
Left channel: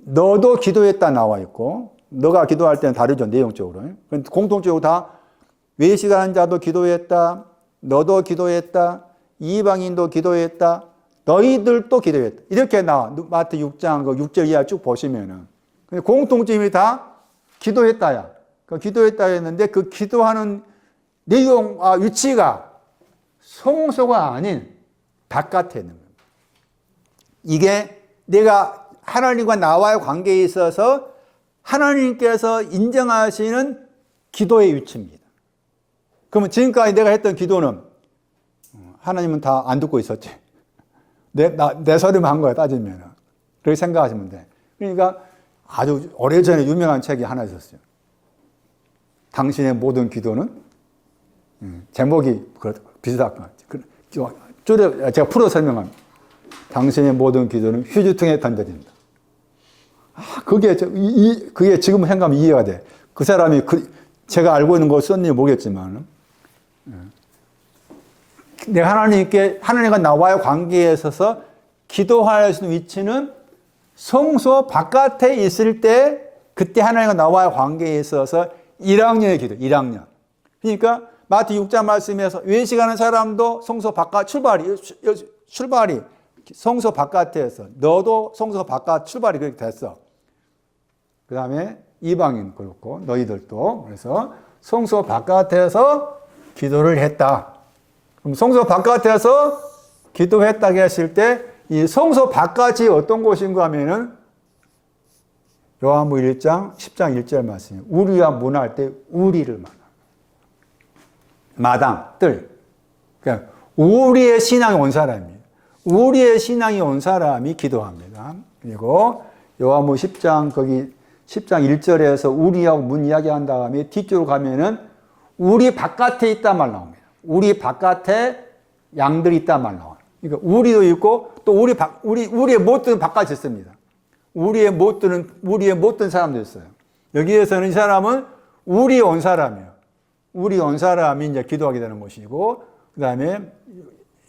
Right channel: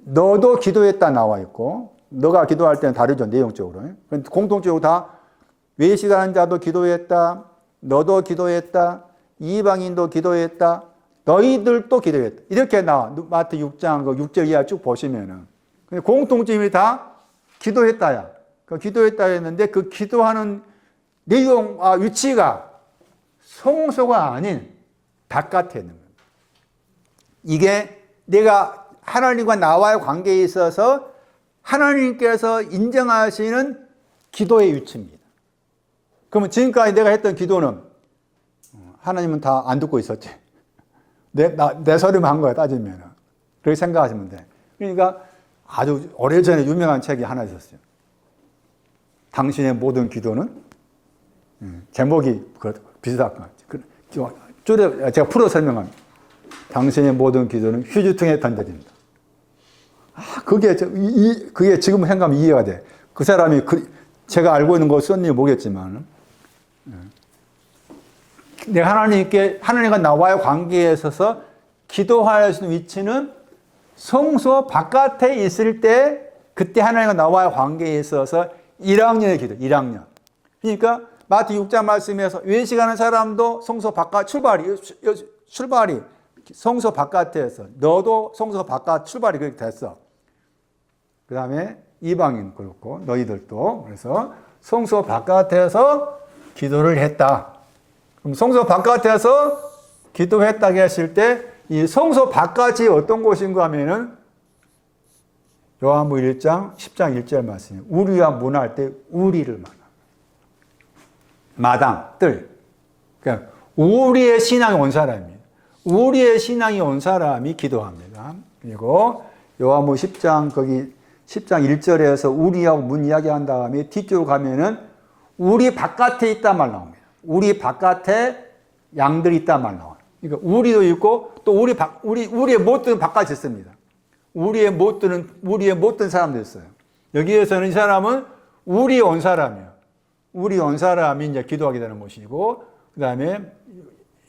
너도 기도했다 나와 있고, 너가 기도할 때는 다르죠, 내용적으로. 공통적으로 다 외식하는 자도 기도했다, 너도 기도했다, 이방인도 기도했다, 너희들도 기도했다. 이렇게 나와. 마태복음 6장 6절 이하 쭉 보시면은 공통점이 다 기도했다야. 그 기도했다 했는데 그 기도하는 내용과 위치가 성소가 아닌 바깥에 있는 거예요. 이게 내가 하나님과 나와의 관계에 있어서 하나님께서 인정하시는 기도의 위치입니다. 그러면 지금까지 내가 했던 기도는 하나님은 다 안 듣고 있었지. 내 소리만 한 거야, 따지면. 그렇게 생각하시면 돼. 그러니까 아주 오래전에 유명한 책이 하나 있었어요. 당신의 모든 기도는? 제목이 비슷할 것 같아요. 제가 풀어 설명합니다. 당신의 모든 기도는 휴지통에 던져진다. 그게 지금 생각하면 이해가 돼. 그 사람이 제가 알고 있는 거 썼는지 모르겠지만, 내가 하나님과 나와의 관계에 있어서 기도할 수 있는 위치는 성소 바깥에 있을 때, 그때 하나님과 나와의 관계에 있어서 1학년의 기도, 1학년. 그러니까 마태 6장 말씀에서 외식하는 사람도 성소 바깥 출발이 성소 바깥에서, 너도 성소 바깥 출발이 그렇게 됐어. 그 다음에 이방인 그렇고 너희들도. 그래서 성소 바깥에서 기도를 했다. 그럼 성소 바깥에서 기도했다고 했을 때 이 성소 바깥이 어떤 곳인가 하면은 요한복음 1장 10장 1절 말씀이에요. 우리와 문화할 때 우리를 말합니다. 마당, 뜰. 그러니까 우리의 신앙이 온 사람이에요. 우리의 신앙이 온 사람이 기도합니다. 그리고 요한복음 10장 거기 10장 1절에서 우리하고 문 이야기한 다음에 뒤쪽으로 가면은 우리 바깥에 있단 말 나옵니다. 우리 바깥에 양들이 있단 말 나와요. 그러니까 우리도 있고 또 우리의 못 드는 바깥이 있습니다. 우리의 못 드는 사람도 있어요. 여기에서는 이 사람은 우리 온 사람이에요. 우리 온 사람이 이제 기도하게 되는 것이고, 그 다음에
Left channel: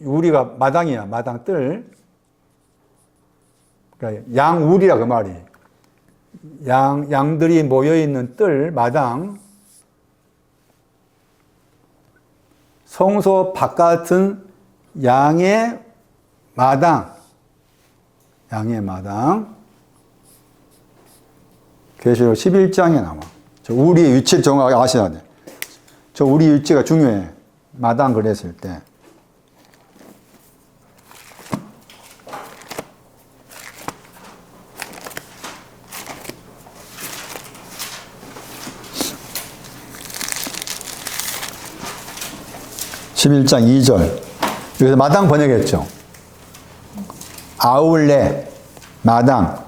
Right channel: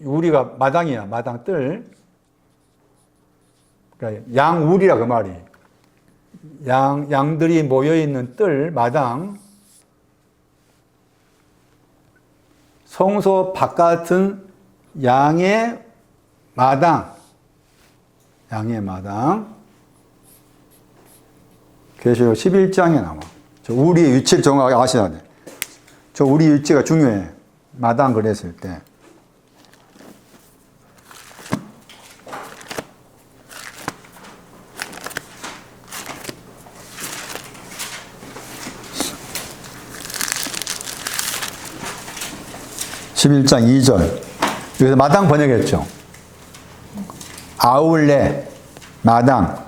우리가 마당이야, 마당 뜰. 그러니까 양우리라 그 말이에요. 양들이 모여있는 뜰, 마당. 성소 바깥은 양의 마당. 양의 마당. 계시록 11장에 나와. 저 우리의 위치를 정확하게 아셔야 돼. 저 우리 위치가 중요해. 마당 그랬을 때. (11장 2절) 여기서 마당 번역했죠. 아울렛 마당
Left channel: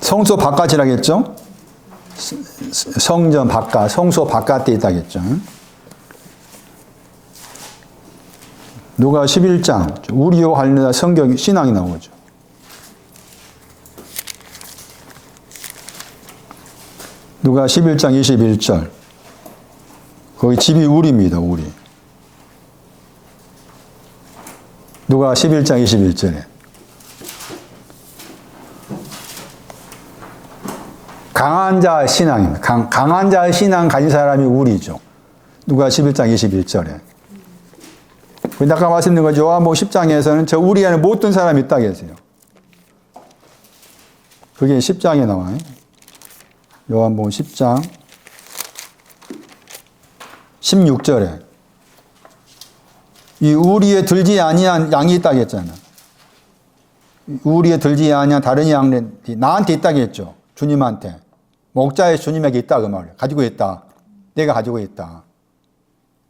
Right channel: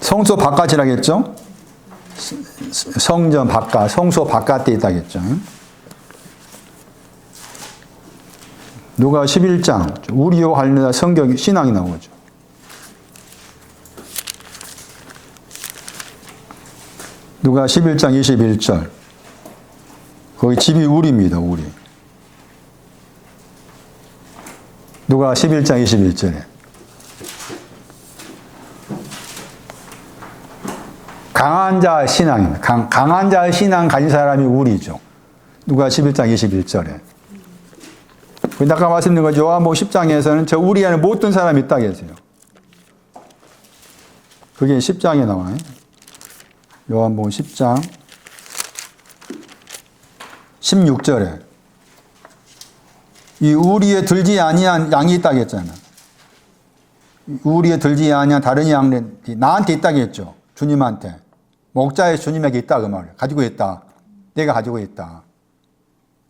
성소 바깥이라겠죠. 성전 바깥, 성소 바깥에 있다겠죠. 누가 11장 우리와 관련된 성경 신앙이 나오죠. 누가 11장 21절 거기 집이 우리입니다. 우리. 누가 11장 21절에 강한 자의 신앙입니다. 강한 자의 신앙 가진 사람이 우리죠. 누가 11장 21절에. 아까 말씀드린 거죠. 요한복음 10장에서는 저 우리 안에 못 든 사람이 있다고 했어요. 그게 10장에 나와요. 요한복음 10장 16절에 이 우리에 들지 아니한 양이 있다고 했잖아. 우리에 들지 아니한 다른 양들이 나한테 있다고 했죠. 주님한테. 목자의 주님에게 있다 그 말이에요. 가지고 있다. 내가 가지고 있다.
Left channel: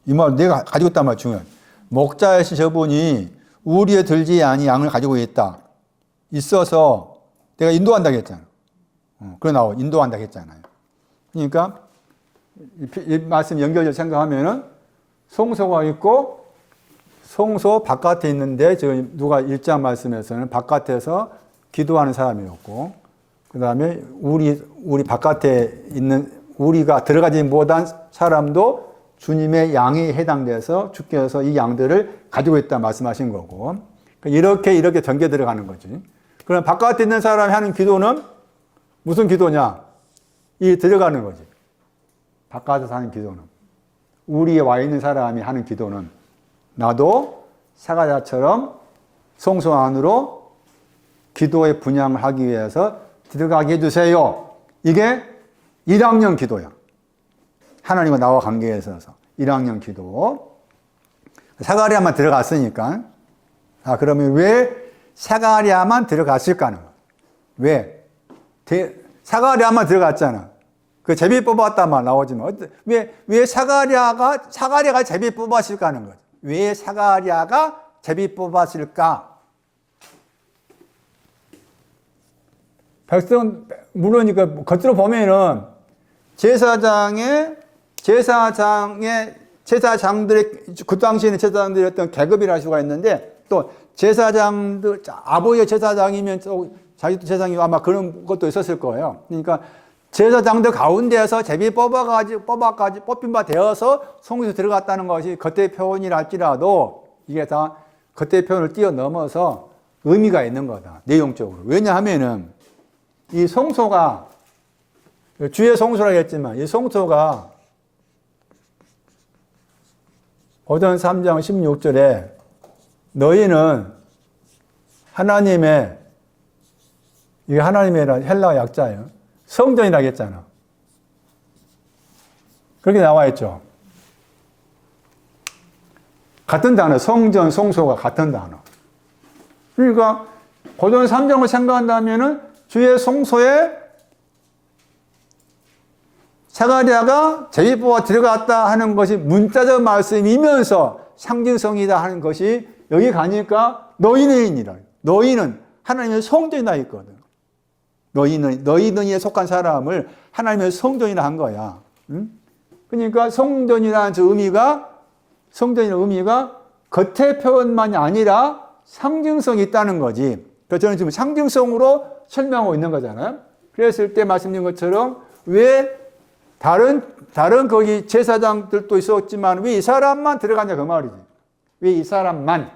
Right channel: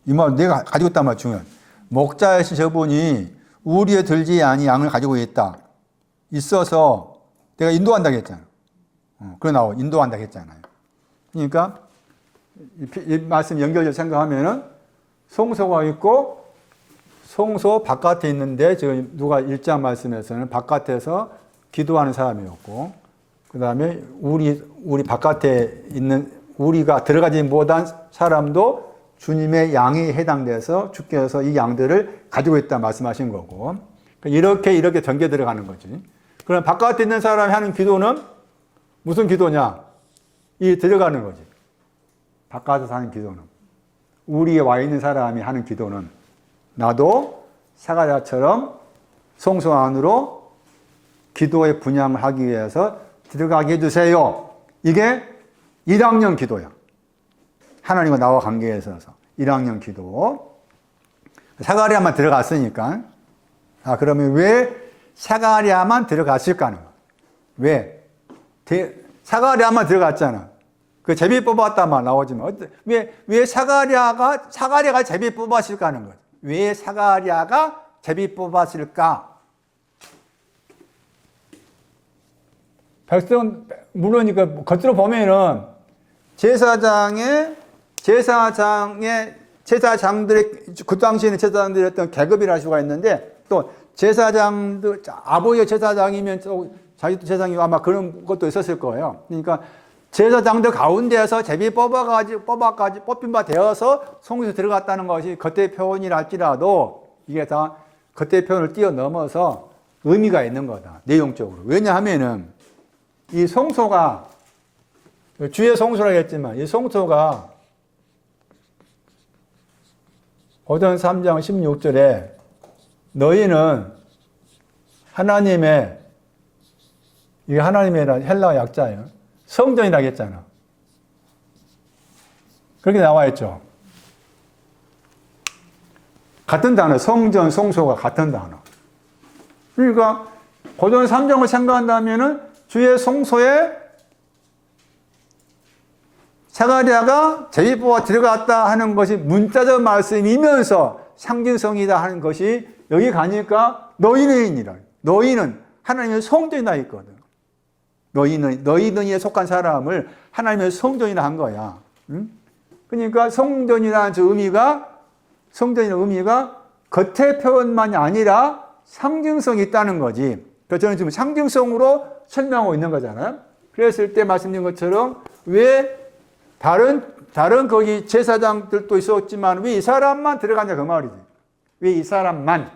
이 말 내가 가지고 있단 말 중요해요. 목자이신 저분이 우리에 들지 아니 양을 가지고 있다. 있어서 내가 인도한다고 했잖아. 그래 나와 인도한다고 했잖아요. 그러니까 이 말씀 연결해서 생각하면은 성소가 있고 성소 바깥에 있는데 지금 누가 1장 말씀에서는 바깥에서 기도하는 사람이었고 그 다음에 우리 바깥에 있는 우리가 들어가지 못한 사람도 주님의 양이 해당돼서 주께서 이 양들을 가지고 있다 말씀하신 거고, 이렇게 전개 들어가는 거지. 그럼 바깥에 있는 사람이 하는 기도는 무슨 기도냐? 이 들어가는 거지. 바깥에서 하는 기도는. 우리에 와 있는 사람이 하는 기도는 나도 사가랴처럼 성소 안으로 기도의 분양을 하기 위해서 들어가게 해주세요. 이게 1학년 기도야. 하나님과 나와 관계에 있어서 1학년 기도. 사가랴만 들어갔으니까. 그러면 왜 사가랴만 들어갔을까 하는 거야. 왜? 사가랴만 들어갔잖아. 그 제비 뽑았단 말 나오지만 왜 사가랴가 제비 뽑았을까 하는 거지. 왜 사가랴가 제비 뽑았을까? 물론 겉으로 보면은 제사장들의 그 당시에는 제사장들이 어떤 계급이라 할 수가 있는데, 또 제사장들, 아버지의 제사장이면 자기도 제사장이 아마 그런 것도 있었을 거예요. 그러니까 제사장들 가운데에서 제비 뽑힌 바 되어서 성소에 들어갔다는 것이 겉의 표현이라 할지라도 이게 다 겉의 표현을 뛰어넘어서 의미가 있는 거다. 내용적으로. 왜냐하면은 이 성소가 주의 성소라고 했지만 이 성소가 고전 3장 16절에 너희는 하나님의, 이게 하나님이라는 헬라어 약자예요. 성전이라고 했잖아. 그렇게 나와 있죠. 같은 단어, 성전, 성소가 같은 단어. 그러니까 고전 3장을 생각한다면은 주의 성소에 사가랴가 제비뽑아 들어갔다 하는 것이 문자적 말씀이면서 상징성이다 하는 것이 여기 가니까 너희는이라. 너희는 하나님의 성전이나 있거든. 너희는에 속한 사람을 하나님의 성전이라 한 거야. 응? 그러니까 성전이라는 의미가 겉의 표현만이 아니라 상징성이 있다는 거지. 그래서 저는 지금 상징성으로 설명하고 있는 거잖아요. 그랬을 때 말씀드린 것처럼 왜 다른 거기 제사장들도 있었지만 왜 이 사람만 들어가냐 그 말이지. 왜 이 사람만?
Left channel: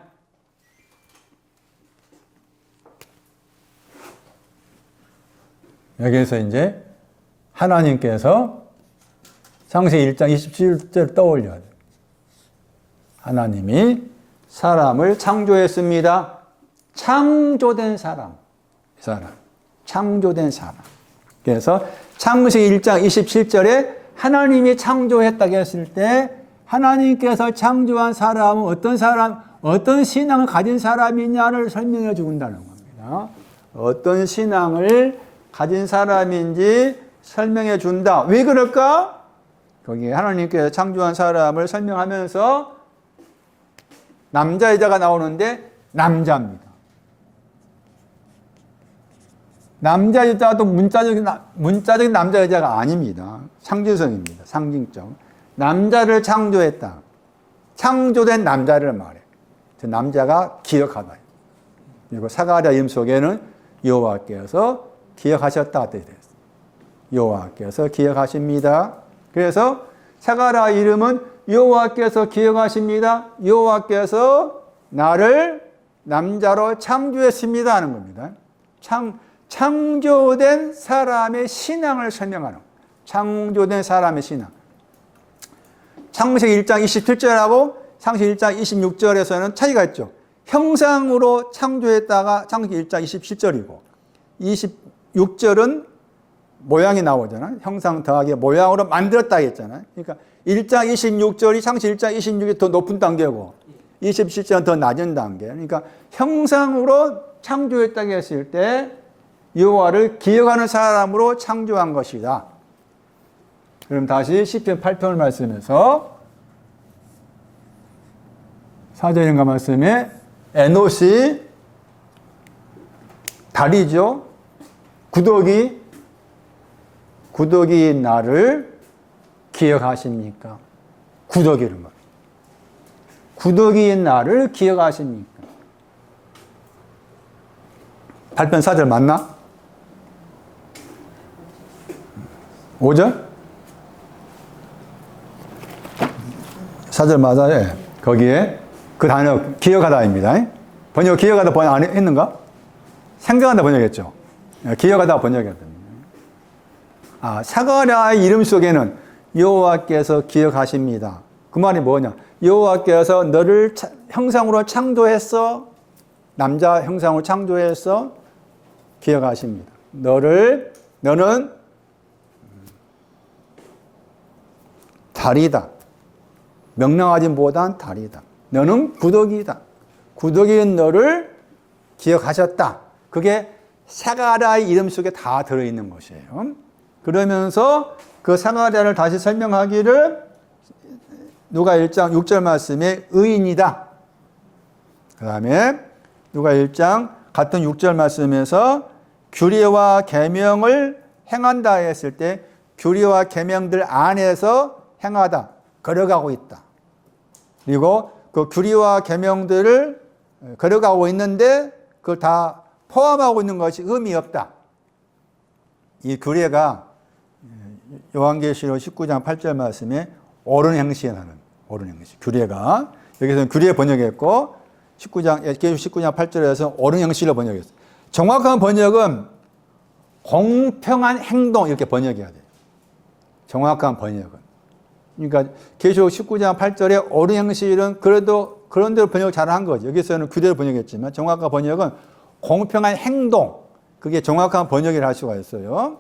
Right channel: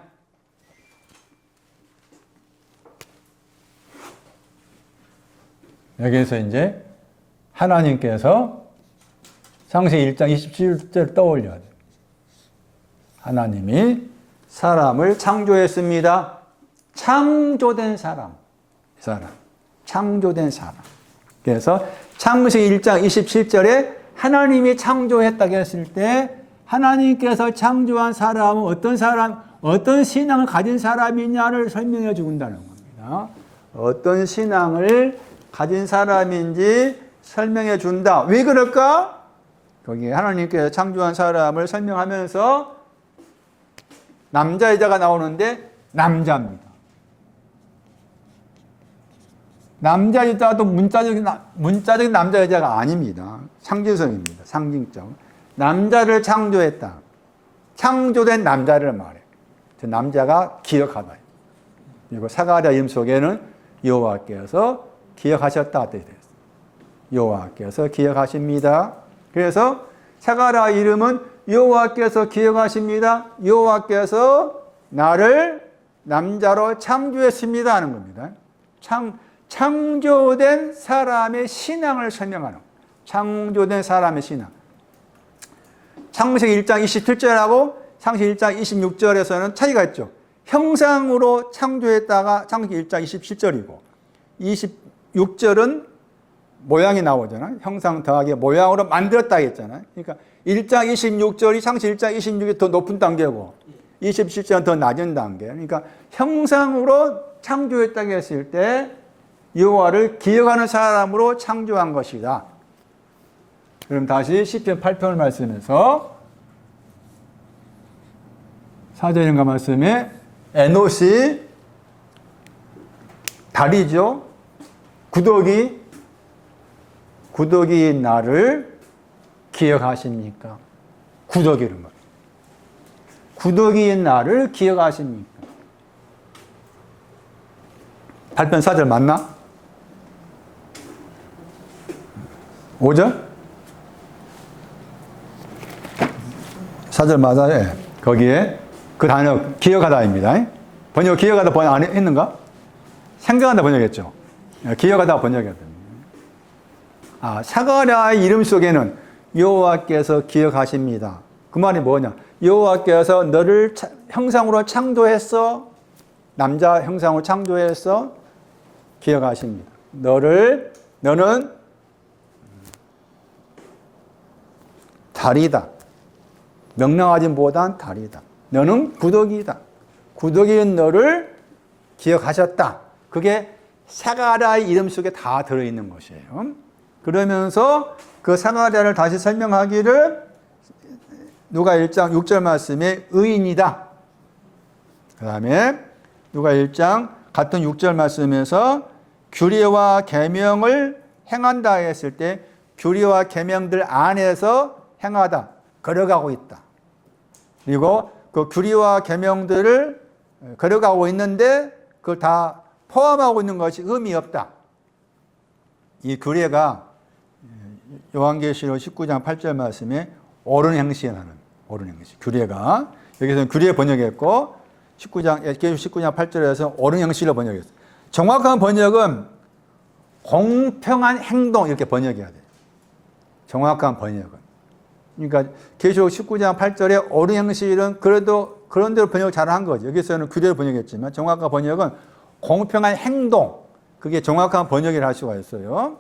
여기에서 이제 하나님께서 창세기 1장 27절 떠올려야 돼요. 하나님이 사람을 창조했습니다. 창조된 사람. 창조된 사람. 그래서 창세기 1장 27절에 하나님이 창조했다고 했을 때 하나님께서 창조한 사람은 어떤 신앙을 가진 사람이냐를 설명해 준다는 겁니다. 어떤 신앙을 가진 사람인지 설명해 준다. 왜 그럴까? 거기에 하나님께서 창조한 사람을 설명하면서 남자 여자가 나오는데 남자입니다. 남자 여자도 문자적인 남자 여자가 아닙니다. 상징성입니다. 상징적. 남자를 창조했다. 창조된 남자를 말해. 그 남자가 기억하다. 그리고 사가랴 이름 속에는 여호와께서 기억하셨다. 여호와께서 기억하십니다. 그래서 사가랴 이름은 여호와께서 기억하십니다. 여호와께서 나를 남자로 창조했습니다 하는 겁니다. 창조된 사람의 신앙을 설명하는, 창조된 사람의 신앙. 창세기 1장 27절하고 창세기 1장 26절에서는 차이가 있죠. 형상으로 창조했다가 창세기 1장 27절이고 26절은 모양이 나오잖아요. 형상 더하기 모양으로 만들었다 했잖아요. 그러니까 1장 26절이 창세기 1장 26절이 더 높은 단계고 27절은 더 낮은 단계. 그러니까 형상으로 창조했다고 했을 때 여호와를 기억하는 사람으로 창조한 것이다. 그럼 다시 시편 8편을 말씀해서 4절인가 말씀에 에노시 달이죠. 구더기 나를 기억하십니까? 구더기를 말이에요. 구더기인 나를 기억하십니까? 8편 4절 맞나? 5절? 4절 맞아요. 거기에 그 단어 기억하다입니다. 번역 기억하다 번역 안 했는가? 생각하다 번역했죠. 기억하다 번역했다. 사가랴의 이름 속에는 여호와께서 기억하십니다. 그 말이 뭐냐? 여호와께서 너를 형상으로 창조했어. 남자 형상으로 창조했어. 기억하십니다. 너는 달이다. 명랑하지보단 달이다. 너는 구더기다. 구더기인 너를 기억하셨다. 그게 사가랴의 이름 속에 다 들어있는 것이에요. 그러면서 그 사가랴를 다시 설명하기를 누가 1장 6절 말씀에 의인이다. 그 다음에 누가 1장 같은 6절 말씀에서 규례와 계명을 행한다 했을 때 규례와 계명들 안에서 행하다. 걸어가고 있다. 그리고 그 규례와 계명들을 걸어가고 있는데 그걸 다 포함하고 있는 것이 의미 없다. 이 규례가 요한계시록 19장 8절 말씀에 옳은 행실하는 옳은 행실. 규례가 여기서는 규례 번역했고 19장 8절에서 옳은 행실로 번역했어요. 정확한 번역은 공평한 행동 이렇게 번역해야 돼요. 정확한 번역은. 그러니까 계시록 19장 8절에 옳은 행실은 그래도 그런 대로 번역을 잘한 거죠. 여기서는 규례를 번역했지만 정확한 번역은 공평한 행동. 그게 정확한 번역을 할 수가 있어요.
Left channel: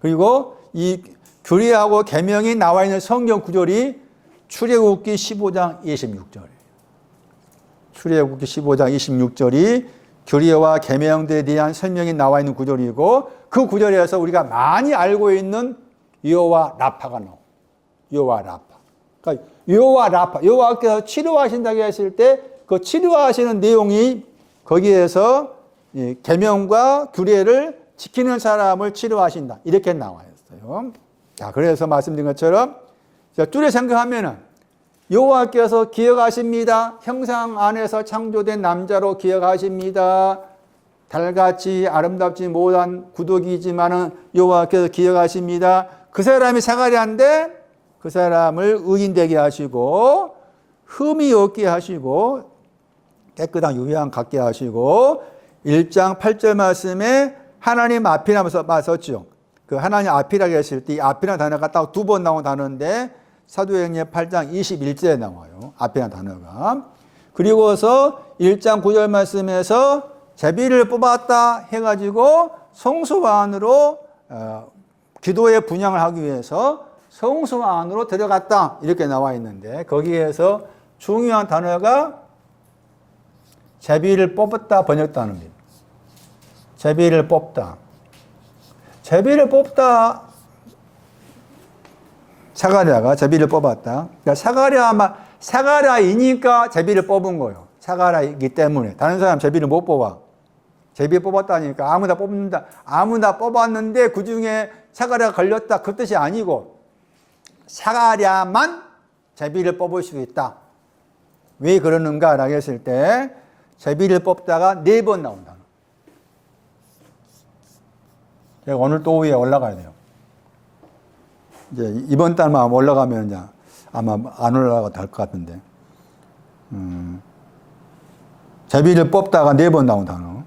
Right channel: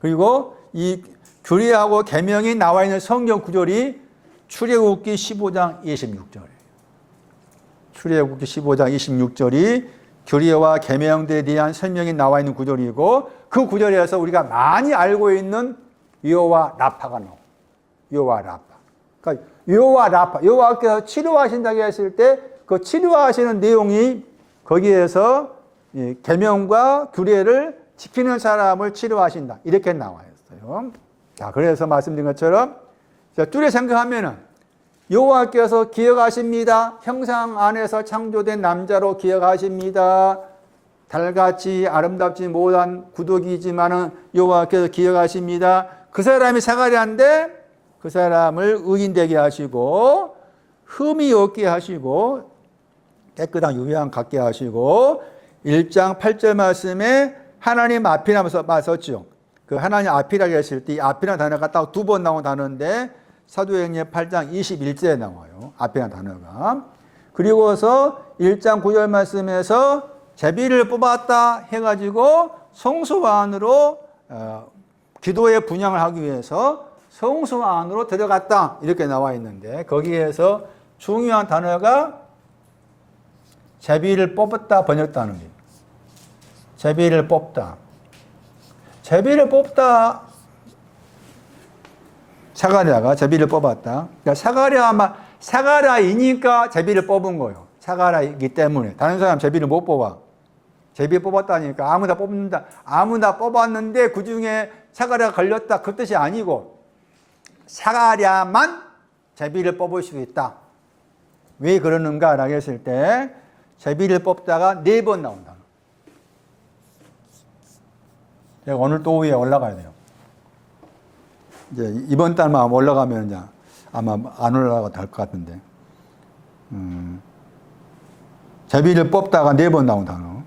그리고 이 규례하고 계명이 나와 있는 성경 구절이 출애굽기 15장 26절이에요. 출애굽기 15장 26절이 규례와 계명들에 대한 설명이 나와 있는 구절이고 그 구절에서 우리가 많이 알고 있는 여호와 라파가 나와요. 여호와 라파. 그러니까 여호와 라파, 여호와께서 치료하신다고 했을 때 그 치료하시는 내용이 거기에서 계명과 규례를 지키는 사람을 치료하신다. 이렇게 나와 있어요. 자, 그래서 말씀드린 것처럼 뚜레 생각하면은 여호와께서 기억하십니다. 형상 안에서 창조된 남자로 기억하십니다. 달같이 아름답지 못한 구더기지만은 여호와께서 기억하십니다. 그 사람이 사가랴인데 그 사람을 의인 되게 하시고 흠이 없게 하시고 깨끗한 유향 갖게 하시고 1장 8절 말씀에 하나님 앞이라면서 맞섰죠. 그 하나님 앞이라고 했을 때 이 앞이라는 단어가 딱 두 번 나온 단어인데 사도행전 8장 21절에 나와요. 앞이라는 단어가. 그리고서 1장 9절 말씀에서 제비를 뽑았다 해가지고 성소 안으로 기도의 분향을 하기 위해서 성소 안으로 들어갔다 이렇게 나와 있는데 거기에서 중요한 단어가 제비를 뽑았다 번역다는 겁니다. 제비를 뽑다. 제비를 뽑다. 사가랴가 제비를 뽑았다. 그러니까 사가랴이니까 제비를 뽑은 거예요. 사가랴이기 때문에. 다른 사람 제비를 못 뽑아. 제비 뽑았다니까 아무나 뽑는다. 아무나 뽑았는데 그 중에 사가랴가 걸렸다. 그 뜻이 아니고 사가랴만 제비를 뽑을 수 있다. 왜 그러는가라고 했을 때 제비를 뽑다가 4번 나온다. 제가 오늘 또 위에 올라가야 돼요. 이제 이번 달만 올라가면 이제 아마 안 올라가도 될 것 같은데. 제비를 뽑다가 4번 나온 단어.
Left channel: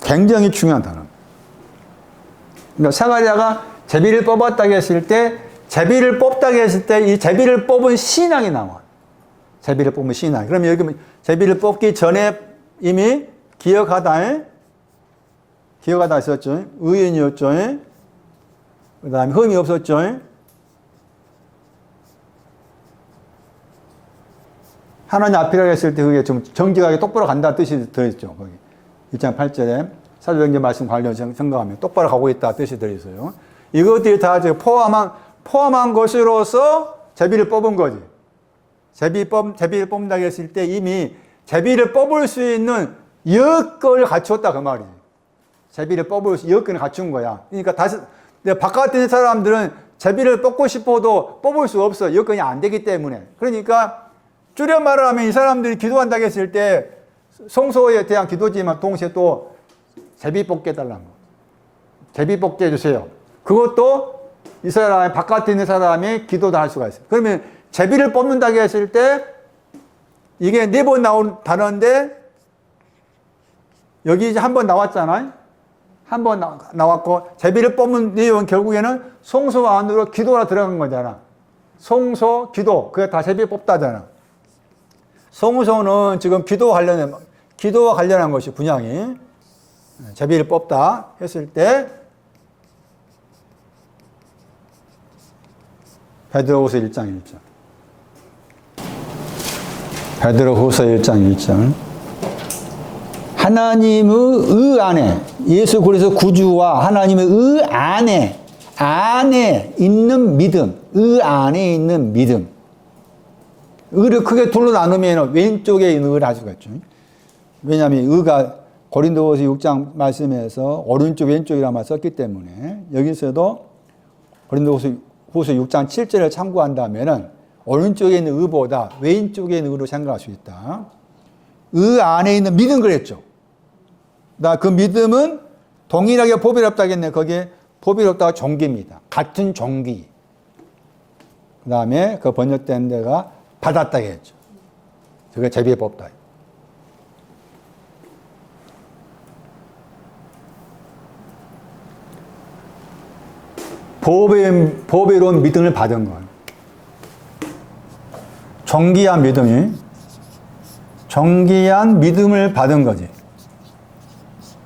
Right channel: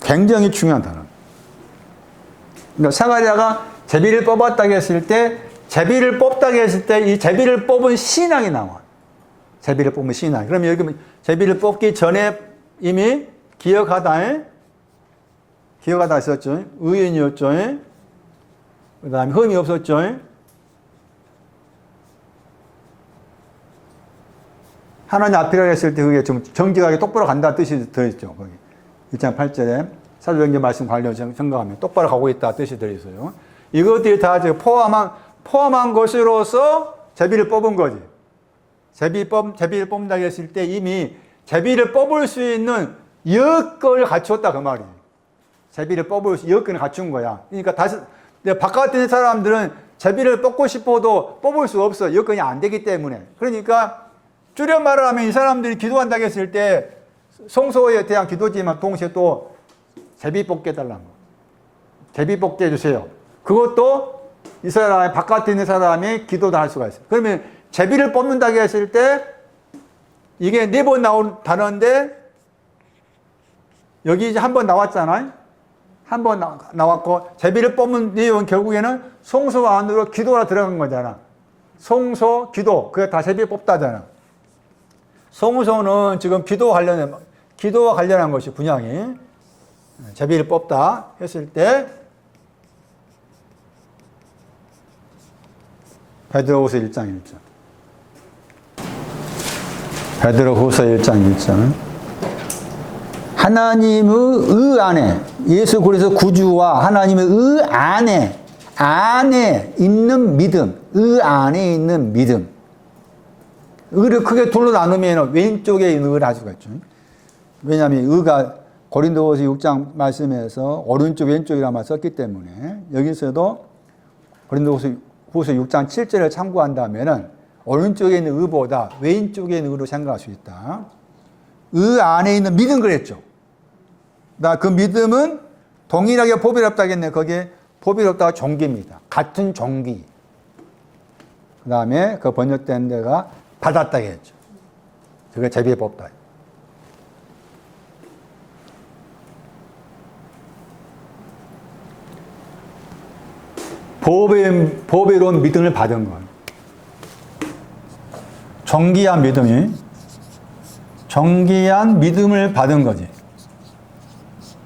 굉장히 중요한 단어. 그러니까 사가랴가 제비를 뽑았다고 했을 때, 제비를 뽑다고 했을 때 이 제비를 뽑은 신앙이 나와. 제비를 뽑은 신앙. 그러면 여기 제비를 뽑기 전에 이미 기억하다 있었죠. 의인이었죠. 그 다음에 흠이 없었죠. 하나님 앞이라고 했을 때 그게 좀 정직하게 똑바로 간다는 뜻이 들어있죠. 거기 1장 8절에 사도행전 말씀 관련 생각하면 똑바로 가고 있다 뜻이 들어있어요. 이것들이 다 포함한 것으로서 제비를 뽑은 거지. 제비를 뽑는다고 했을 때 이미 제비를 뽑을 수 있는 여건을 갖추었다 그 말이에요. 제비를 뽑을 수 여건을 갖춘 거야. 그러니까 다시 바깥에 있는 사람들은 제비를 뽑고 싶어도 뽑을 수 없어. 여건이 안 되기 때문에. 그러니까 줄여 말을 하면 이 사람들이 기도한다고 했을 때 성소에 대한 기도지만 동시에 또 제비 뽑게 해달라는 거. 제비 뽑게 해주세요. 그것도 이 사람이 바깥에 있는 사람이 기도도 할 수가 있어요. 그러면 제비를 뽑는다고 했을 때 이게 4번 나온 단어인데 여기 이제 한 번 나왔잖아요. 한 번 나왔고 제비를 뽑는 내용은 결국에는 송소 안으로 기도가 들어간 거잖아. 송소, 기도. 그게 다 제비 뽑다잖아. 송소는 지금 기도와 관련한 것이 분양이 제비를 뽑다 했을 때 베드로후서 1장 1절. 베드로후서 1장 1절. 하나님의 의 안에 예수 그리스도 구주와 하나님의 의 안에 있는 믿음, 의 안에 있는 믿음. 의를 크게 둘로 나누면 왼쪽에 있는 의를 알 수가 있죠. 왜냐하면 의가 고린도후서 6장 말씀에서 오른쪽 왼쪽이라만 썼기 때문에 여기서도 고린도후서 6장 7절을 참고한다면 오른쪽에 있는 의보다 왼쪽에 있는 의로 생각할 수 있다. 의 안에 있는 믿음 그랬죠. 그 믿음은 동일하게 보배롭다겠네. 거기에 보배롭다가 종기입니다. 같은 종기. 그 다음에 그 번역된 데가 받았다고 했죠. 그게 제비에 뽑다. 보배로운 믿음을 받은 거예요. 정기한 믿음을 받은 거지.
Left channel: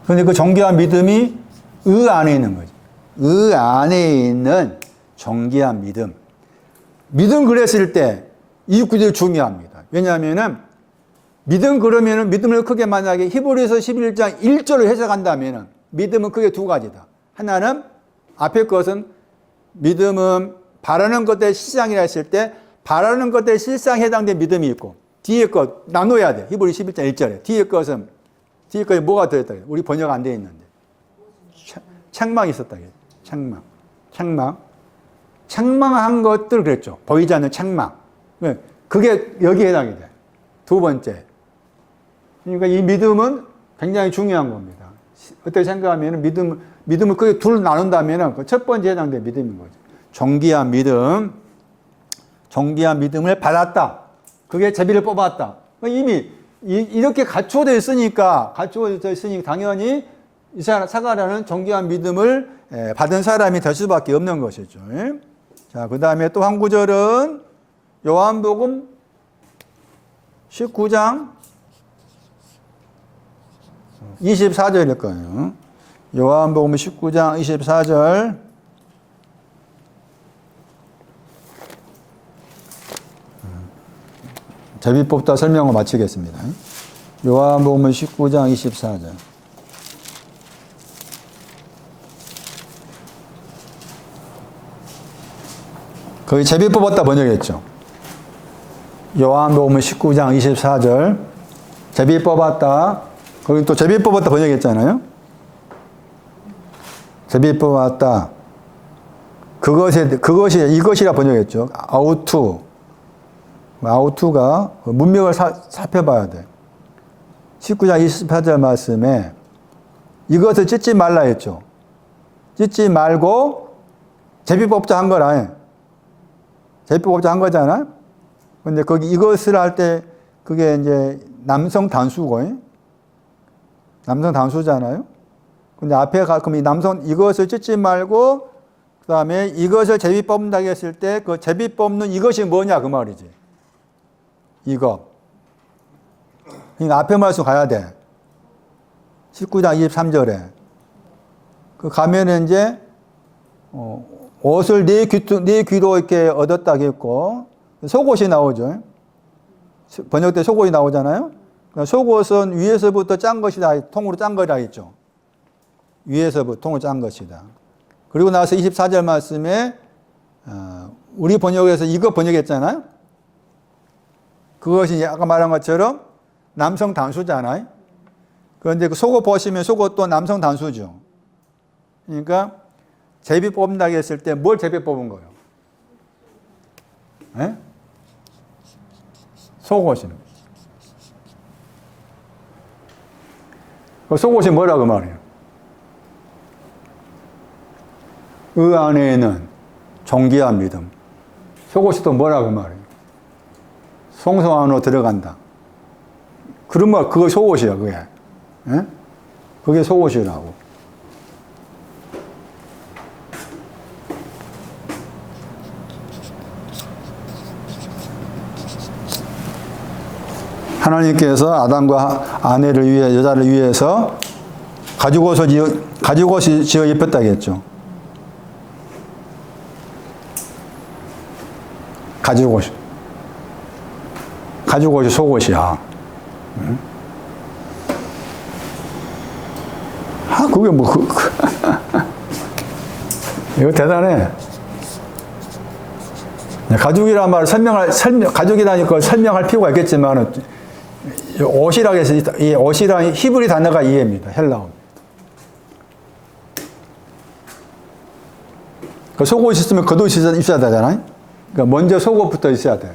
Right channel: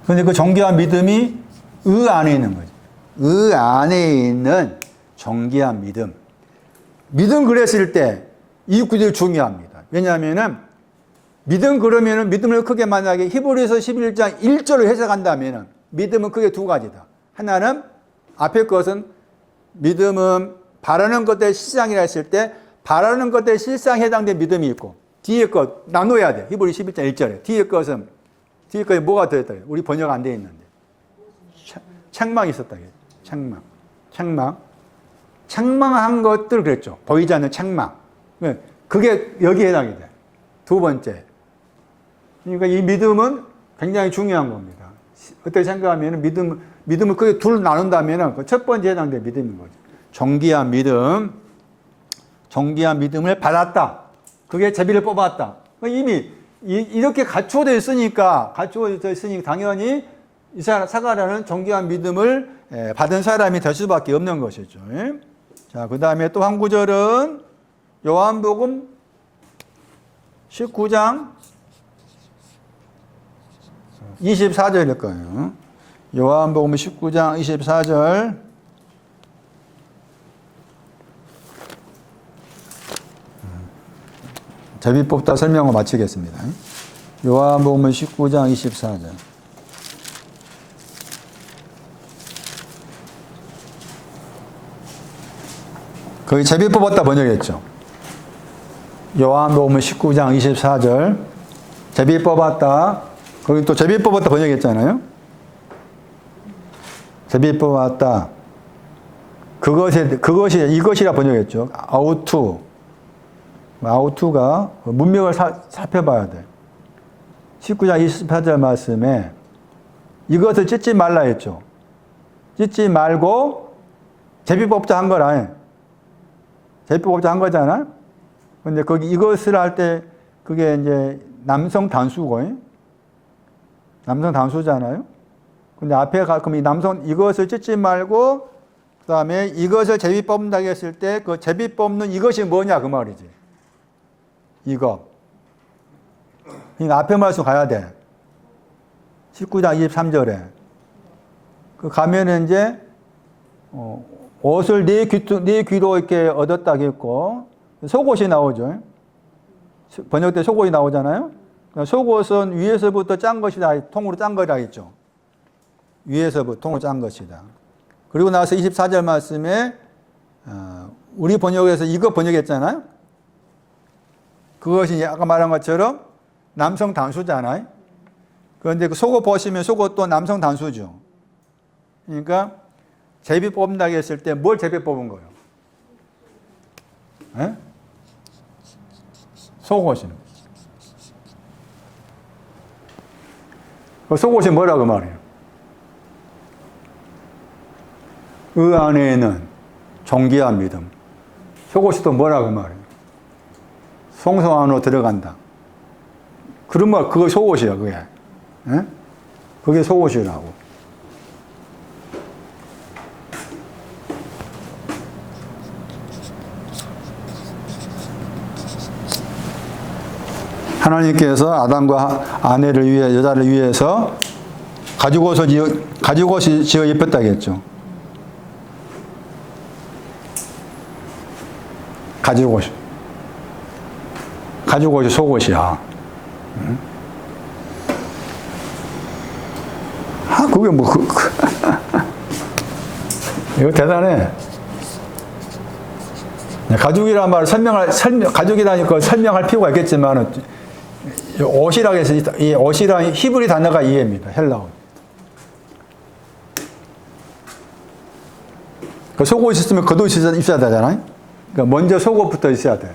그런데 그 정기한 믿음이 의 안에 있는 거지. 의 안에 있는 정기한 믿음. 믿음 그랬을 때 이 구절이 중요합니다. 왜냐하면은 그러면은 믿음을 크게 만약에 히브리서 11장 1절을 해석한다면은 믿음은 크게 두 가지다. 하나는 앞에 것은 믿음은 바라는 것의 실상이라 했을 때 바라는 것의 실상에 해당된 믿음이 있고 뒤에 것 나눠야 돼. 히브리 11장 1절에 뒤에 것이 뭐가 들었다. 우리 번역 안 되어 있는데 책망이 있었다. 책망한 것들 그랬죠. 보이지 않는 책망. 그게 여기에 해당이 돼. 두 번째. 그러니까 이 믿음은 굉장히 중요한 겁니다. 어떻게 생각하면 믿음을 크게 둘 나눈다면 그 첫 번째 해당된 믿음인 거죠. 정기한 믿음을 받았다. 그게 제비를 뽑았다. 이미 이렇게 갖추어져 있으니까 당연히 이 사가라는 정기한 믿음을 받은 사람이 될 수밖에 없는 것이죠. 자, 그 다음에 또 한 구절은 요한복음 19장 24절일 거예요. 요한복음 19장 24절. 제비 뽑다 설명을 마치겠습니다. 요한복음 19장 24절. 거기 제비 뽑았다 번역했죠. 요한복음 19장 24절. 제비 뽑았다. 거기 또 제비 뽑았다 번역했잖아요. 제비 뽑았다. 이것이라 번역했죠. 아우투가 문맥을 살펴봐야 돼. 19장 24절 말씀에 이것을 찢지 말라 했죠. 찢지 말고 제비 뽑자 한 거라. 제비 뽑자 한 거잖아. 근데 거기 이것을 할 때 그게 이제 남성 단수고, 남성 단수잖아요. 근데 앞에 그럼 이것을 찢지 말고 그 다음에 이것을 제비 뽑는다고 했을 때 그 제비 뽑는 이것이 뭐냐 그 말이지. 이거. 그러니까 앞에 말씀 가야 돼. 19장 23절에. 그 가면은 이제 옷을 네 귀로 이렇게 얻었다고 했고 속옷이 나오죠. 번역때 속옷이 나오잖아요. 속옷은 위에서부터 짠 것이다. 통으로 짠 거라 했죠. 위에서부터 통으로 짠 것이다. 그리고 나서 24절 말씀에 우리 번역에서 이거 번역했잖아요. 그것이 아까 말한 것처럼 남성 단수잖아요. 그런데 그 속옷 보시면 속옷도 남성 단수죠. 그러니까 제비 뽑는다고 했을 때 뭘 제비 뽑은 거예요? 에? 속옷입니다. 그 속옷이 뭐라고 말해요? 의 안에는 정기한 믿음. 속옷이 또 뭐라고 말이에요? 송소 안으로 들어간다. 그러면 그거 속옷이야, 그게. 예? 그게 속옷이라고. 하나님께서 아담과 아내를 위해, 여자를 위해서 가죽옷을 지어 입혔다고 했죠. 가죽옷이 속옷이야. 그게 뭐, 이거 대단해. 가죽이란 말을 가죽이라니까 설명할 필요가 있겠지만, 옷이라고 해서, 이 옷이랑 히브리 단어가 이해입니다. 헬라어. 그 속옷이 있으면 겉옷이 있어야 되잖아요. 그러니까 먼저 속옷부터 있어야 돼.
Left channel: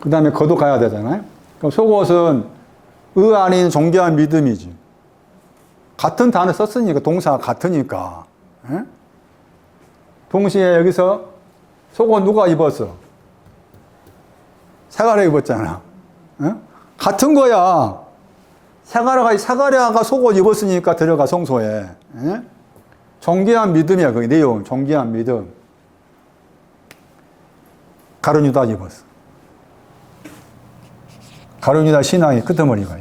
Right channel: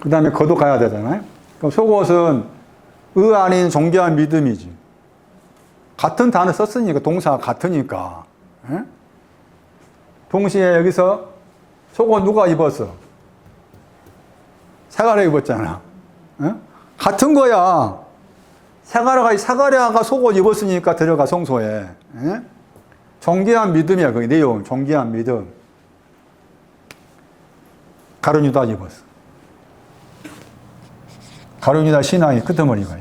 그 다음에 겉옷 가야 되잖아요. 그럼 속옷은 아닌 정교한 믿음이지. 같은 단어 썼으니까, 동사가 같으니까. 에? 동시에 여기서 속옷 누가 입었어? 사가랴 입었잖아. 에? 같은 거야. 사가랴가 속옷 입었으니까 들어가 성소에. 에? 정교한 믿음이야, 그 내용. 정교한 믿음. 가룟 유다 입었어. 가룟 유다 신앙의 끄트머리가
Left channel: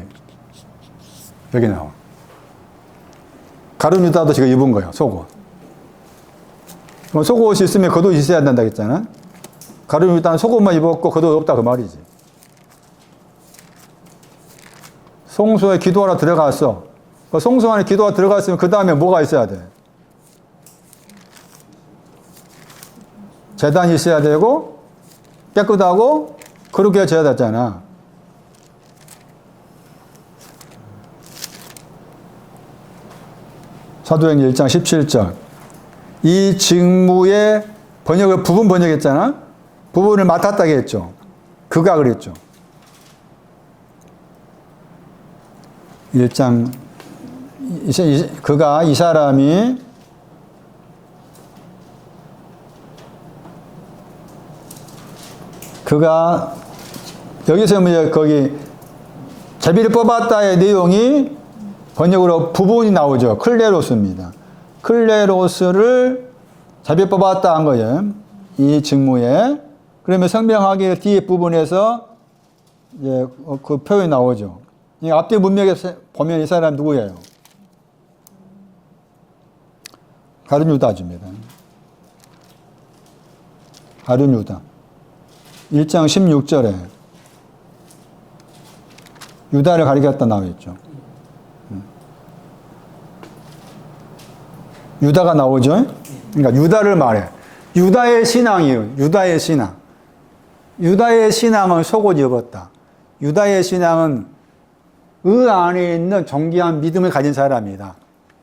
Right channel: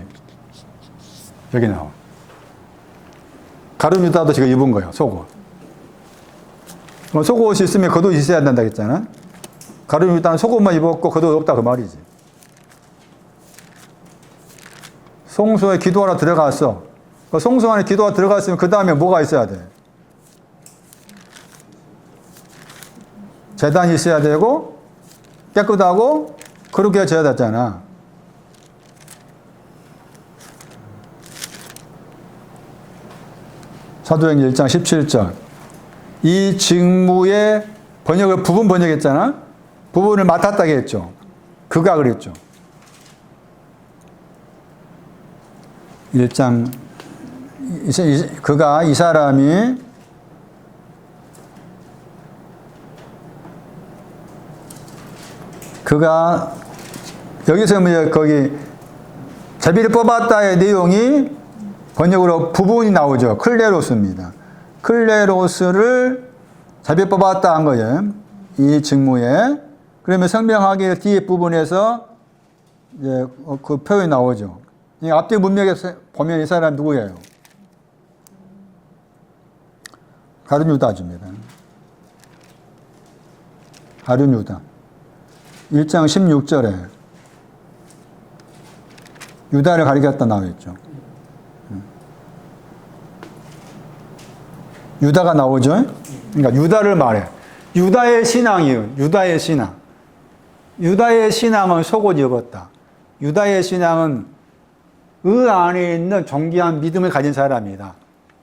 여기 나와. 가룟 유다도 지금 입은 거야, 속옷. 속옷이 있으면 겉옷이 있어야 된다 했잖아. 가룟 유다는 속옷만 입었고 겉옷 없다 그 말이지. 성소에 기도하러 들어갔어. 그 성소 안에 기도하러 들어갔으면 그 다음에 뭐가 있어야 돼? 제단이 있어야 되고 깨끗하고 그렇게 해줘야 되잖아. 사도행전 1장 17절. 이 직무의 번역을 부분 번역했잖아. 부분을 맡았다고 했죠. 그가 그랬죠. 1장 그가 이 사람이 여기서 뭐 거기 제비를 뽑았다의 내용이 번역으로 부분이 나오죠. 클레로스입니다. 클레로스를 제비 뽑았다 한 거예요. 이 직무에. 그러면 성명하게 뒤에 부분에서 이제 그 표현이 나오죠. 이 앞뒤 문맥에 보면 이 사람 누구예요? 가룟 유다주입니다. 가룟 유다. 1장 16절에 유다를 가리켰다 나와있죠. 유다가 나오죠. 그러니까 유다를 말해. 유다의 신앙이에요. 유다의 신앙. 유다의 신앙은 속옷 입었다. 유다의 신앙은 안에 있는 정기한 믿음을 가진 사람이다.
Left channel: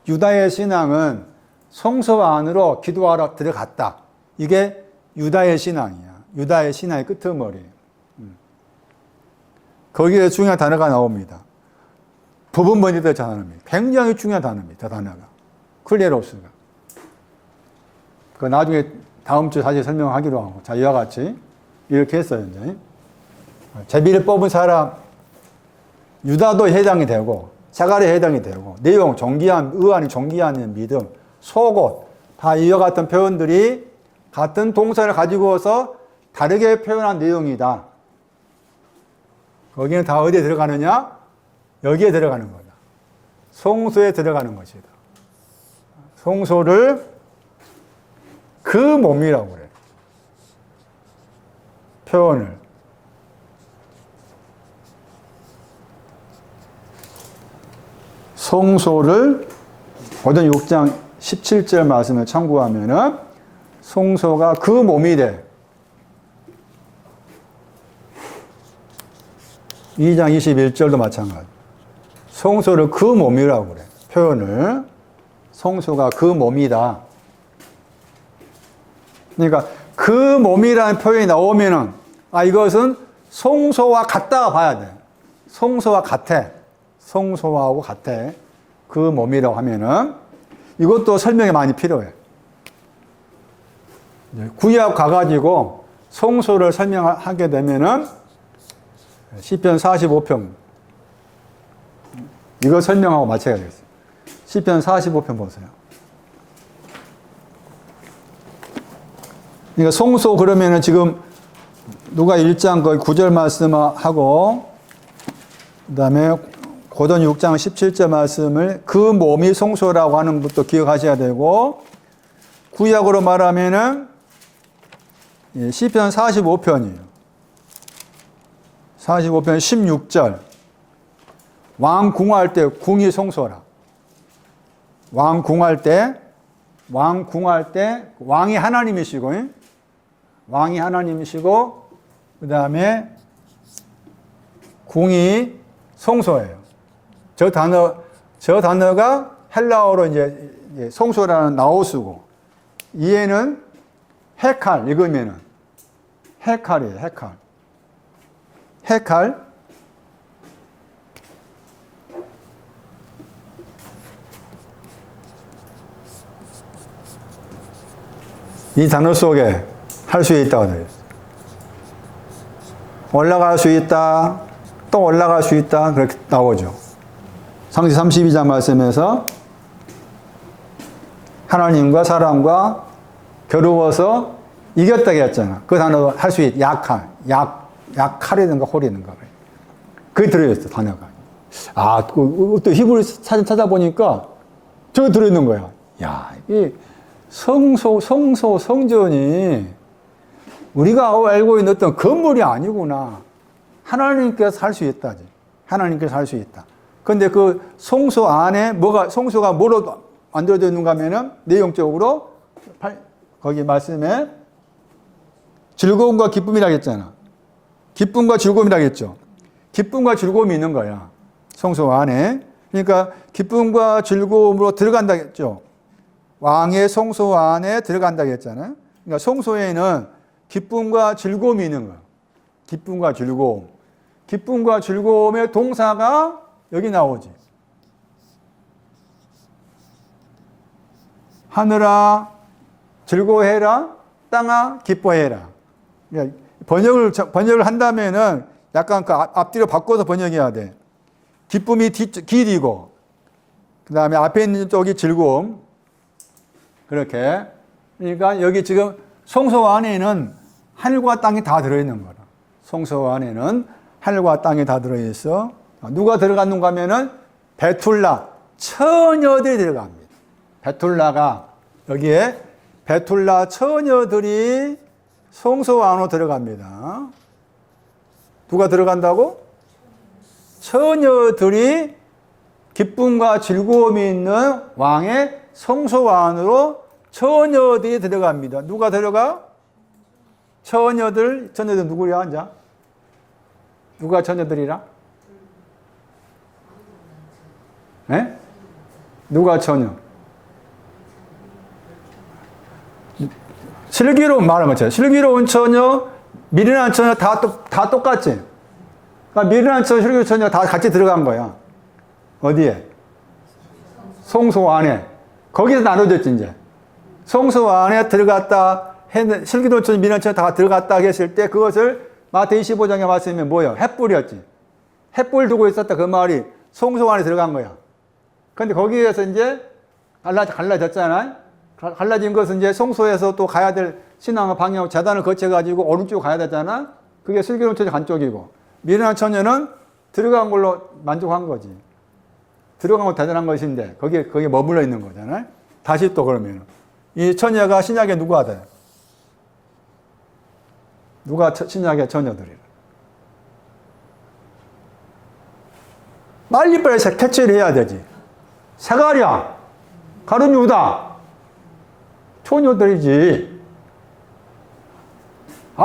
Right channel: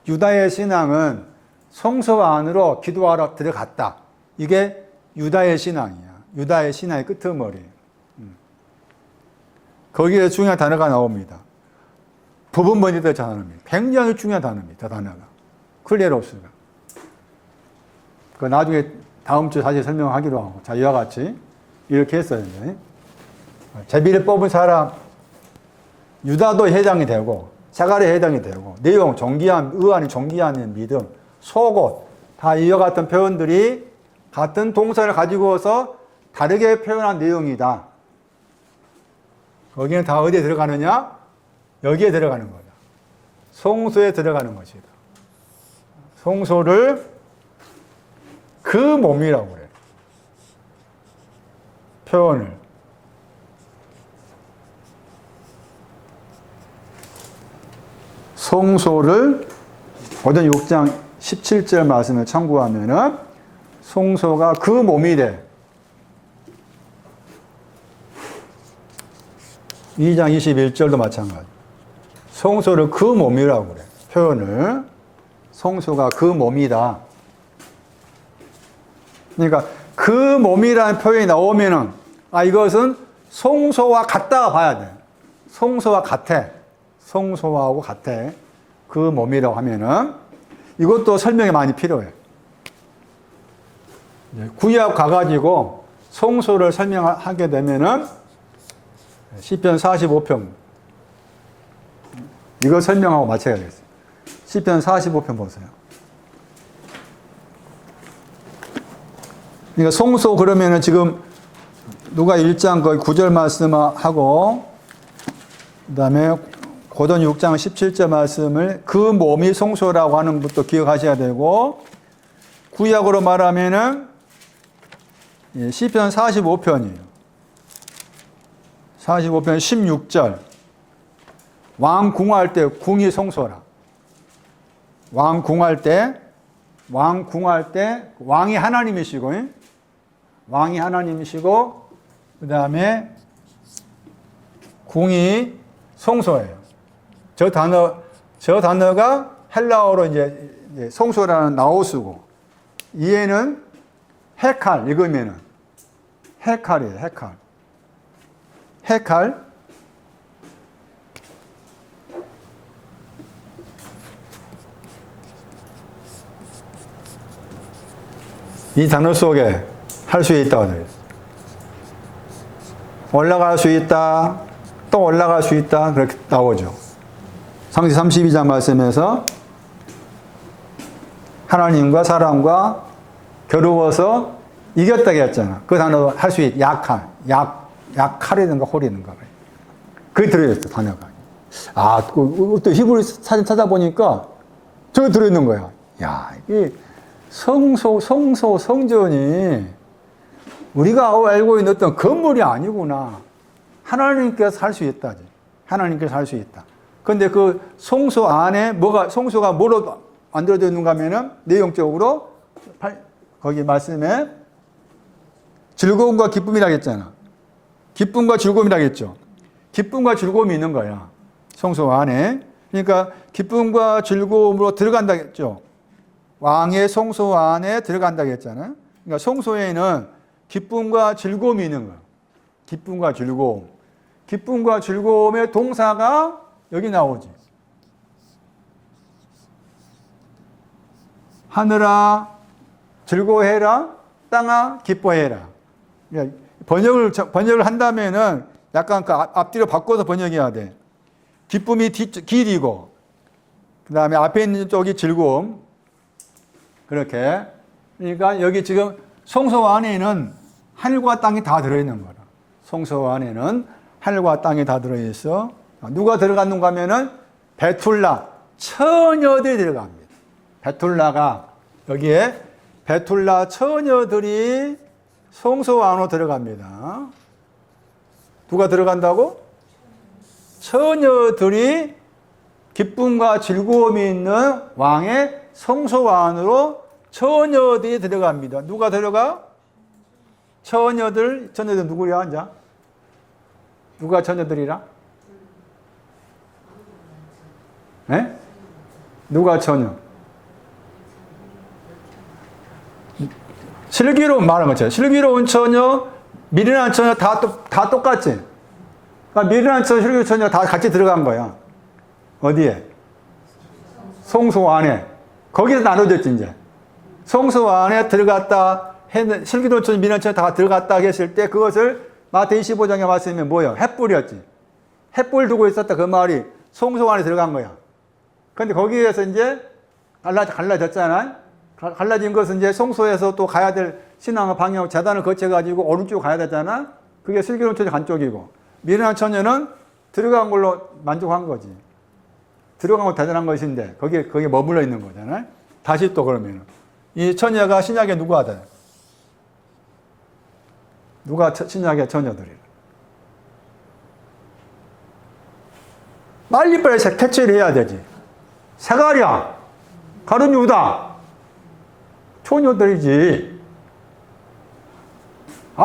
유다의 신앙은 성소 안으로 기도하러 들어갔다. 이게 유다의 신앙이야. 유다의 신앙의 끄트머리. 거기에 중요한 단어가 나옵니다. 부분 번역도 단어입니다. 굉장히 중요한 단어입니다. 단어가. 클레로스가. 그 나중에 다음 주 사실 설명하기로 하고. 자, 이와 같이 이렇게 했어요. 제비를 뽑은 사람, 유다도 해당이 되고, 사가랴 해당이 되고, 내용, 아닌 정기한 믿음, 속옷, 다 이와 같은 표현들이 같은 동사를 가지고서 다르게 표현한 내용이다. 거기는 다 어디에 들어가느냐? 여기에 들어가는 거다. 성소에 들어가는 것이다. 성소를 그 몸이라고 그래. 표현을. 성소를 고전 6장 17절 말씀을 참고하면은 성소가 그 몸이 돼. 2장 21절도 마찬가지. 성소를 그 몸이라고 그래. 표현을. 성소가 그 몸이다. 그러니까 그 몸이라는 표현이 나오면은 이것은 성소와 같다 봐야 돼. 성소와 같아. 성소하고 같아. 그 몸이라고 하면은 이것도 설명이 많이 필요해. 구약 가가지고 성소를 설명하게 되면은 시편 45편 이거 설명하고 마쳐야겠어요. 시편 45편 보세요. 그러니까 성소 그러면은 지금 누가 1장 거의 9절 말씀하고 그다음에 고전 6장 17절 말씀을 그 몸이 성소라고 하는 것도 기억하셔야 되고 구약으로 말하면은 시편 45편이에요. 45편 16절 왕 궁할 때 궁이 성소라. 왕 궁할 때 왕이 하나님이시고 그 다음에 궁이 성소예요. 저 단어가 헬라어로 이제 성소라는 나오스고 이해는 헤칼 읽으면은 헤칼이에요. 헤칼. 이 단어 속에 할 수 있다고 되어 있어요. 올라갈 수 있다, 또 올라갈 수 있다, 그렇게 나오죠. 상시 32장 말씀에서 하나님과 사람과 겨루어서 이겼다고 했잖아. 그 단어 할 수 있다. 약칼이든가 홀이든가. 그게 들어있어, 단어가. 또 히브리 사진 찾아보니까 저기 들어있는 거야. 야, 이 성전이 우리가 알고 있는 어떤 건물이 아니구나. 하나님께서 할 수 있다지. 하나님께서 할 수 있다. 근데 그 성소 안에 성소가 뭐로 만들어져 있는가 하면은 내용적으로 거기 말씀에 즐거움과 기쁨이라고 했잖아. 기쁨과 즐거움이라고 했죠. 기쁨과 즐거움이 있는 거야. 성소 안에. 그러니까 기쁨과 즐거움으로 들어간다고 했죠. 왕의 성소 안에 들어간다고 했잖아. 그러니까 성소에는 기쁨과 즐거움이 있는 거야. 기쁨과 즐거움. 기쁨과 즐거움의 동사가 여기 나오지. 하늘아 즐거워해라, 땅아 기뻐해라. 그러니까 번역을 한다면은 약간 그 앞뒤로 바꿔서 번역해야 돼. 기쁨이 길이고, 그 다음에 앞에 있는 쪽이 즐거움. 그렇게. 그러니까 여기 지금 성소 안에는 하늘과 땅이 다 들어있는 거라. 성소 안에는 하늘과 땅이 다 들어있어. 누가 들어갔는가 하면은 베툴라, 처녀들이 들어갑니다. 베툴라가 여기에 베툴라 처녀들이 성소 안으로 들어갑니다. 누가 들어간다고? 처녀들이 기쁨과 즐거움이 있는 왕의 성소 안으로 처녀들이 들어갑니다. 누가 들어가? 처녀들 누구야? 이제? 누가 처녀들이라? 네? 누가 처녀? 슬기로운 말하면 슬기로운 처녀, 미련한 처녀 다 똑같지? 그러니까 미련한 처녀, 슬기로운 처녀 다 같이 들어간 거야. 어디에? 성소 안에. 거기서 나눠졌지, 이제. 성소 안에 들어갔다, 슬기로운 처녀, 미련한 처녀 다 들어갔다 했을 때 그것을 마태복음 25장에 말씀에 뭐예요? 횃불이었지. 횃불 두고 있었다 그 말이 성소 안에 들어간 거야. 근데 거기에서 이제 갈라졌잖아. 갈라진 것은 이제 성소에서 또 가야 될 신앙의 방향, 재단을 거쳐가지고 오른쪽 가야 되잖아. 그게 슬기로운 처녀 한쪽이고, 미련한 처녀는 들어간 걸로 만족한 거지. 들어간 거 대단한 것인데, 거기에 머물러 있는 거잖아. 다시 또 그러면, 이 처녀가 신약에 누가 돼? 누가 신약의 처녀들이야? 빨리빨리 캐치를 해야 되지. 사가랴, 가룟 유다, 처녀들이지.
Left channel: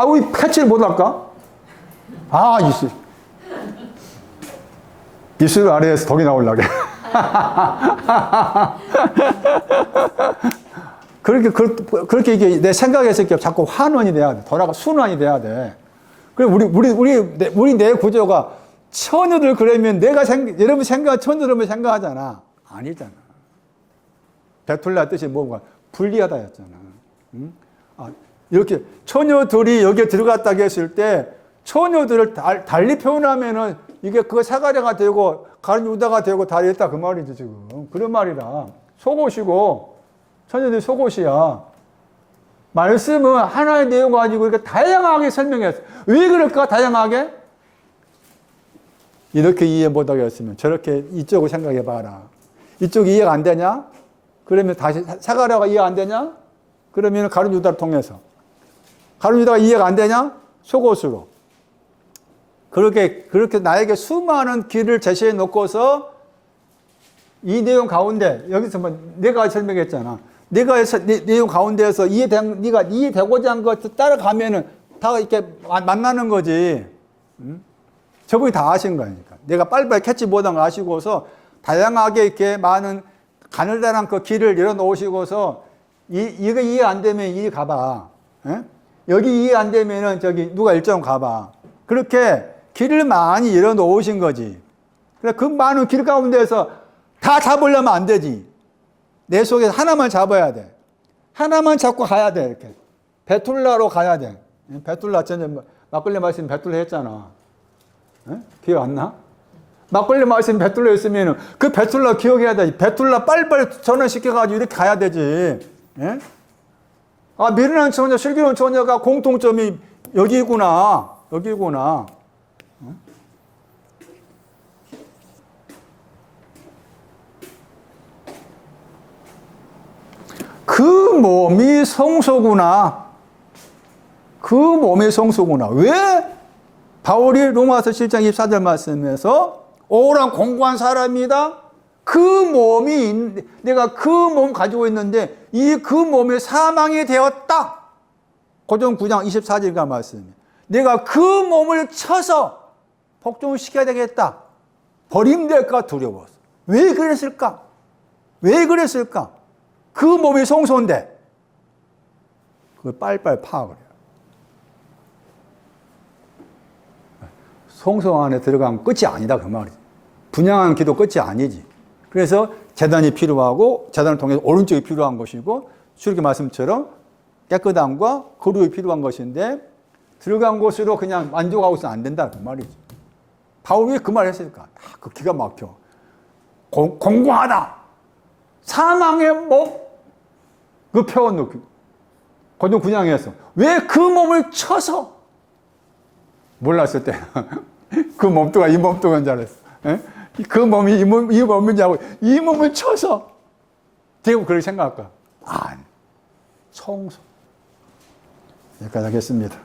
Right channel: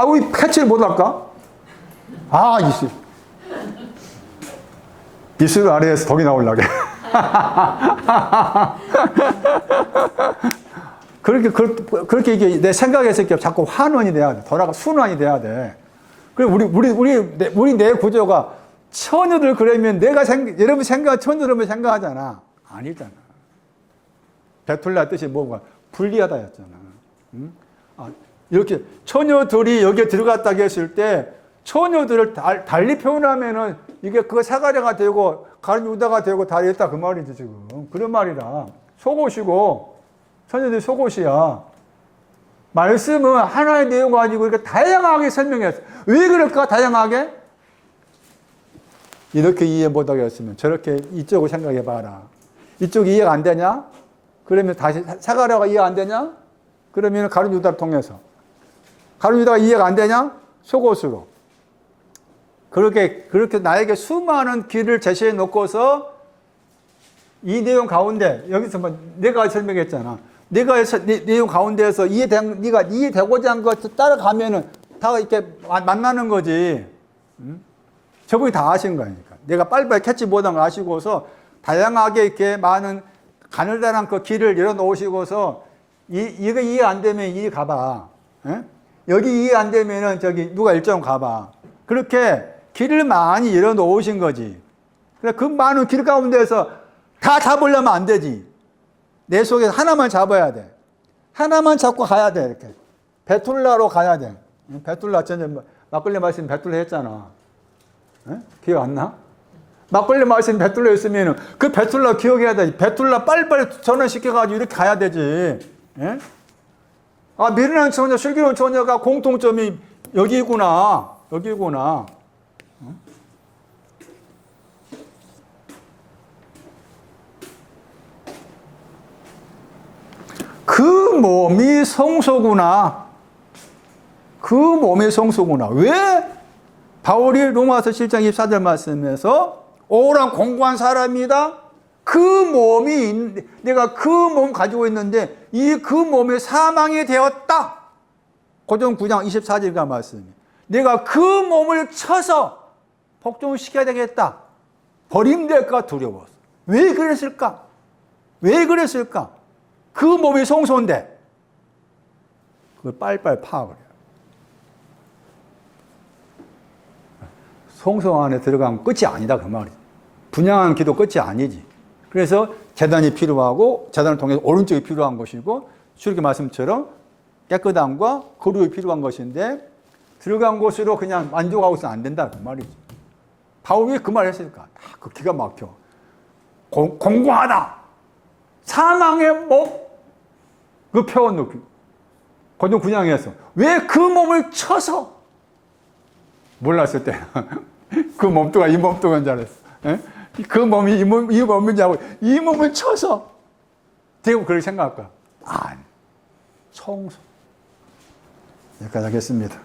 우리 캐치를 못할까? 이슬 아래에서 덕이 나오려고. 그렇게 이게 내 생각에서 이렇게 자꾸 환원이 돼야 돼. 순환이 돼야 돼. 그럼 우리 내 구조가 처녀들 그러면 여러분 처녀들은 생각하잖아. 아니잖아. 베툴라 뜻이 뭐가? 분리하다였잖아. 응? 이렇게 처녀들이 여기에 들어갔다고 했을 때 처녀들을 달리 표현하면은 이게 그 사가랴가 되고 가룟 유다가 되고 다 했다 그 말이죠 지금. 그런 말이라. 속옷이고 처녀들이 속옷이야. 말씀은 하나의 내용 가지고 이렇게 다양하게 설명했어. 왜 그럴까 다양하게? 이렇게 이해 못하겠으면 저렇게 이쪽을 생각해 봐라. 이쪽 이해가 안 되냐? 그러면 다시 사가랴가 이해 안 되냐? 그러면 가룟 유다를 통해서. 가룟 유다가 이해가 안 되냐? 속옷으로. 그렇게 나에게 수많은 길을 제시해 놓고서 이 내용 가운데 여기서 뭐 내가 설명했잖아. 내가 내용 가운데에서 네가 이해되고자 한 것 따라가면은 다 이렇게 만나는 거지. 응? 저분이 다 아신 거니까. 내가 빨리빨리 캐치 못한 걸 아시고서 다양하게 이렇게 많은 가늘다란 그 길을 열어놓으시고서 이거 이해 안 되면 이해 가봐. 응? 여기 이해 안 되면은 저기 누가 일정 가봐. 그렇게 길을 많이 열어놓으신 거지. 그래 그 많은 길 가운데서 다 잡으려면 안 되지. 내 속에서 하나만 잡아야 돼. 하나만 잡고 가야 돼. 이렇게 베툴라로 가야 돼. 베툴라 전에 막걸리 말씀 베툴라 했잖아. 응? 기억 안 나? 막걸리 말씀 베툴라 했으면 그 베툴라 기억해야 돼. 베툴라 빨리빨리 전환시켜가지고 이렇게 가야 되지. 예? 아, 미련한 처녀, 슬기로운 처녀가 공통점이 여기구나. 여기구나. 그 몸이 성소구나. 그 몸이 성소구나. 왜 바울이 로마서 7장 24절 말씀에서 오랑 공고한 사람이다. 그 몸이 내가 그 몸 가지고 있는데 이 그 몸에 사망이 되었다. 고전 9장 24절과 말씀. 내가 그 몸을 쳐서 복종시켜야 되겠다. 버림될까 두려워서. 왜 그랬을까? 왜 그랬을까? 그 몸이 성소인데 그걸 빨리빨리 파악을 해요. 성소 안에 들어가면 끝이 아니다 그 말이죠. 분양한 기도 끝이 아니지. 그래서 제단이 필요하고 제단을 통해서 오른쪽이 필요한 것이고 출애굽 말씀처럼 깨끗함과 거룩이 필요한 것인데 들어간 곳으로 그냥 만족하고 있으면 안 된다 그 말이죠. 바울이 그 말 했으니까 그 기가 막혀. 공고하다. 사망의 몸. 그 표현 넣기. 고전 9장에서 왜 그 몸을 쳐서 몰랐을 때 그 몸뚱아 이 몸뚱아인 줄 알았어. 에? 그 몸이 이 몸인 줄 알고 이 몸을 쳐서 대부분 그렇게 생각할 거야. 아니 성소. 여기까지 하겠습니다.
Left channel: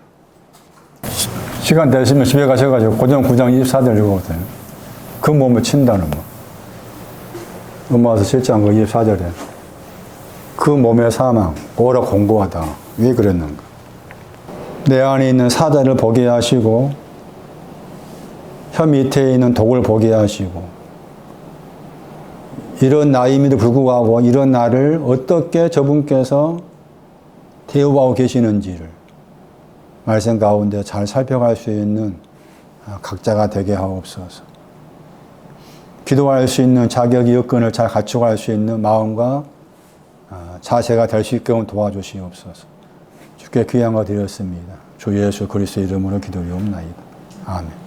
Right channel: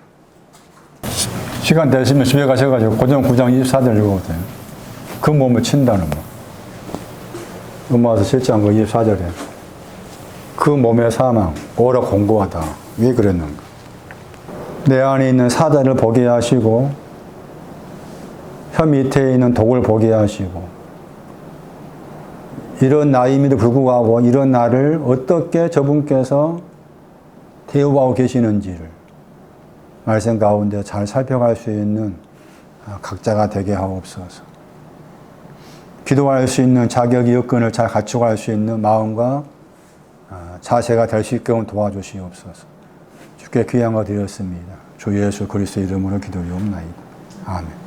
시간 되시면 집에 가셔가지고 고전 9장 24절 읽어보세요. 그 몸을 친다는 거. 로마서 7장 24절에 그 몸의 사망 오라 공고하다. 왜 그랬는가? 내 안에 있는 사자를 보게 하시고 혀 밑에 있는 독을 보게 하시고 이런 나임에도 불구하고 이런 나를 어떻게 저분께서 대우하고 계시는지를 말씀 가운데 잘 살펴갈 수 있는 각자가 되게 하옵소서. 기도할 수 있는 자격 여건을 잘 갖추고 할 수 있는 마음과 자세가 될 수 있게 도와주시옵소서. 주께 귀한 거 드렸습니다. 주 예수 그리스도 이름으로 기도리옵나이다. 아멘.